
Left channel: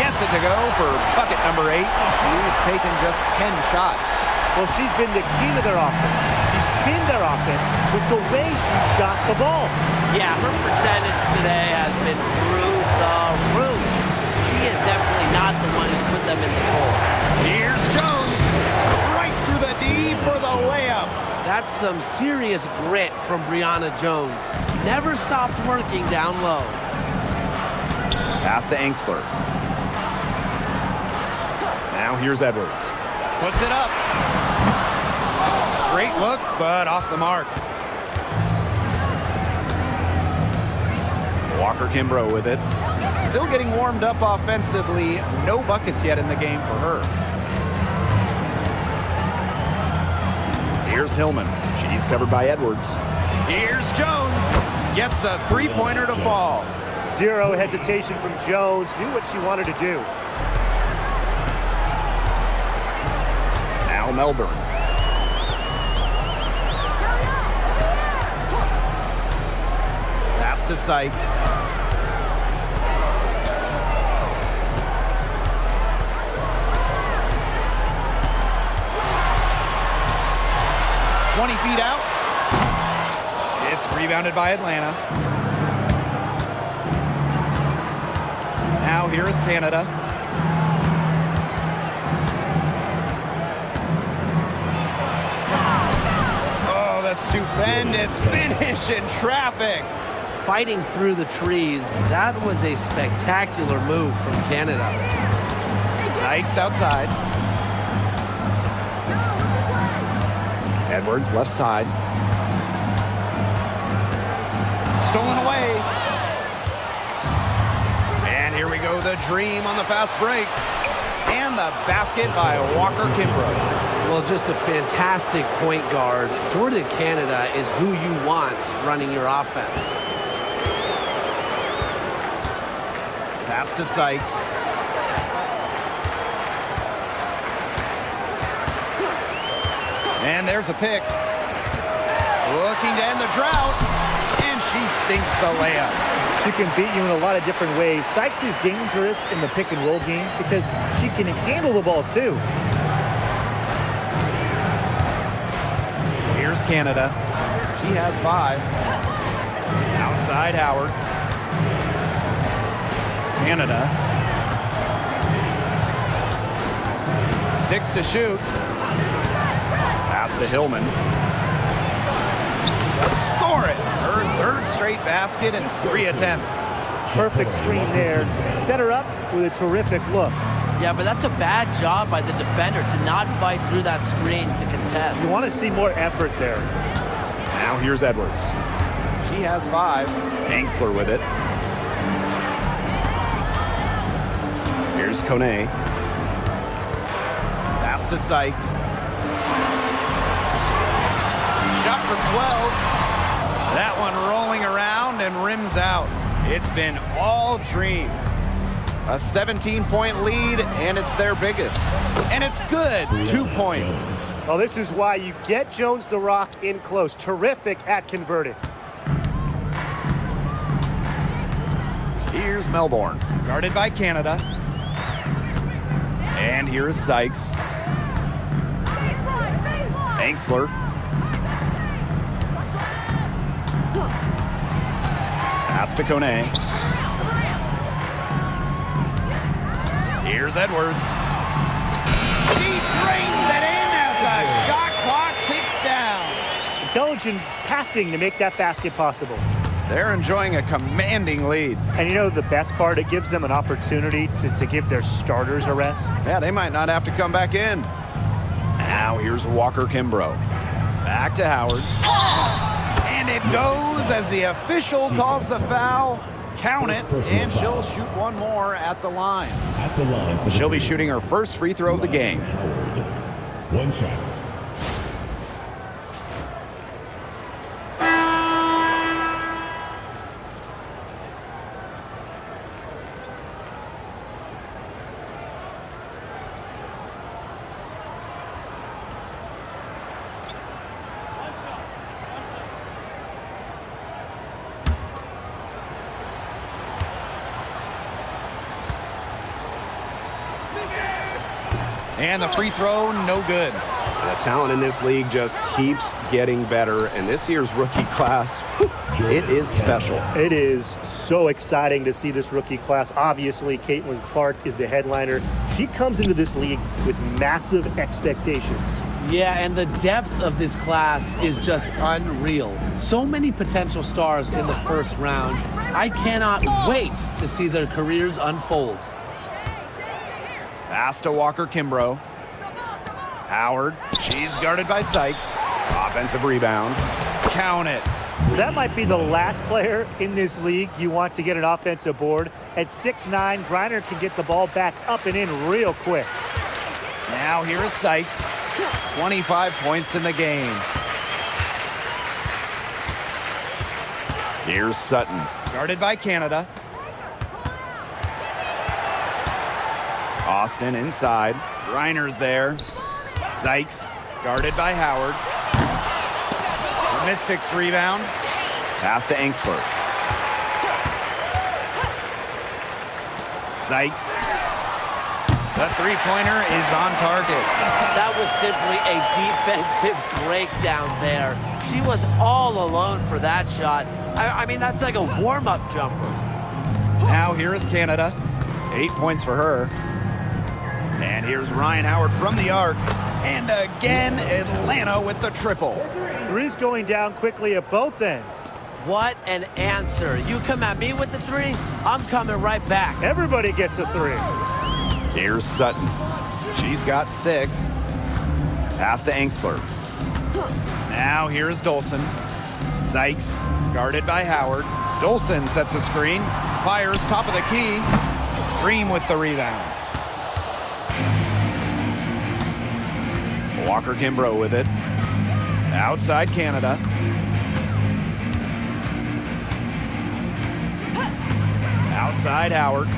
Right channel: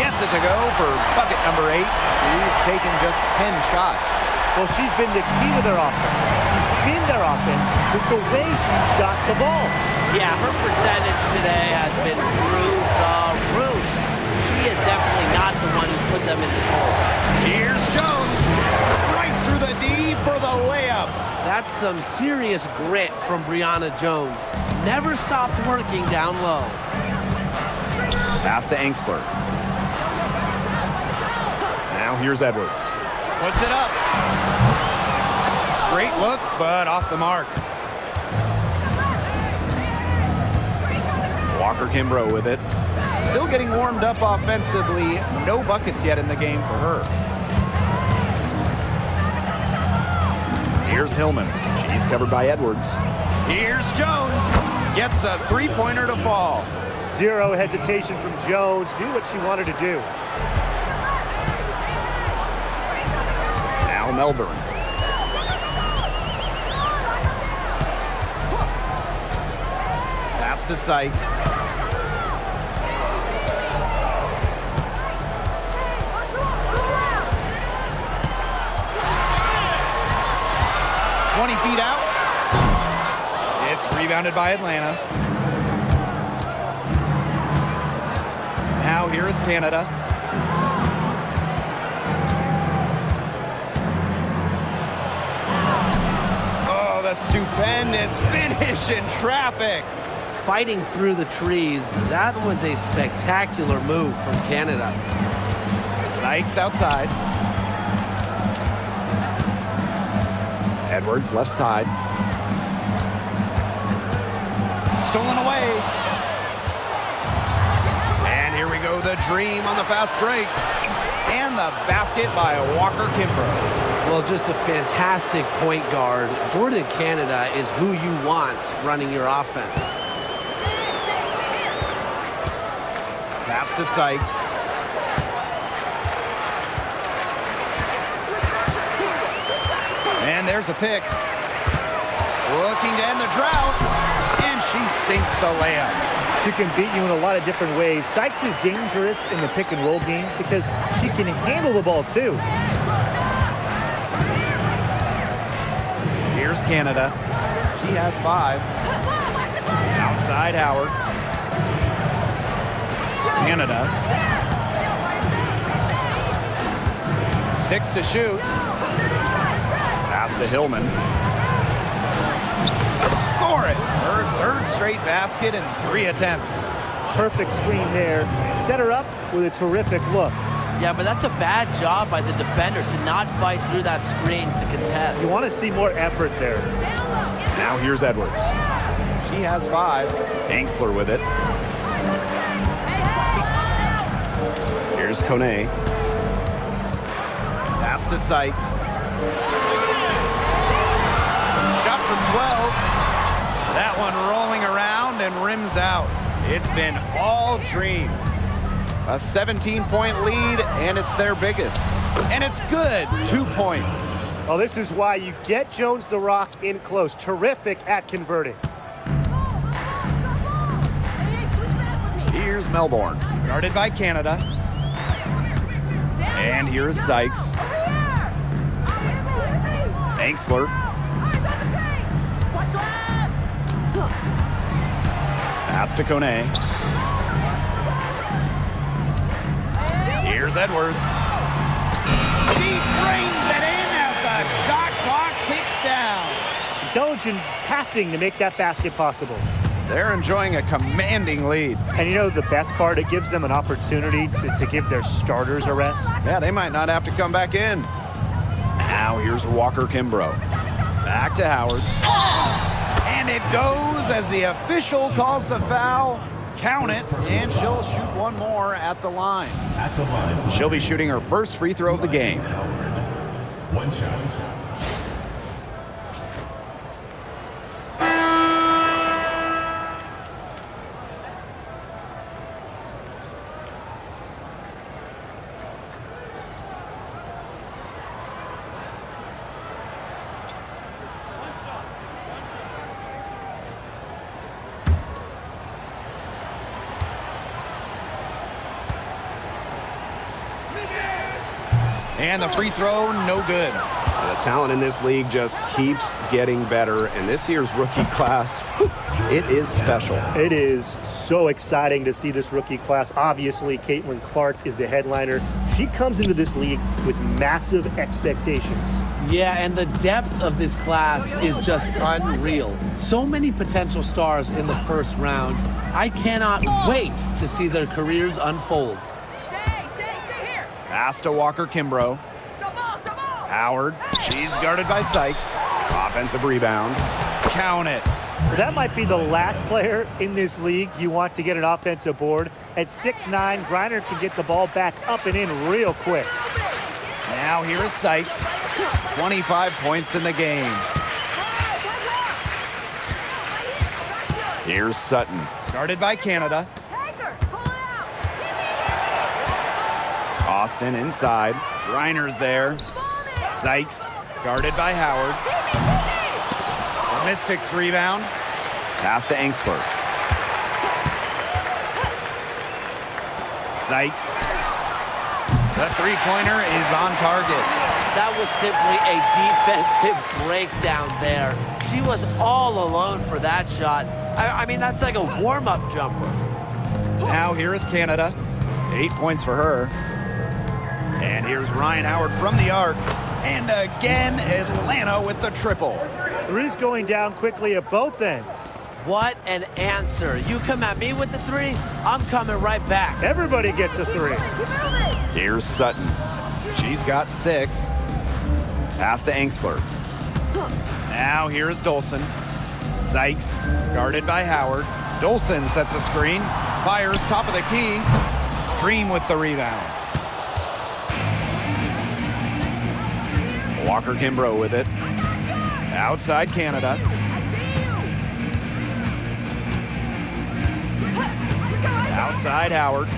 Gets it to go for bucket number 8. She's taken just 10 shots. Well, she's been the key to their offense. She's been their offense with the way she shot the ball. Yeah, her percentage today has been through the roof. She is definitely not the one who's put them in this hole. Here's Jones. Right through the D for the layup. That's some serious grit from Brianna Jones. Never stopped working down low. Pass to Angstler. Now here's Edwards. Puts it up. Great look, but off the mark. Walker Kimbrough with it. Still getting warmed up offensively. No buckets yet in the game for her. Here's Hillman. She's covered by Edwards. Here's Jones. Gets a 3-pointer to fall. Zero hesitation from Jones. Knew what she wanted to do. Now Melbourne. Pass to Sykes. "20 feet out. It's rebounded by Atlanta. Now here is Canada. Oh, the stupendous finish in traffic. Fighting through the trees. That was a spectacular move from Canada. Sykes outside. Edwards left side. Stolen away. And here we go, the dream on the fast break. And the basket by Walker Kimbrough. Well, just a fantastic point guard. Jordan Canada is who you want running your offense. Pass to Sykes. And there's a pick. Looking to end the drought. And she sinks the layup. She can beat you in a lot of different ways. Sykes is dangerous in the pick and roll game because she can handle the ball too. Here's Canada. She has 5. Outside Howard. Canada. 6 to shoot. Pass to Hillman. Score it! Her 3rd straight basket in 3 attempts. Perfect screen there. Set her up with a terrific look. Yeah, but that's a bad job by the defender to not fight through that screen to contest. You want to see more effort there. Now here's Edwards. She has 5. Angstler with it. Here's Kone. Pass to Sykes. Shot from 12. That one rolling around and rims out. It's been all dream. A 17-point lead, and it's their biggest. And it's good. 2 points. Well, this is why you get Jones the Rock in close. Terrific at converting. Here's Melbourne, guarded by Canada. And here's Sykes. Angstler. Pass to Kone. Here's Edwards. She brings it in Intelligent passing to make that basket possible. They're enjoying a commanding lead. And you know the best part? It gives them an opportunity to give their starters a rest. Yeah, they might not have to come back in. Now here's Walker Kimbrough. Back to Howard. And it goes as the official calls the foul. Count it, and she'll shoot one more at the line. At the line for She'll be shooting her first free throw of the game. Howard. One shot. And the free throw, no good. The talent in this league just keeps getting better, and this year's rookie class, it is special. It is so exciting to see this rookie class. Obviously, Caitlin Clark is the headliner. She comes into this league with massive expectations. Yeah, and the depth of this class is just unreal. So many potential stars in the first round. I cannot wait to see their careers unfold. Pass to Walker Kimbrough. Howard, she's guarded by Sykes. Offensive rebound. Count it. That might be the last player in this league you want to get an offensive board. At 6'9", Griner can get the ball back up and in real quick. Now here is Sykes. 25 points in the game. Here's Sutton. Guarded by Canada. Austin inside. Griner's there. Sykes guarded by Howard. The Mystics rebound. Pass to Engstler. Sykes. The three-pointer is on target. That was simply a defensive breakdown there. She was all alone for that shot. I mean, that's like a warm-up jumper. Now here is Canada. 8 points for her. And here's Ryan Howard from the arc. And again, Atlanta with the triple. Three's going down quickly at both ends. What an answer. You come at me with the three, I'm coming right back. Everybody gets a three. Here's Sutton. She's got 6. Pass to Engstler. Now here's Dolson. Sykes, guarded by Howard. Dolson sets a screen. Fires top of the key. Dream with the rebound. Walker Kimbrough with it. Outside Canada. Outside Howard.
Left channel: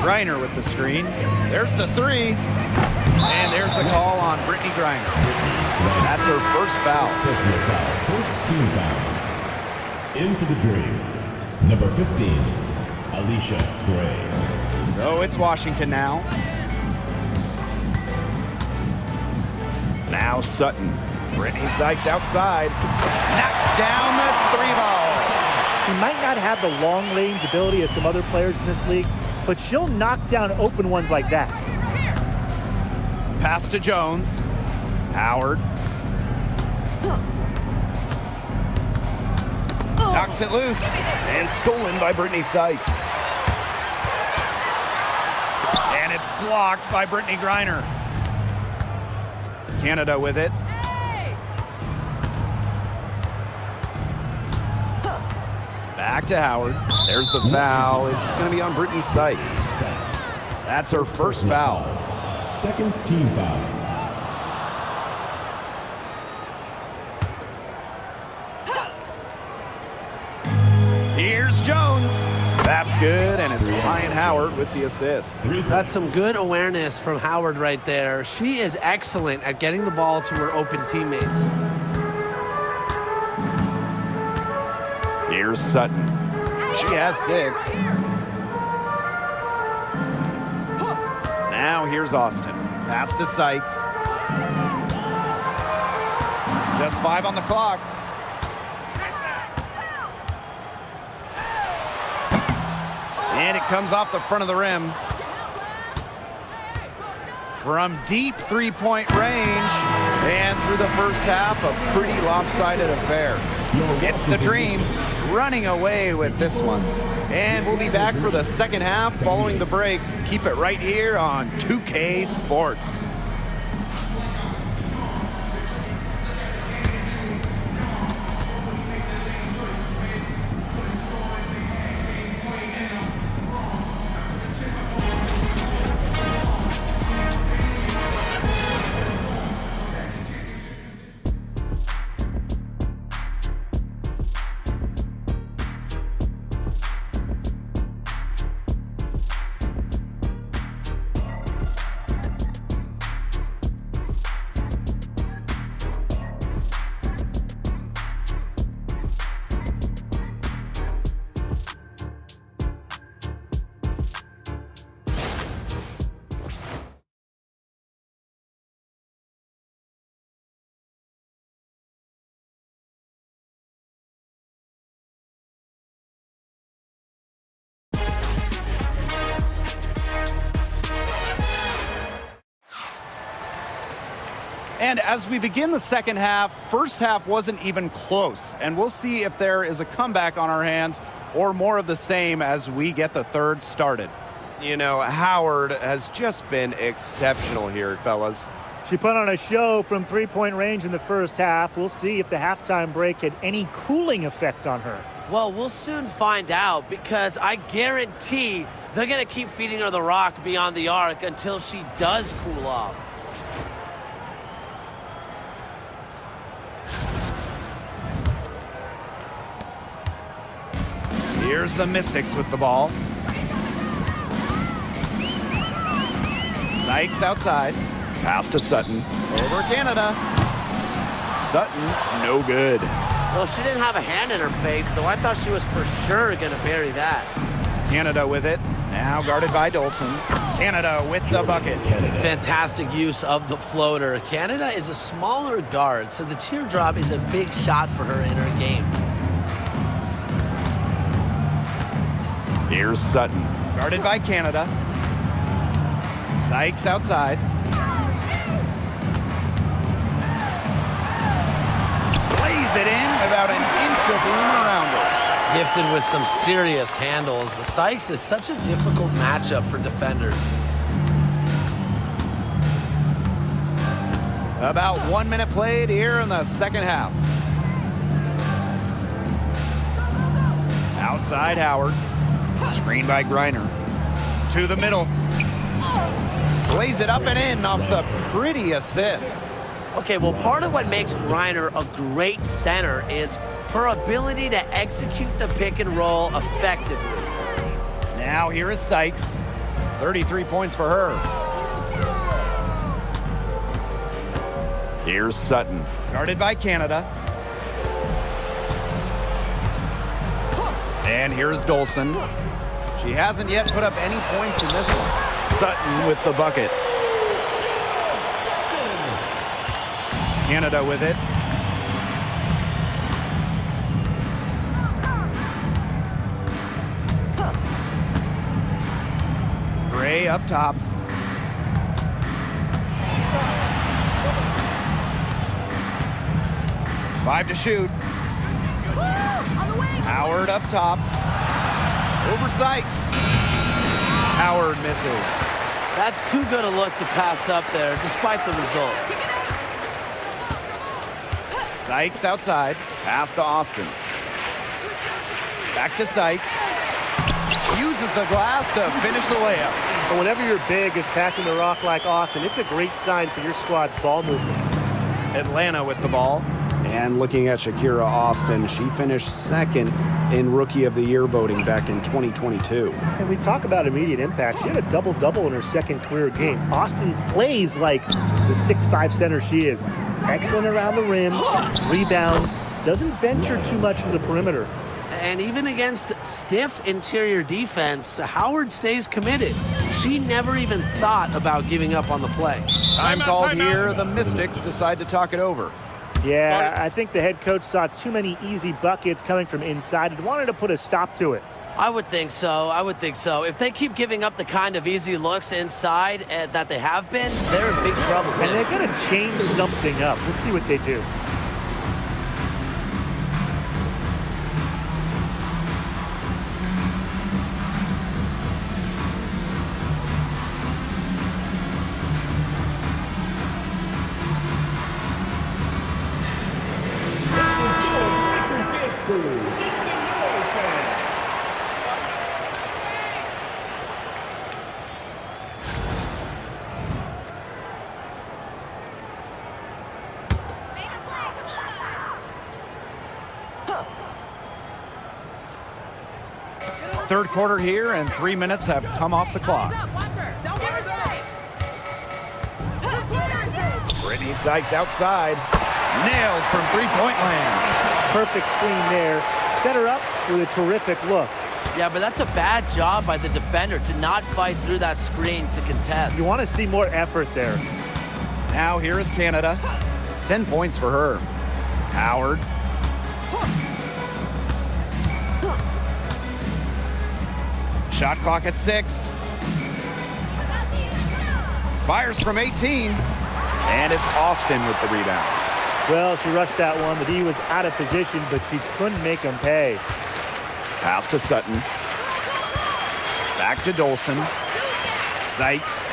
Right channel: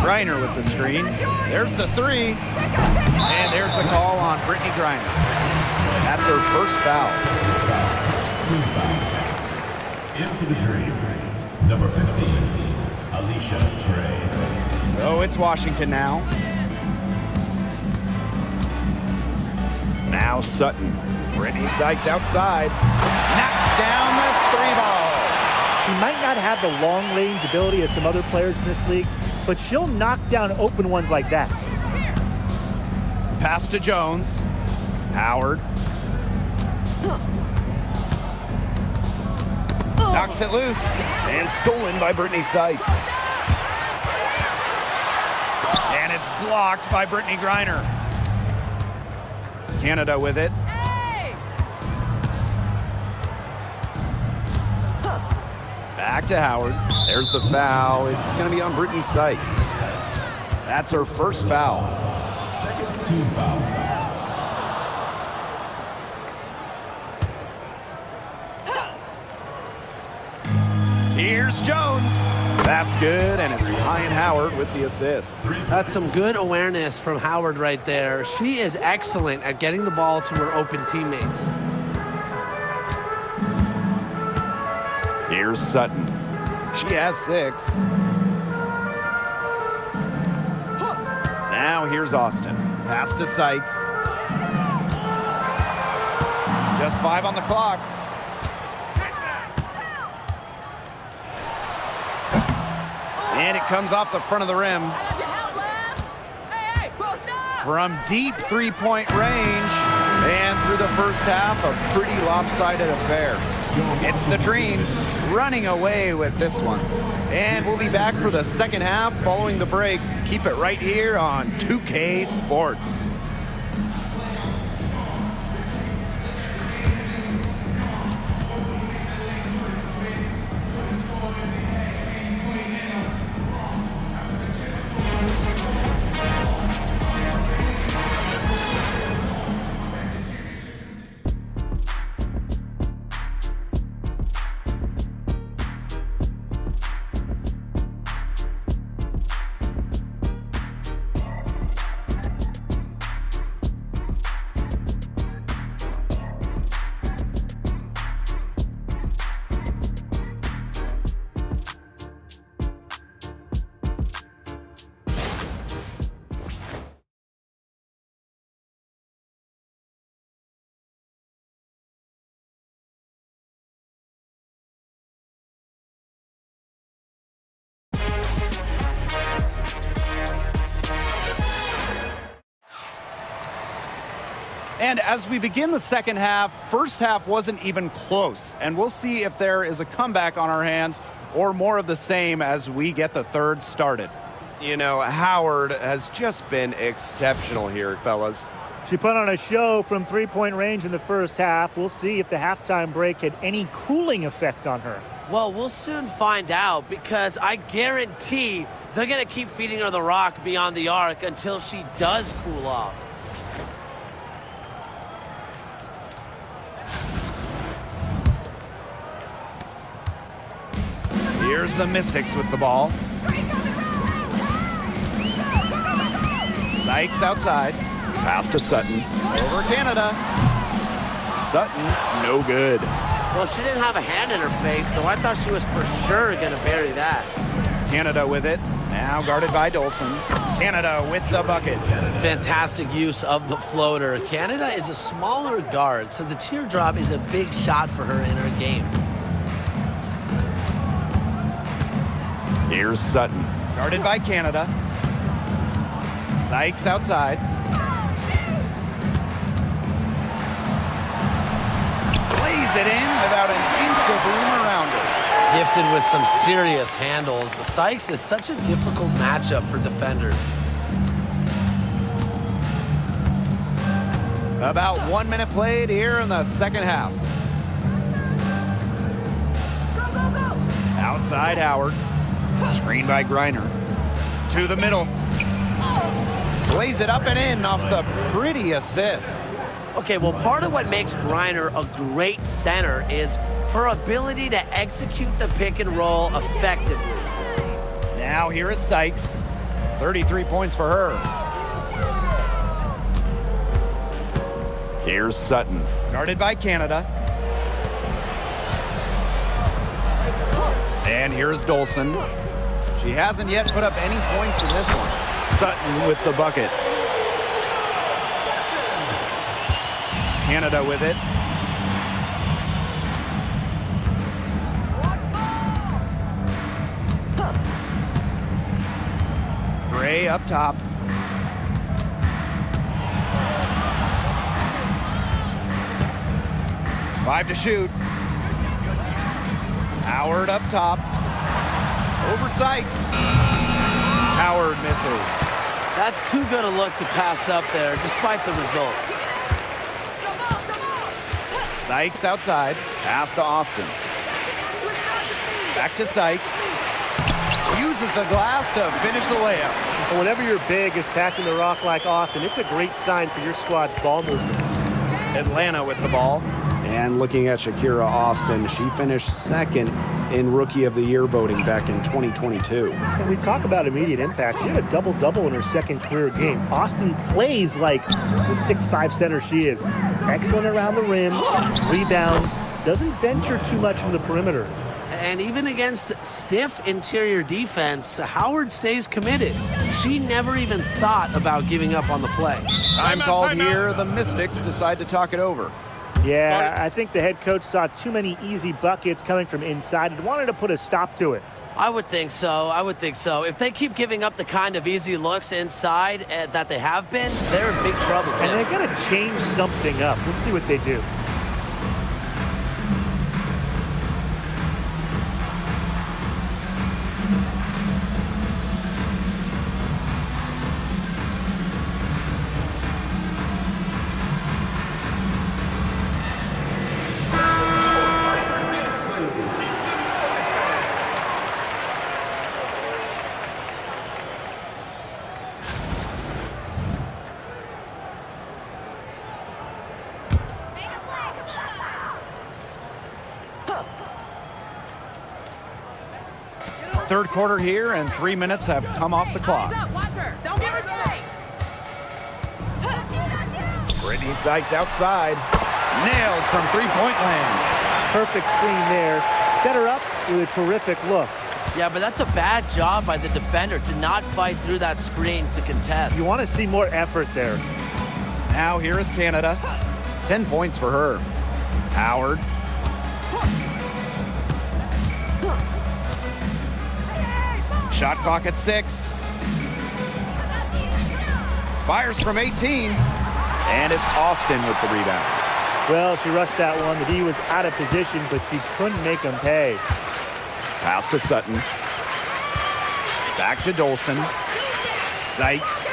Griner with the screen. There's the three. And there's the call on Brittany Griner. That's her first foul. First team foul. In for the Dream. Number 15, Alicia Gray. So it's Washington now. Now Sutton. Brittany Sykes outside. Knocks down the three ball. She might not have the long-range ability of some other players in this league, but she'll knock down open ones like that. Pass to Jones. Howard. Knocks it loose. And stolen by Brittany Sykes. And it's blocked by Brittany Griner. Canada with it. Back to Howard. There's the foul. It's going to be on Brittany Sykes. That's her first foul. Second team foul. Here's Jones. That's good, and it's Ryan Howard with the assist. That's some good awareness from Howard right there. She is excellent at getting the ball to her open teammates. Here's Sutton. She has 6. Now here's Austin. Pass to Sykes. Just 5 on the clock. And it comes off the front of the rim. from deep three-point range. And through the first half, a pretty lopsided affair. It's the Dream running away with this one. And we'll be back for the second half following the break. Keep it right here on 2K Sports. And as we begin the second half, first half wasn't even close. And we'll see if there is a comeback on our hands or more of the same as we get the third started. You know, Howard has just been exceptional here, fellas. She put on a show from three-point range in the first half. We'll see if the halftime break had any cooling effect on her. Well, we'll soon find out because I guarantee they're going to keep feeding her the rock beyond the arc until she does cool off. Here's the Mystics with the ball. Sykes outside. Pass to Sutton. Over Canada. Sutton, no good. Well, she didn't have a hand in her face, so I thought she was for sure going to bury that. Canada with it. Now guarded by Dolson. Canada with the bucket. Fantastic use of the floater. Canada is a smaller guard, so the teardrop is a big shot for her in her game. Here's Sutton. Guarded by Canada. Sykes outside. Plays it in without an inch of room around her. Gifted with some serious handles. Sykes is such a difficult matchup for defenders. About 1 minute played here in the second half. Go, go, go! Outside Howard. Screen by Griner. To the middle. Plays it up and in off the pretty assist. Okay, well, part of what makes Griner a great center is her ability to execute the pick and roll effectively. Now here is Sykes. 33 points for her. Here's Sutton. Guarded by Canada. And here's Dolson. She hasn't yet put up any points in this one. Sutton with the bucket. Canada with it. Gray up top. Five to shoot. Howard up top. Over Sykes. Howard misses. That's too good a look to pass up there, despite the result. Sykes outside. Pass to Austin. Back to Sykes. Uses the glass to finish the layup. And whenever you're big is passing the rock like Austin, it's a great sign for your squad's ball movement. Atlanta with the ball. And looking at Shakira Austin, she finished second in Rookie of the Year voting back in 2022. And we talk about immediate impact. She had a double-double in her second career game. Austin plays like the 6'5" center she is. Excellent around the rim, rebounds, doesn't venture too much into the perimeter. And even against stiff interior defense, Howard stays committed. She never even thought about giving up on the play. Time called here. The Mystics decide to talk it over. Yeah, I think the head coach saw too many easy buckets coming from inside and wanted to put a stop to it. I would think so. I would think so. If they keep giving up the kind of easy looks inside that they have been, they're in big trouble, Tim. And they're going to change something up. Let's see what they do. Third quarter here, and 3 minutes have come off the clock. Don't give her Brittany Sykes outside. Nailed from three-point land. Perfect screen there. Set her up with a terrific look. Yeah, but that's a bad job by the defender to not fight through that screen to contest. You want to see more effort there. Now here is Canada. 10 points for her. Howard. Shot clock at 6. Fires from 18. And it's Austin with the rebound. Well, she rushed that one. The D was out of position, but she couldn't make him pay. Pass to Sutton. Back to Dolson. Sykes.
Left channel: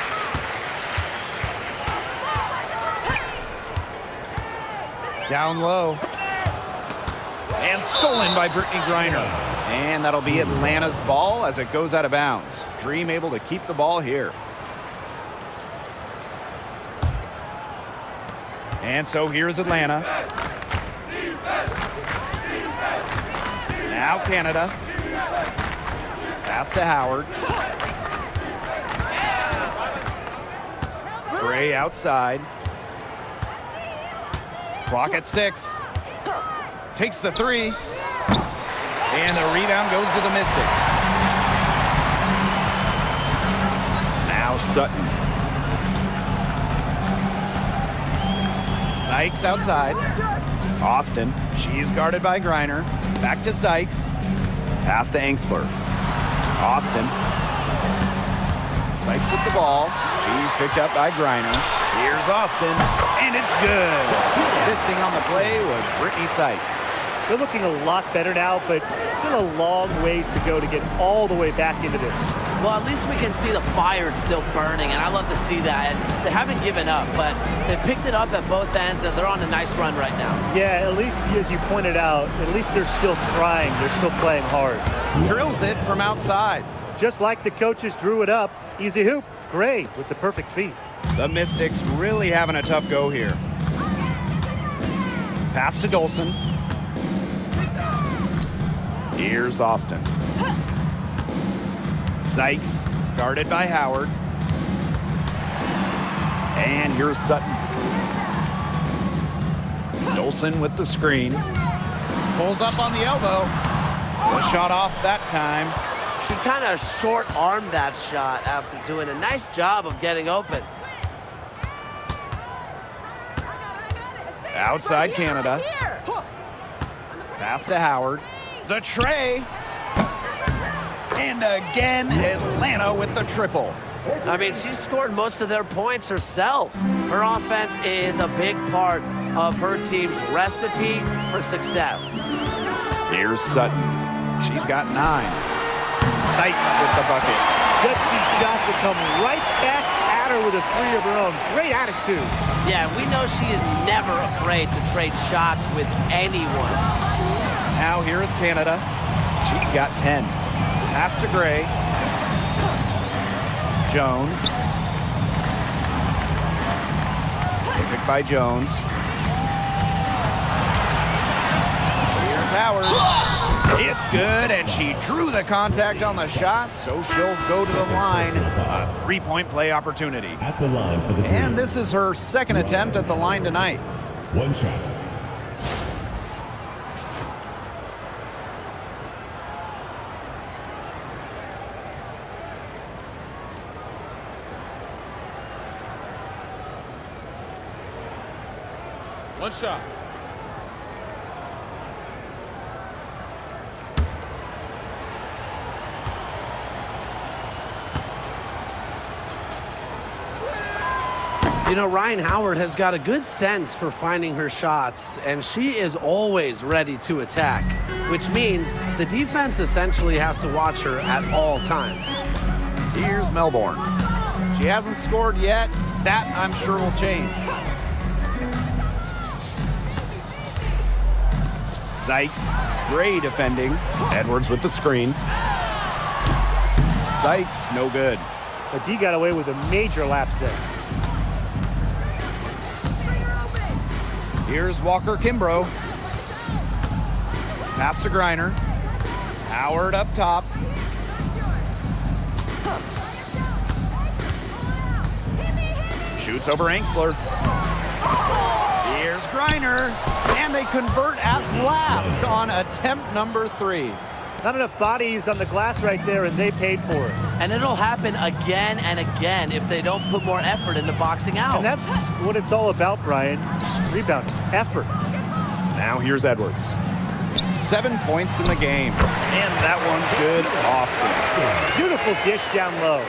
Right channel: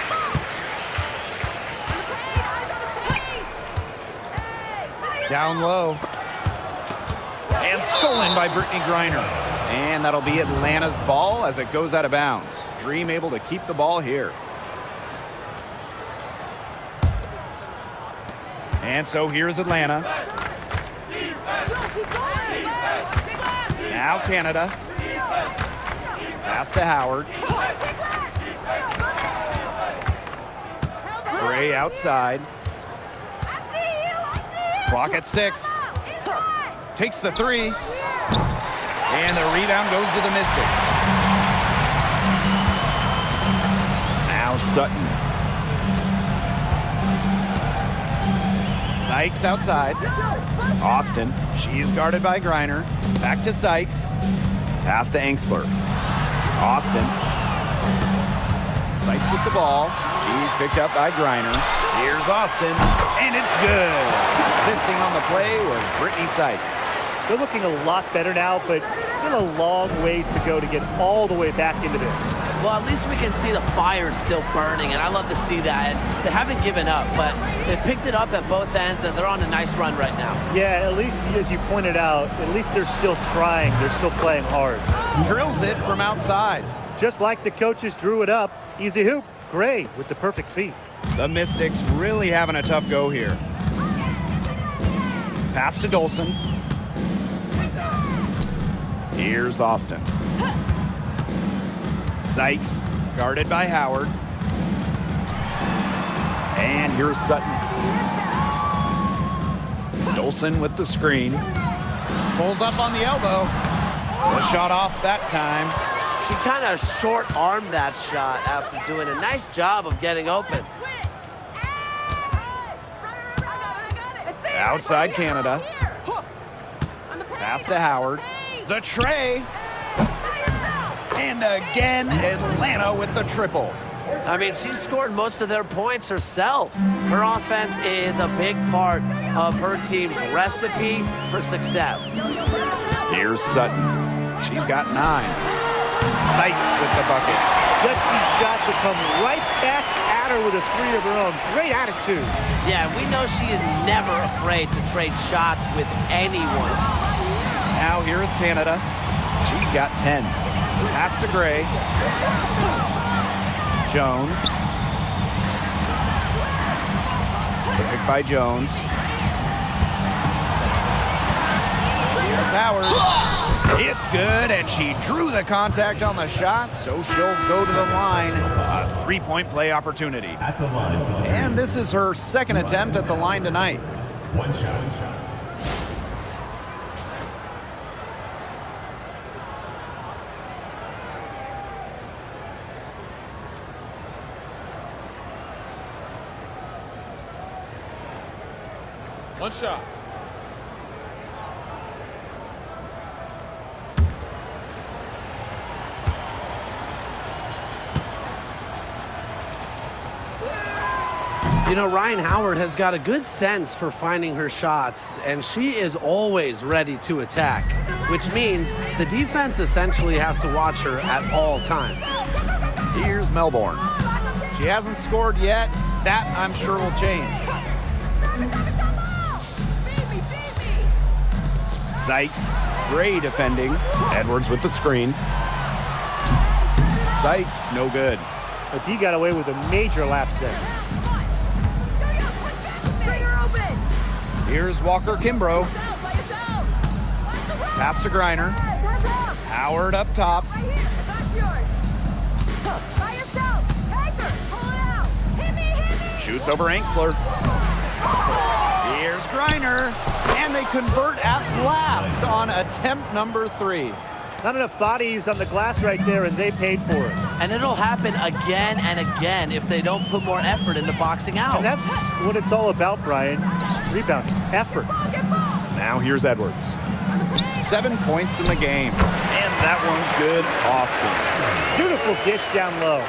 Down low. And stolen by Brittany Griner. And that'll be Atlanta's ball as it goes out of bounds. Dream able to keep the ball here. And so here's Atlanta. Now Canada. Pass to Howard. Gray outside. Clock at 6. Takes the 3. And the rebound goes to the Mystics. Now Sutton. Sykes outside. Austin. She's guarded by Griner. Back to Sykes. Pass to Engstler. Austin. Sykes with the ball. She's picked up by Griner. Here's Austin. And it's good. Assisting on the play was Brittany Sykes. They're looking a lot better now, but still a long ways to go to get all the way back into this. Well, at least we can see the fire still burning, and I love to see that. And they haven't given up, but they picked it up at both ends, and they're on a nice run right now. Yeah, at least, as you pointed out, at least they're still trying. They're still playing hard. Drills it from outside. Just like the coaches drew it up. Easy hoop. Gray with the perfect feet. The Mystics really having a tough go here. Pass to Dolson. Here's Austin. Sykes, guarded by Howard. And here's Sutton. Dolson with the screen. Pulls up on the elbow. The shot off that time. She kind of short-armed that shot after doing a nice job of getting open. Outside Canada. Pass to Howard. The tray. And again, Atlanta with the triple. I mean, she scored most of their points herself. Her offense is a big part of her team's recipe for success. Here's Sutton. She's got 9. Sykes with the bucket. Gutsy shot to come right back at her with a 3 of her own. Great attitude. Yeah, we know she is never afraid to trade shots with anyone. Now here is Canada. She's got 10. Pass to Gray. Jones. The pick by Jones. Here's Howard. It's good, and she drew the contact on the shot, so she'll go to the line. A 3-point play opportunity. At the line for the And this is her second attempt at the line tonight. one shot. One shot. You know, Ryan Howard has got a good sense for finding her shots, and she is always ready to attack, which means the defense essentially has to watch her at all times. Here's Melbourne. She hasn't scored yet. That, I'm sure, will change. Sykes, Gray defending. Edwards with the screen. Sykes, no good. But he got away with a major lapse there. Here's Walker Kimbrough. Pass to Griner. Howard up top. Shoots over Angsler. Here's Griner. And they convert at last on attempt number 3. Not enough bodies on the glass right there, and they paid for it. And it'll happen again and again if they don't put more effort into boxing out. And that's what it's all about, Brian. Rebounding, effort. Now here's Edwards. 7 points in the game. And that one's good, Austin. Beautiful dish down low.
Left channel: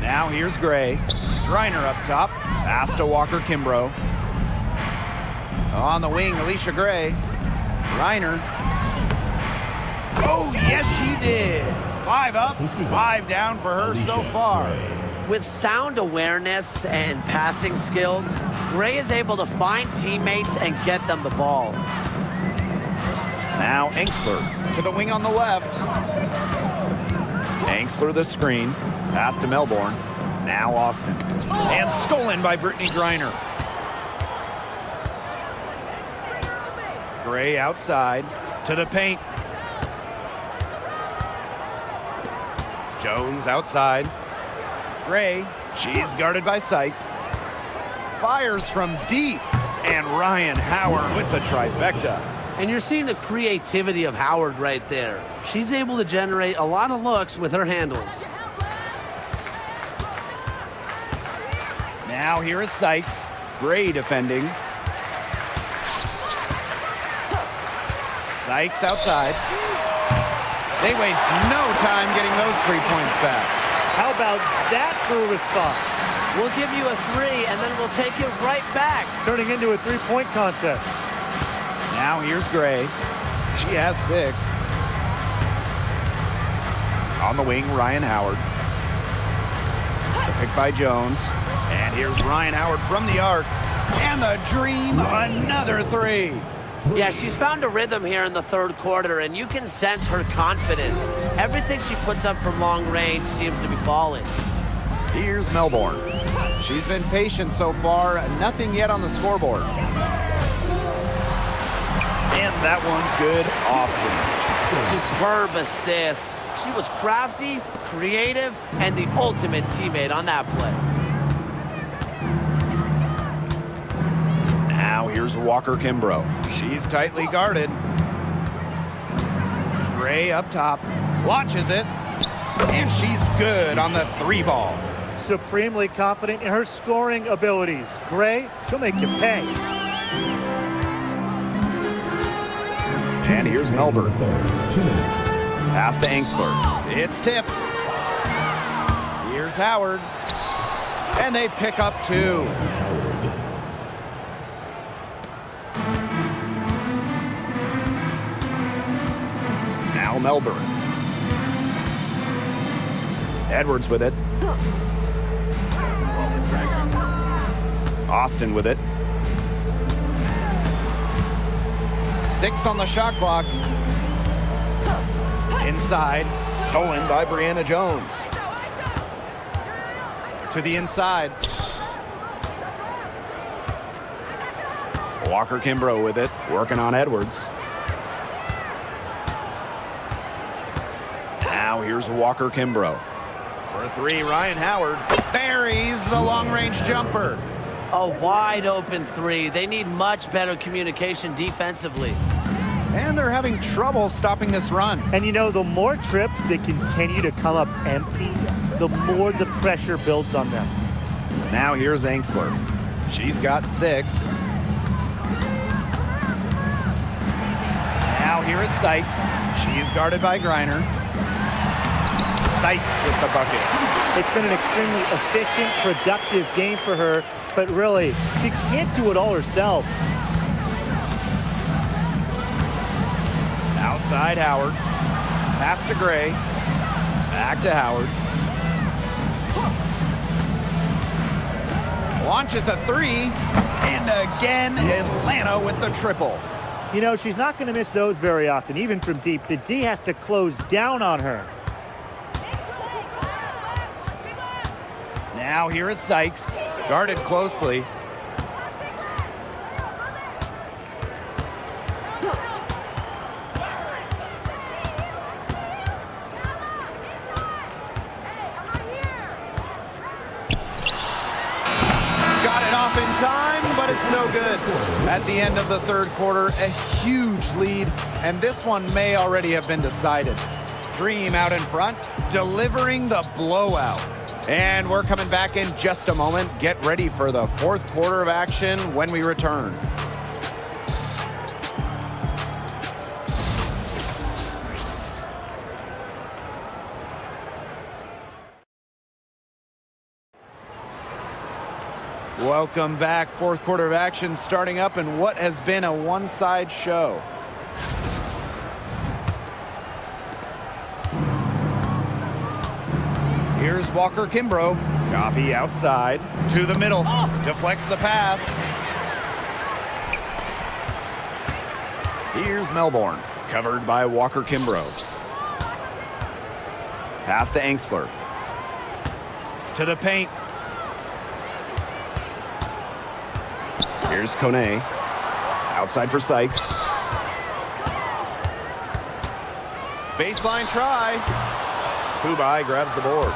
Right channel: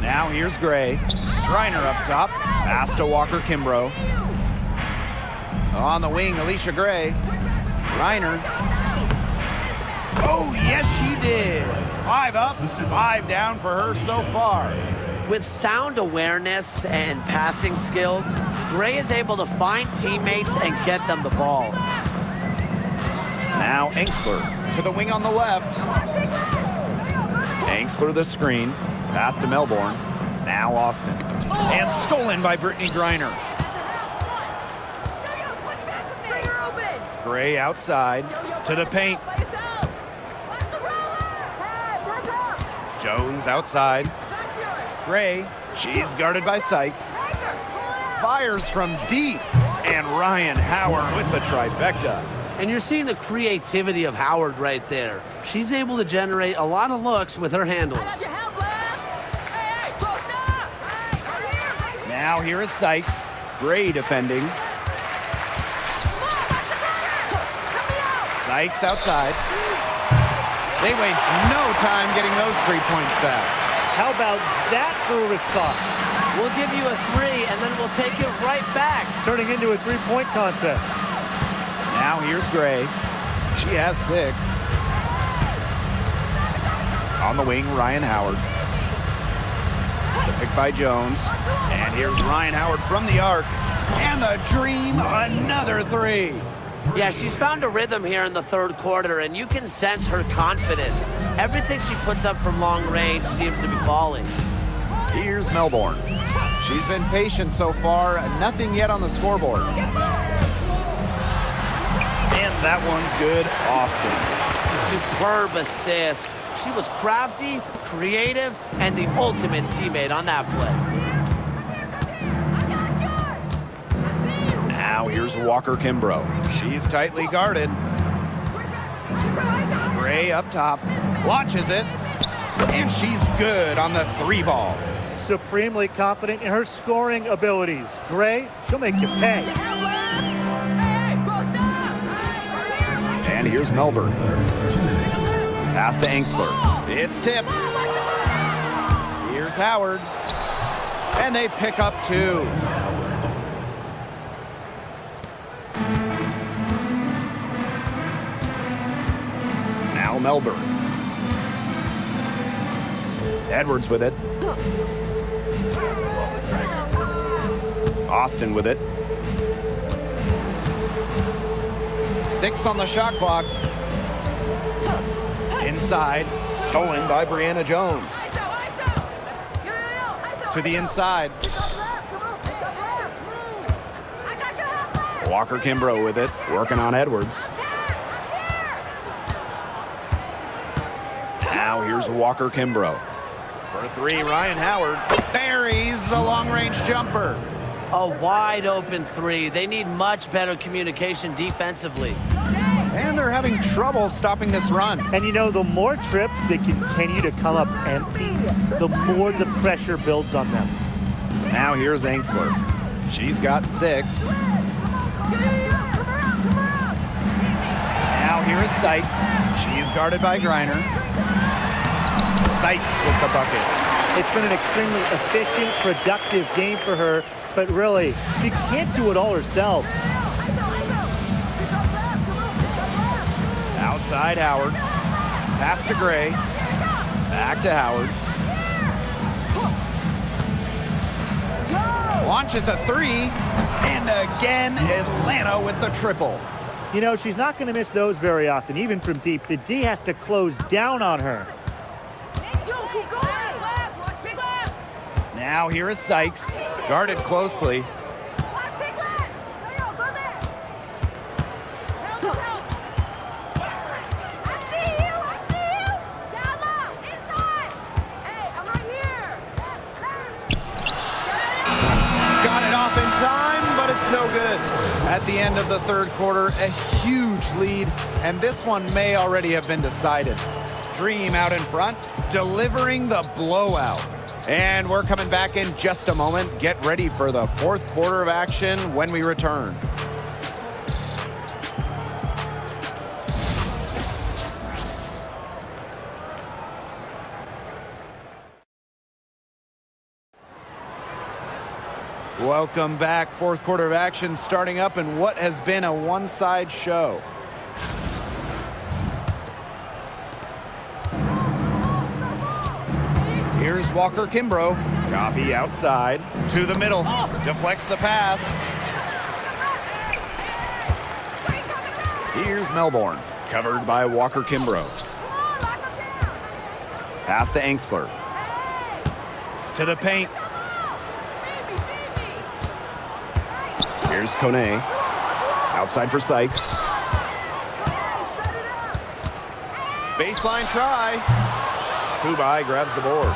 Now here's Gray. Griner up top. Pass to Walker Kimbrough. On the wing, Alicia Gray. Griner. Oh, yes, she did. 5 up, 5 down for her so far. With sound awareness and passing skills, Gray is able to find teammates and get them the ball. Now Angsler to the wing on the left. Angsler the screen. Pass to Melbourne. Now Austin. And stolen by Brittany Griner. Gray outside to the paint. Jones outside. Gray, she's guarded by Sykes. Fires from deep. And Ryan Howard with the trifecta. And you're seeing the creativity of Howard right there. She's able to generate a lot of looks with her handles. Now here is Sykes. Gray defending. Sykes outside. They waste no time getting those 3 points back. How about that for a response? We'll give you a 3, and then we'll take it right back. Turning into a 3-point contest. Now here's Gray. She has 6. On the wing, Ryan Howard. The pick by Jones. And here's Ryan Howard from the arc. And the dream, another 3. Yeah, she's found a rhythm here in the third quarter, and you can sense her confidence. Everything she puts up from long range seems to be falling. Here's Melbourne. She's been patient so far, nothing yet on the scoreboard. And that one's good, Austin. Superb assist. She was crafty, creative, and the ultimate teammate on that play. Now here's Walker Kimbrough. She's tightly guarded. Gray up top. Launches it. And she's good on the 3 ball. Supremely confident in her scoring abilities. Gray, she'll make you pay. And here's Melbourne. Pass to Angsler. It's tipped. Here's Howard. And they pick up 2. Now Melbourne. Edwards with it. Austin with it. 6 on the shot clock. Inside, stolen by Brianna Jones. To the inside. Walker Kimbrough with it, working on Edwards. Now here's Walker Kimbrough. For 3, Ryan Howard buries the long-range jumper. A wide open 3. They need much better communication defensively. And they're having trouble stopping this run. And you know, the more trips they continue to come up empty, the more the pressure builds on them. Now here's Angsler. She's got 6. Now here is Sykes. She's guarded by Griner. Sykes with the bucket. It's been an extremely efficient, productive game for her, but really, she can't do it all herself. Outside Howard. Pass to Gray. Back to Howard. Launches a three. And again, Atlanta with the triple. You know, she's not going to miss those very often, even from deep. The D has to close down on her. Now here is Sykes. Guarded closely. Got it off in time, but it's no good. At the end of the third quarter, a huge lead, and this one may already have been decided. Dream out in front, delivering the blowout. And we're coming back in just a moment. Get ready for the fourth quarter of action when we return. Welcome back. Fourth quarter of action starting up in what has been a one-side show. Here's Walker Kimbrough. Coffee outside to the middle. Deflects the pass. Here's Melbourne. Covered by Walker Kimbrough. Pass to Angsler. To the paint. Here's Kone. Outside for Sykes. Baseline try. Kubai grabs the board.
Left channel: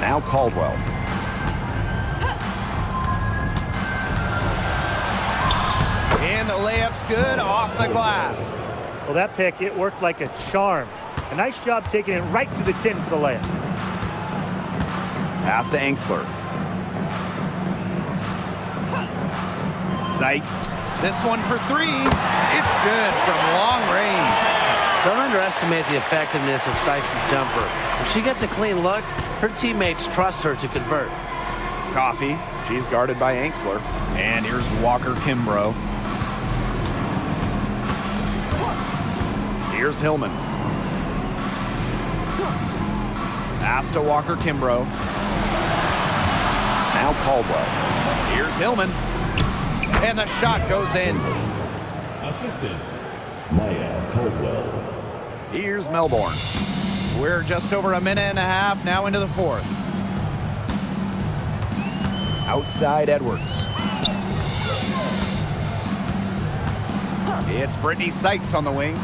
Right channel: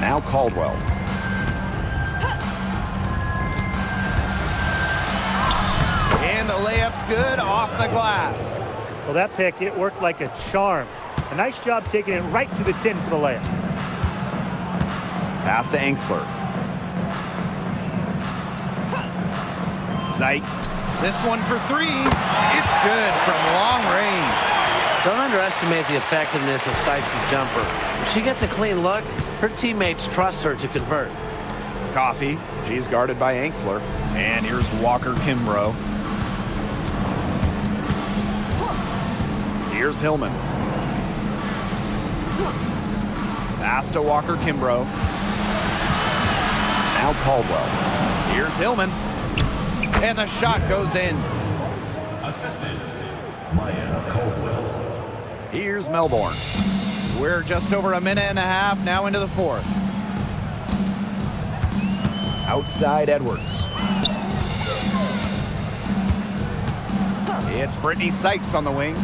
Now Caldwell. And the layup's good off the glass. Well, that pick, it worked like a charm. A nice job taking it right to the tin for the layup. Pass to Angsler. Sykes. This one for three. It's good from long range. Don't underestimate the effectiveness of Sykes' jumper. If she gets a clean look, her teammates trust her to convert. Coffee. She's guarded by Angsler. And here's Walker Kimbrough. Here's Hillman. Pass to Walker Kimbrough. Now Caldwell. Here's Hillman. And the shot goes in. Assistant, Maya Caldwell. Here's Melbourne. We're just over a minute and a half now into the fourth. Outside Edwards. It's Brittany Sykes on the wing.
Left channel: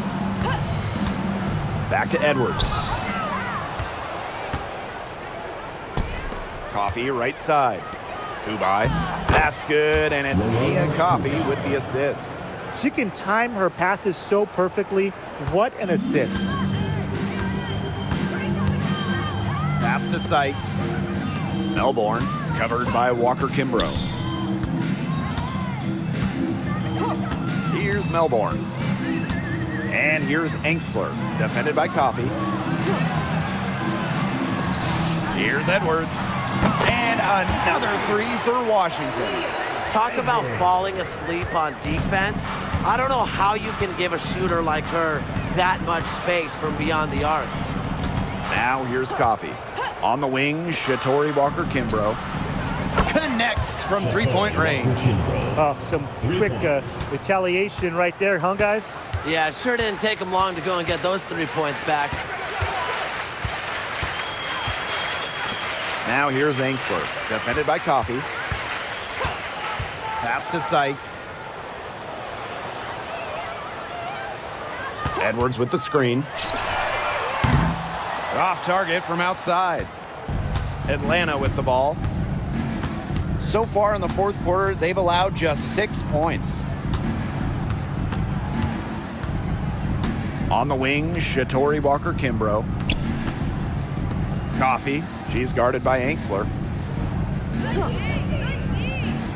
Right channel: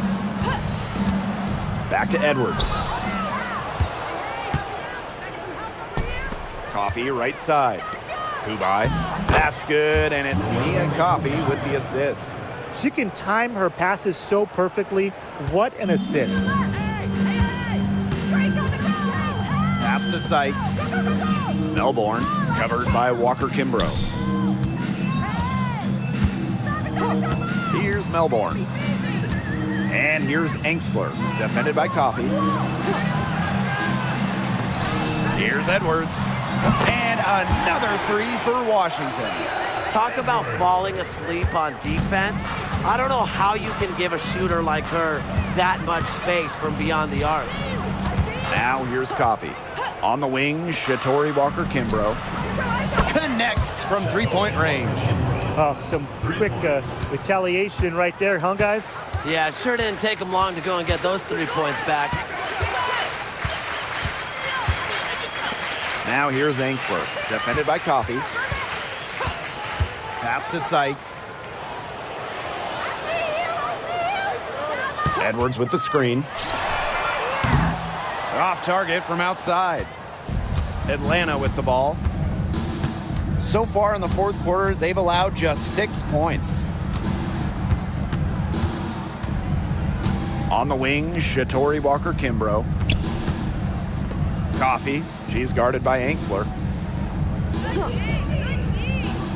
Back to Edwards. Coffee right side. Kubai. That's good, and it's Nia Coffee with the assist. She can time her passes so perfectly. What an assist. Pass to Sykes. Melbourne, covered by Walker Kimbrough. Here's Melbourne. And here's Angsler, defended by Coffee. Here's Edwards. And another three for Washington. Talk about falling asleep on defense. I don't know how you can give a shooter like her that much space from beyond the arc. Now here's Coffee. On the wing, Shatori Walker Kimbrough. Connects from three-point range. Oh, some quick retaliation right there, huh, guys? Yeah, it sure didn't take them long to go and get those 3 points back. Now here's Angsler, defended by Coffee. Pass to Sykes. Edwards with the screen. Off target from outside. Atlanta with the ball. So far in the fourth quarter, they've allowed just 6 points. On the wing, Shatori Walker Kimbrough. Coffee. She's guarded by Angsler.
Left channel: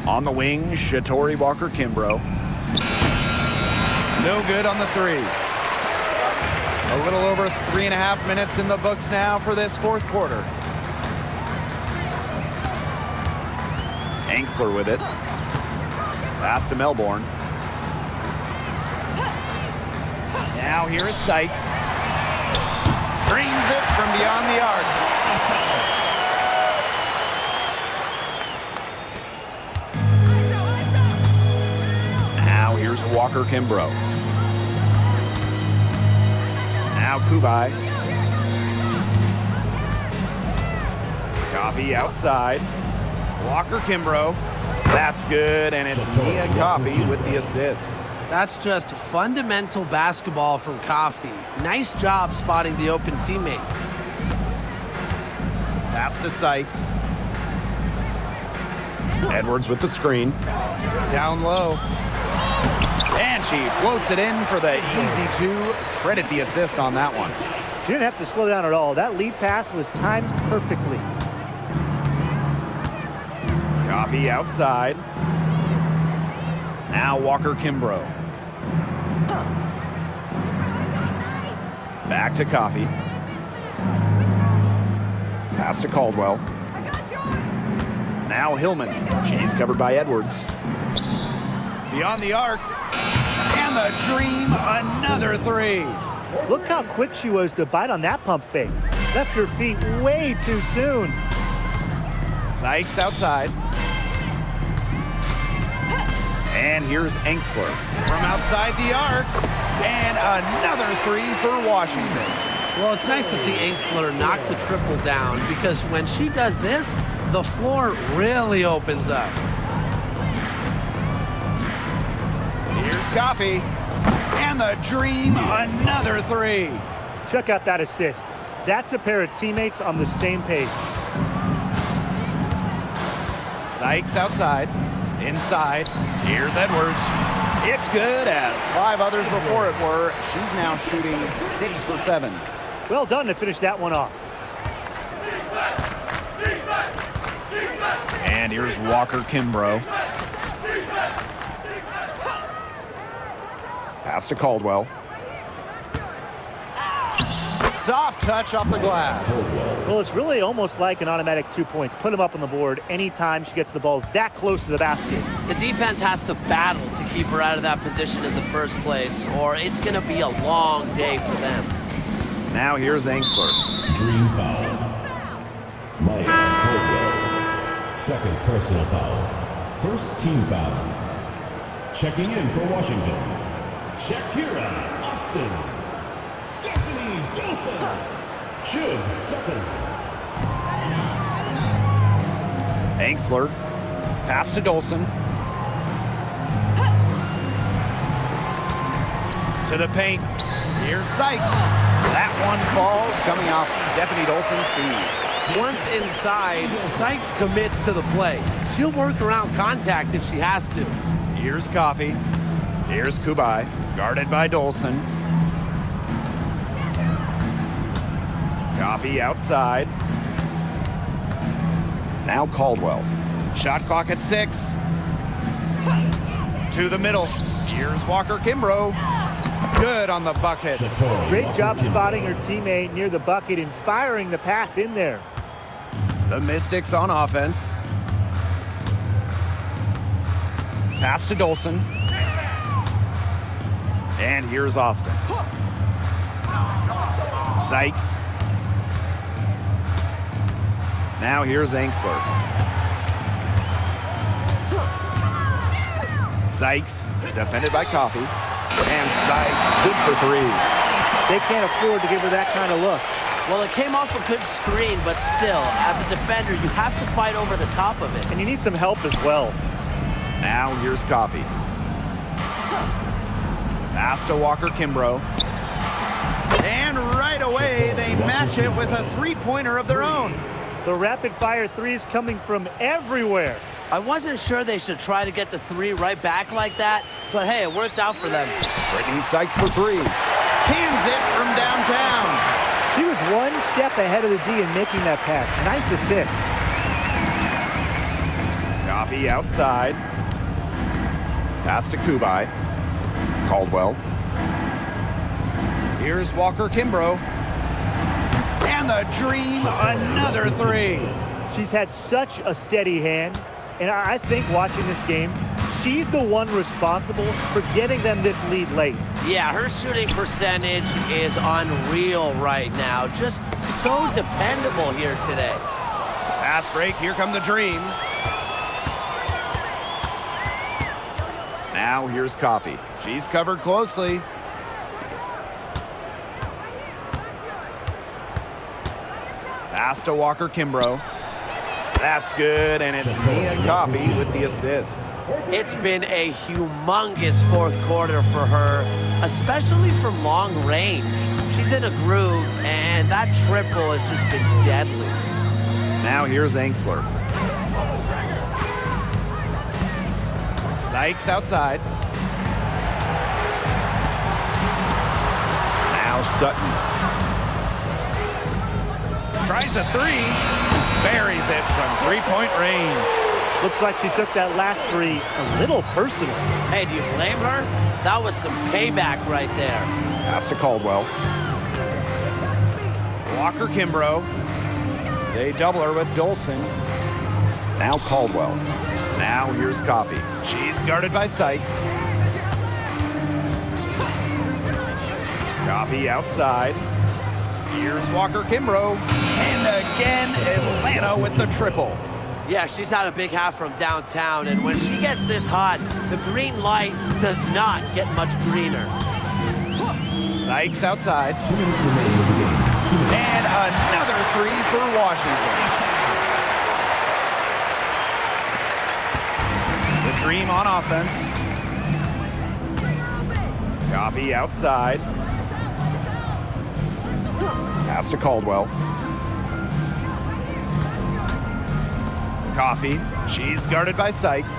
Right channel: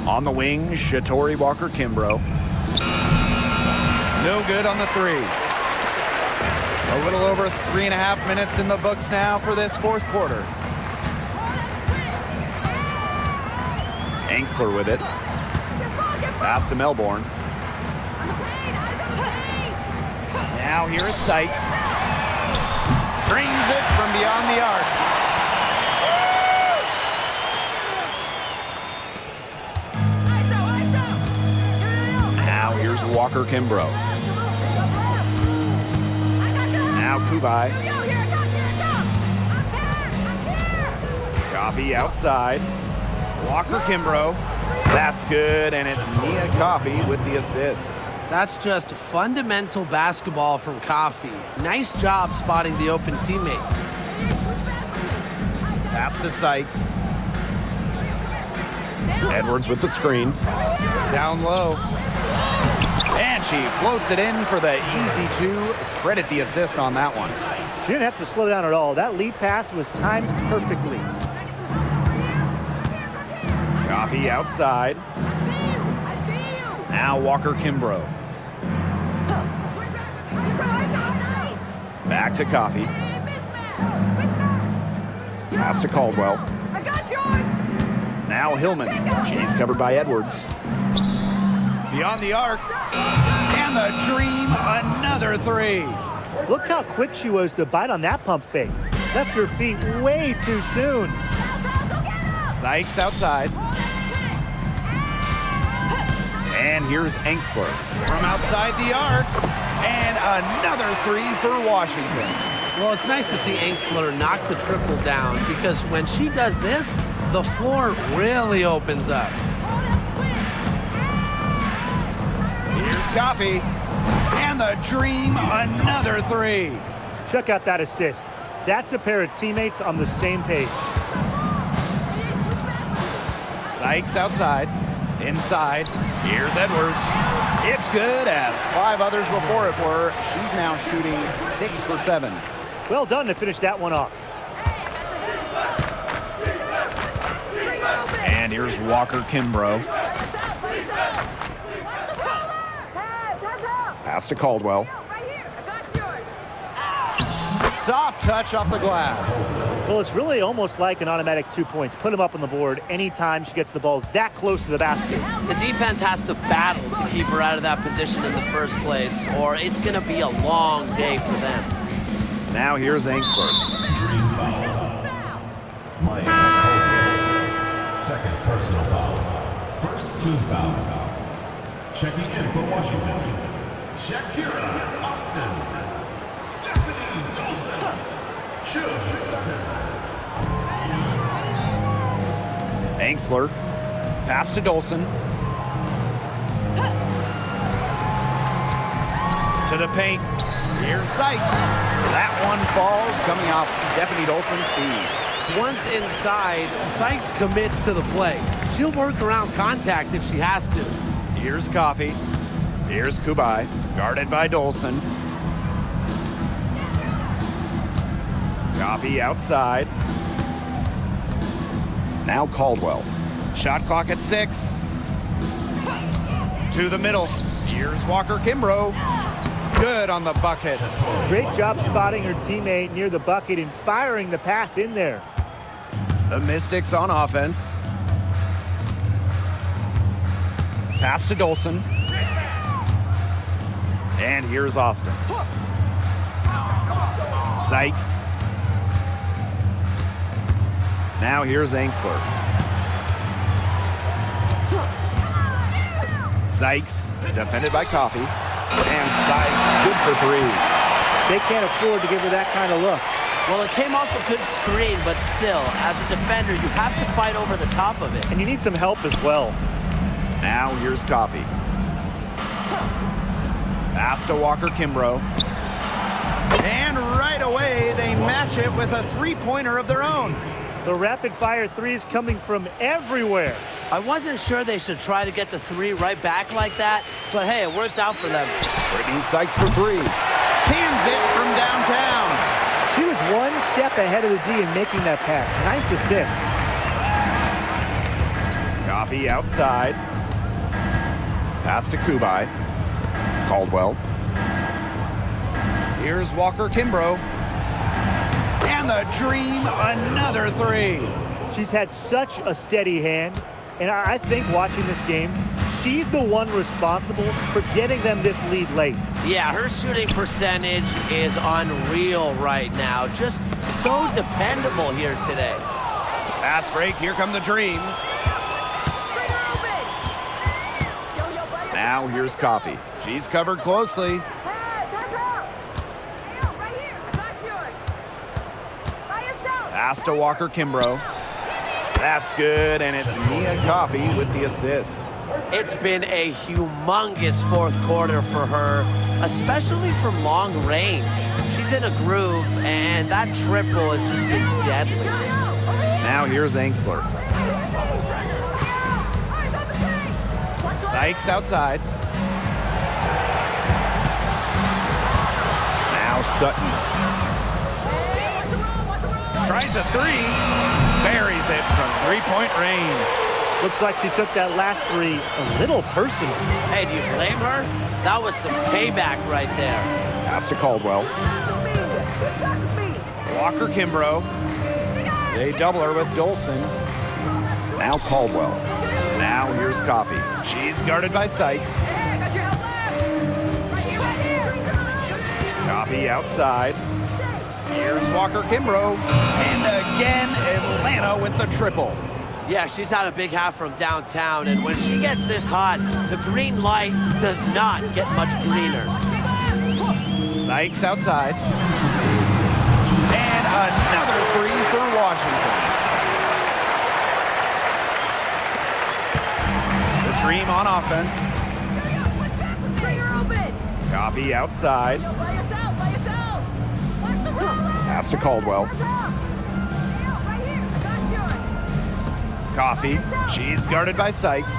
On the wing, Shatori Walker Kimbrough. No good on the three. A little over 3.5 minutes in the books now for this fourth quarter. Engsler with it. Pass to Melbourne. Now here is Sykes. Dreams it from beyond the arc. Now here's Walker Kimbrough. Now Kubai. Coffee outside. Walker Kimbrough. That's good, and it's Nia Coffee with the assist. That's just fundamental basketball from Coffee. Nice job spotting the open teammate. Pass to Sykes. Edwards with the screen. Down low. And she floats it in for the easy two. Credit the assist on that one. She didn't have to slow down at all. That lead pass was timed perfectly. Coffee outside. Now Walker Kimbrough. Back to Coffee. Pass to Caldwell. Now Hillman. She's covered by Edwards. Beyond the arc. And the dream, another three. Look how quick she was to bite on that pump fake. Left her feet way too soon. Sykes outside. And here's Engsler from outside the arc. And another three for Washington. Well, it's nice to see Engsler knock the triple down because when she does this, the floor really opens up. Here's Coffee. And the dream, another three. Check out that assist. That's a pair of teammates on the same page. Sykes outside. Inside. Here's Edwards. It's good, as 5 others before it were. She's now shooting 6 for 7. Well done to finish that one off. And here's Walker Kimbrough. Pass to Caldwell. Soft touch off the glass. Well, it's really almost like an automatic 2 points. Put them up on the board anytime she gets the ball that close to the basket. The defense has to battle to keep her out of that position in the first place, or it's going to be a long day for them. Now here's Engsler. Dream foul. Mike Caldwell. Second personal foul. First team foul. Checking in for Washington. Shakira Austin. Stephanie Dolson. Shug Sutton. Engsler. Pass to Dolson. To the paint. Here's Sykes. That one falls, coming off Stephanie Dolson's feed. Once inside, Sykes commits to the play. She'll work around contact if she has to. Here's Coffee. Here's Kubai, guarded by Dolson. Coffee outside. Now Caldwell. Shot clock at 6. To the middle. Here's Walker Kimbrough. Good on the bucket. Great job spotting her teammate near the bucket and firing the pass in there. The Mystics on offense. Pass to Dolson. And here's Austin. Sykes. Now here's Engsler. Sykes, defended by Coffee. And Sykes, good for 3. They can't afford to give her that kind of look. Well, it came off a good screen, but still, as a defender, you have to fight over the top of it. And you need some help as well. Now here's Coffee. Pass to Walker Kimbrough. And right away, they match it with a three-pointer of their own. The rapid-fire threes coming from everywhere. I wasn't sure they should try to get the 3 right back like that, but hey, it worked out for them. Brittany Sykes for 3. Cans it from downtown. She was one step ahead of the D in making that pass. Nice assist. Coffee outside. Pass to Kubai. Caldwell. Here's Walker Kimbrough. And the Dream, another three. She's had such a steady hand, and I think watching this game, she's the one responsible for getting them this lead late. Yeah, her shooting percentage is unreal right now. Just so dependable here today. Pass break, here come the Dream. Now here's Coffee. She's covered closely. Pass to Walker Kimbrough. That's good, and it's Mia Coffee with the assist. It's been a humongous fourth quarter for her, especially from long range. She's in a groove, and that triple has just been deadly. Now here's Angsler. Sykes outside. Now Sutton. Tries a three. Buries it from three-point range. Looks like she took that last three a little personal. Hey, do you blame her? That was some payback right there. Pass to Caldwell. Walker Kimbrough. They double her with Dolson. Now Caldwell. Now here's Coffee. She's guarded by Sykes. Coffee outside. Here's Walker Kimbrough. And again, Atlanta with the triple. Yeah, she's had a big half from downtown, and when she gets this hot, the green light does not get much greener. Sykes outside. And another three for Washington. The Dream on offense. Coffee outside. Pass to Caldwell. Coffee. She's guarded by Sykes.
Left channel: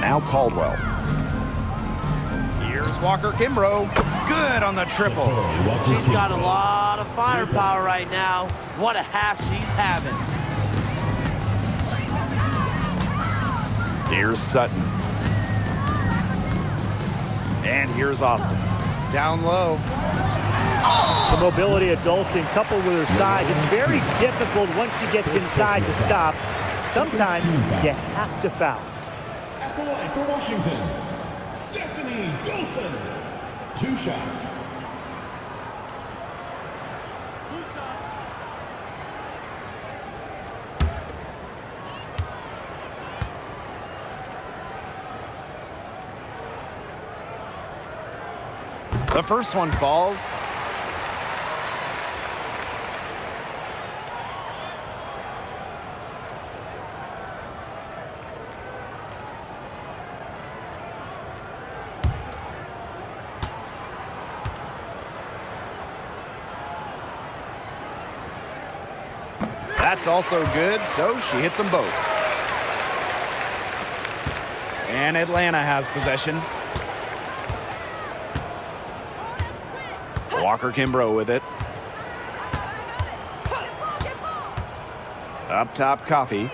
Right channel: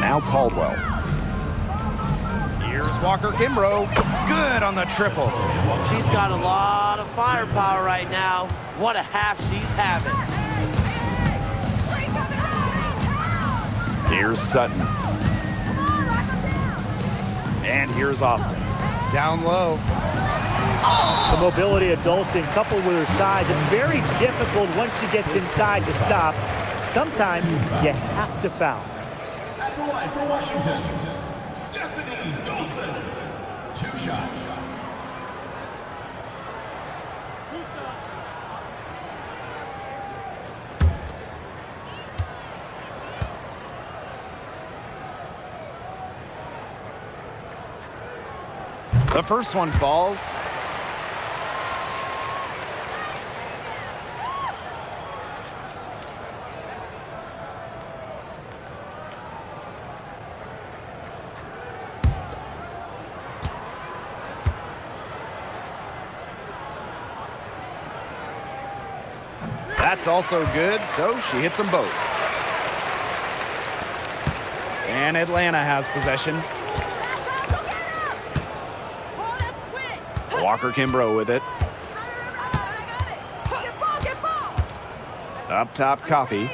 Now Caldwell. Here's Walker Kimbrough. Good on the triple. She's got a lot of firepower right now. What a half she's having. Here's Sutton. And here's Austin. Down low. The mobility of Dolson coupled with her size, it's very difficult once she gets inside to stop. Sometimes you have to foul. At the line for Washington, Stephanie Dolson. 2 shots. The first one falls. That's also good, so she hits them both. And Atlanta has possession. Walker Kimbrough with it. Up top, Coffee.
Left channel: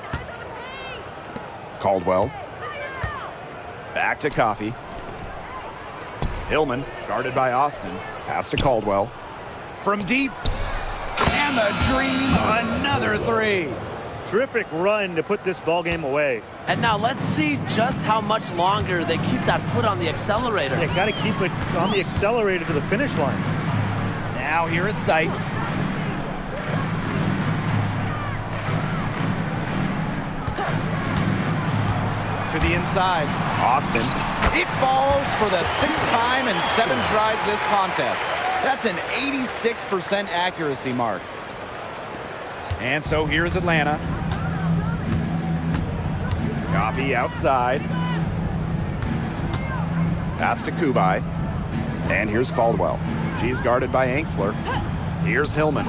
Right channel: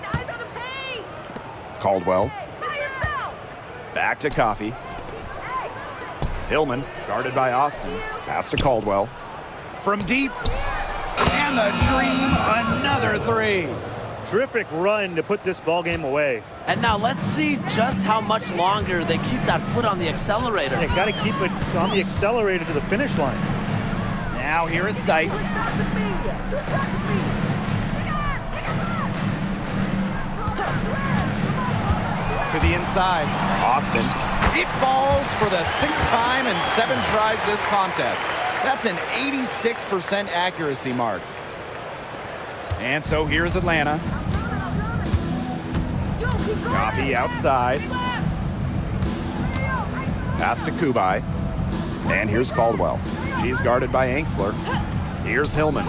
Caldwell. Back to Coffee. Hillman, guarded by Austin. Pass to Caldwell. From deep. And the Dream, another three. Terrific run to put this ball game away. And now let's see just how much longer they keep that foot on the accelerator. They got to keep it on the accelerator to the finish line. Now here is Sykes. To the inside, Austin. It falls for the 6th time in 7 tries this contest. That's an 86% accuracy mark. And so here's Atlanta. Coffee outside. Pass to Kubai. And here's Caldwell. She's guarded by Angsler. Here's Hillman.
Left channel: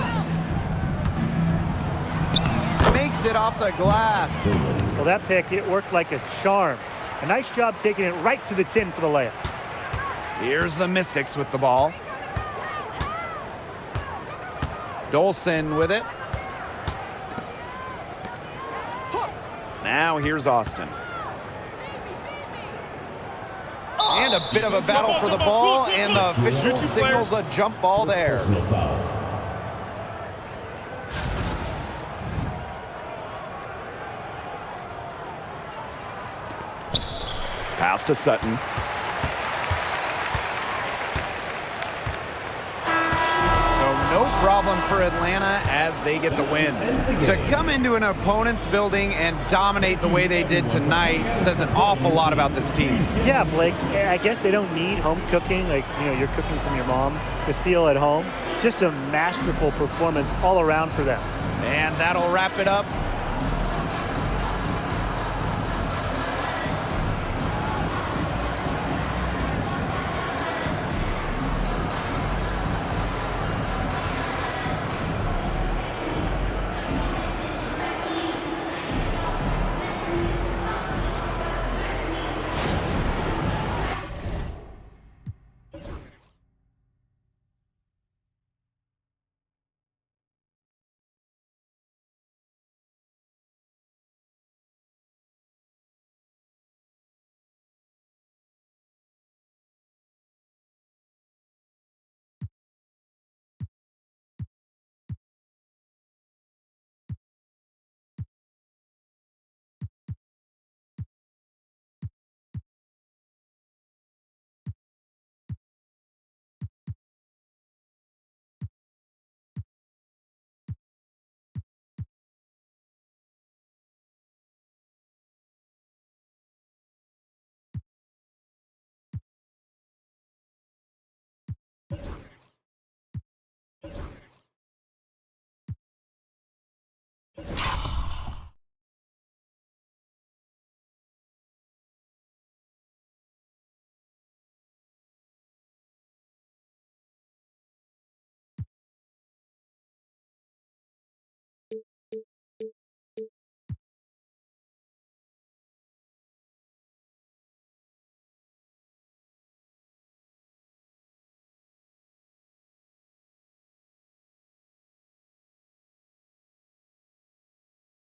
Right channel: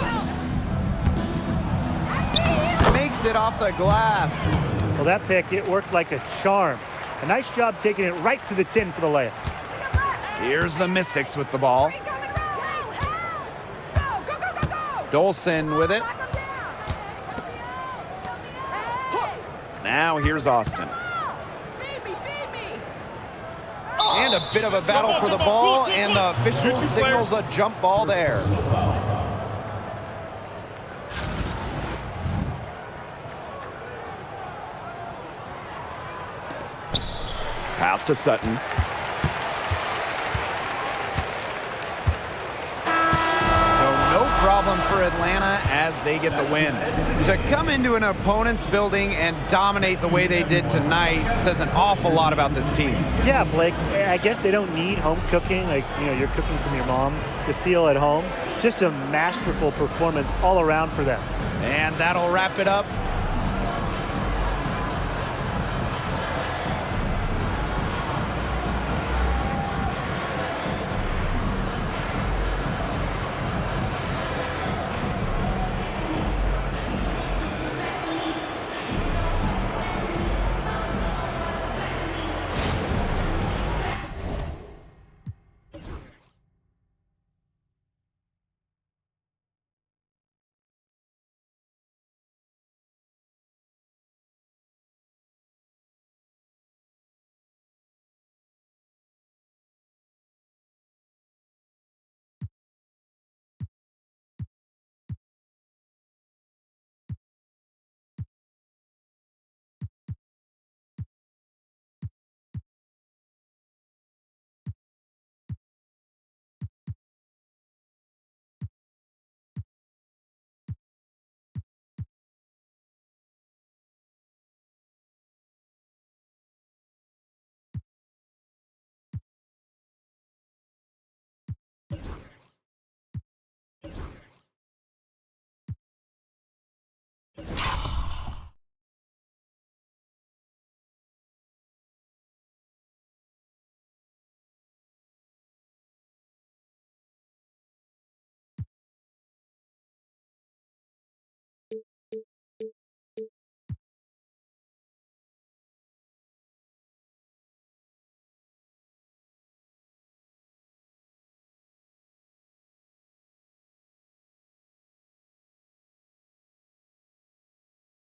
Makes it off the glass. Well, that pick, it worked like a charm. A nice job taking it right to the tin for the layup. Here's the Mystics with the ball. Dolson with it. Now here's Austin. And a bit of a battle for the ball, and the official signals a jump ball there. Personal foul. Pass to Sutton. So no problem for Atlanta as they get the win. To come into an opponent's building and dominate the way they did tonight says an awful lot about this team. Yeah, Blake, I guess they don't need home cooking, like, you know, you're cooking from your mom, to feel at home. Just a masterful performance all around for them. And that'll wrap it up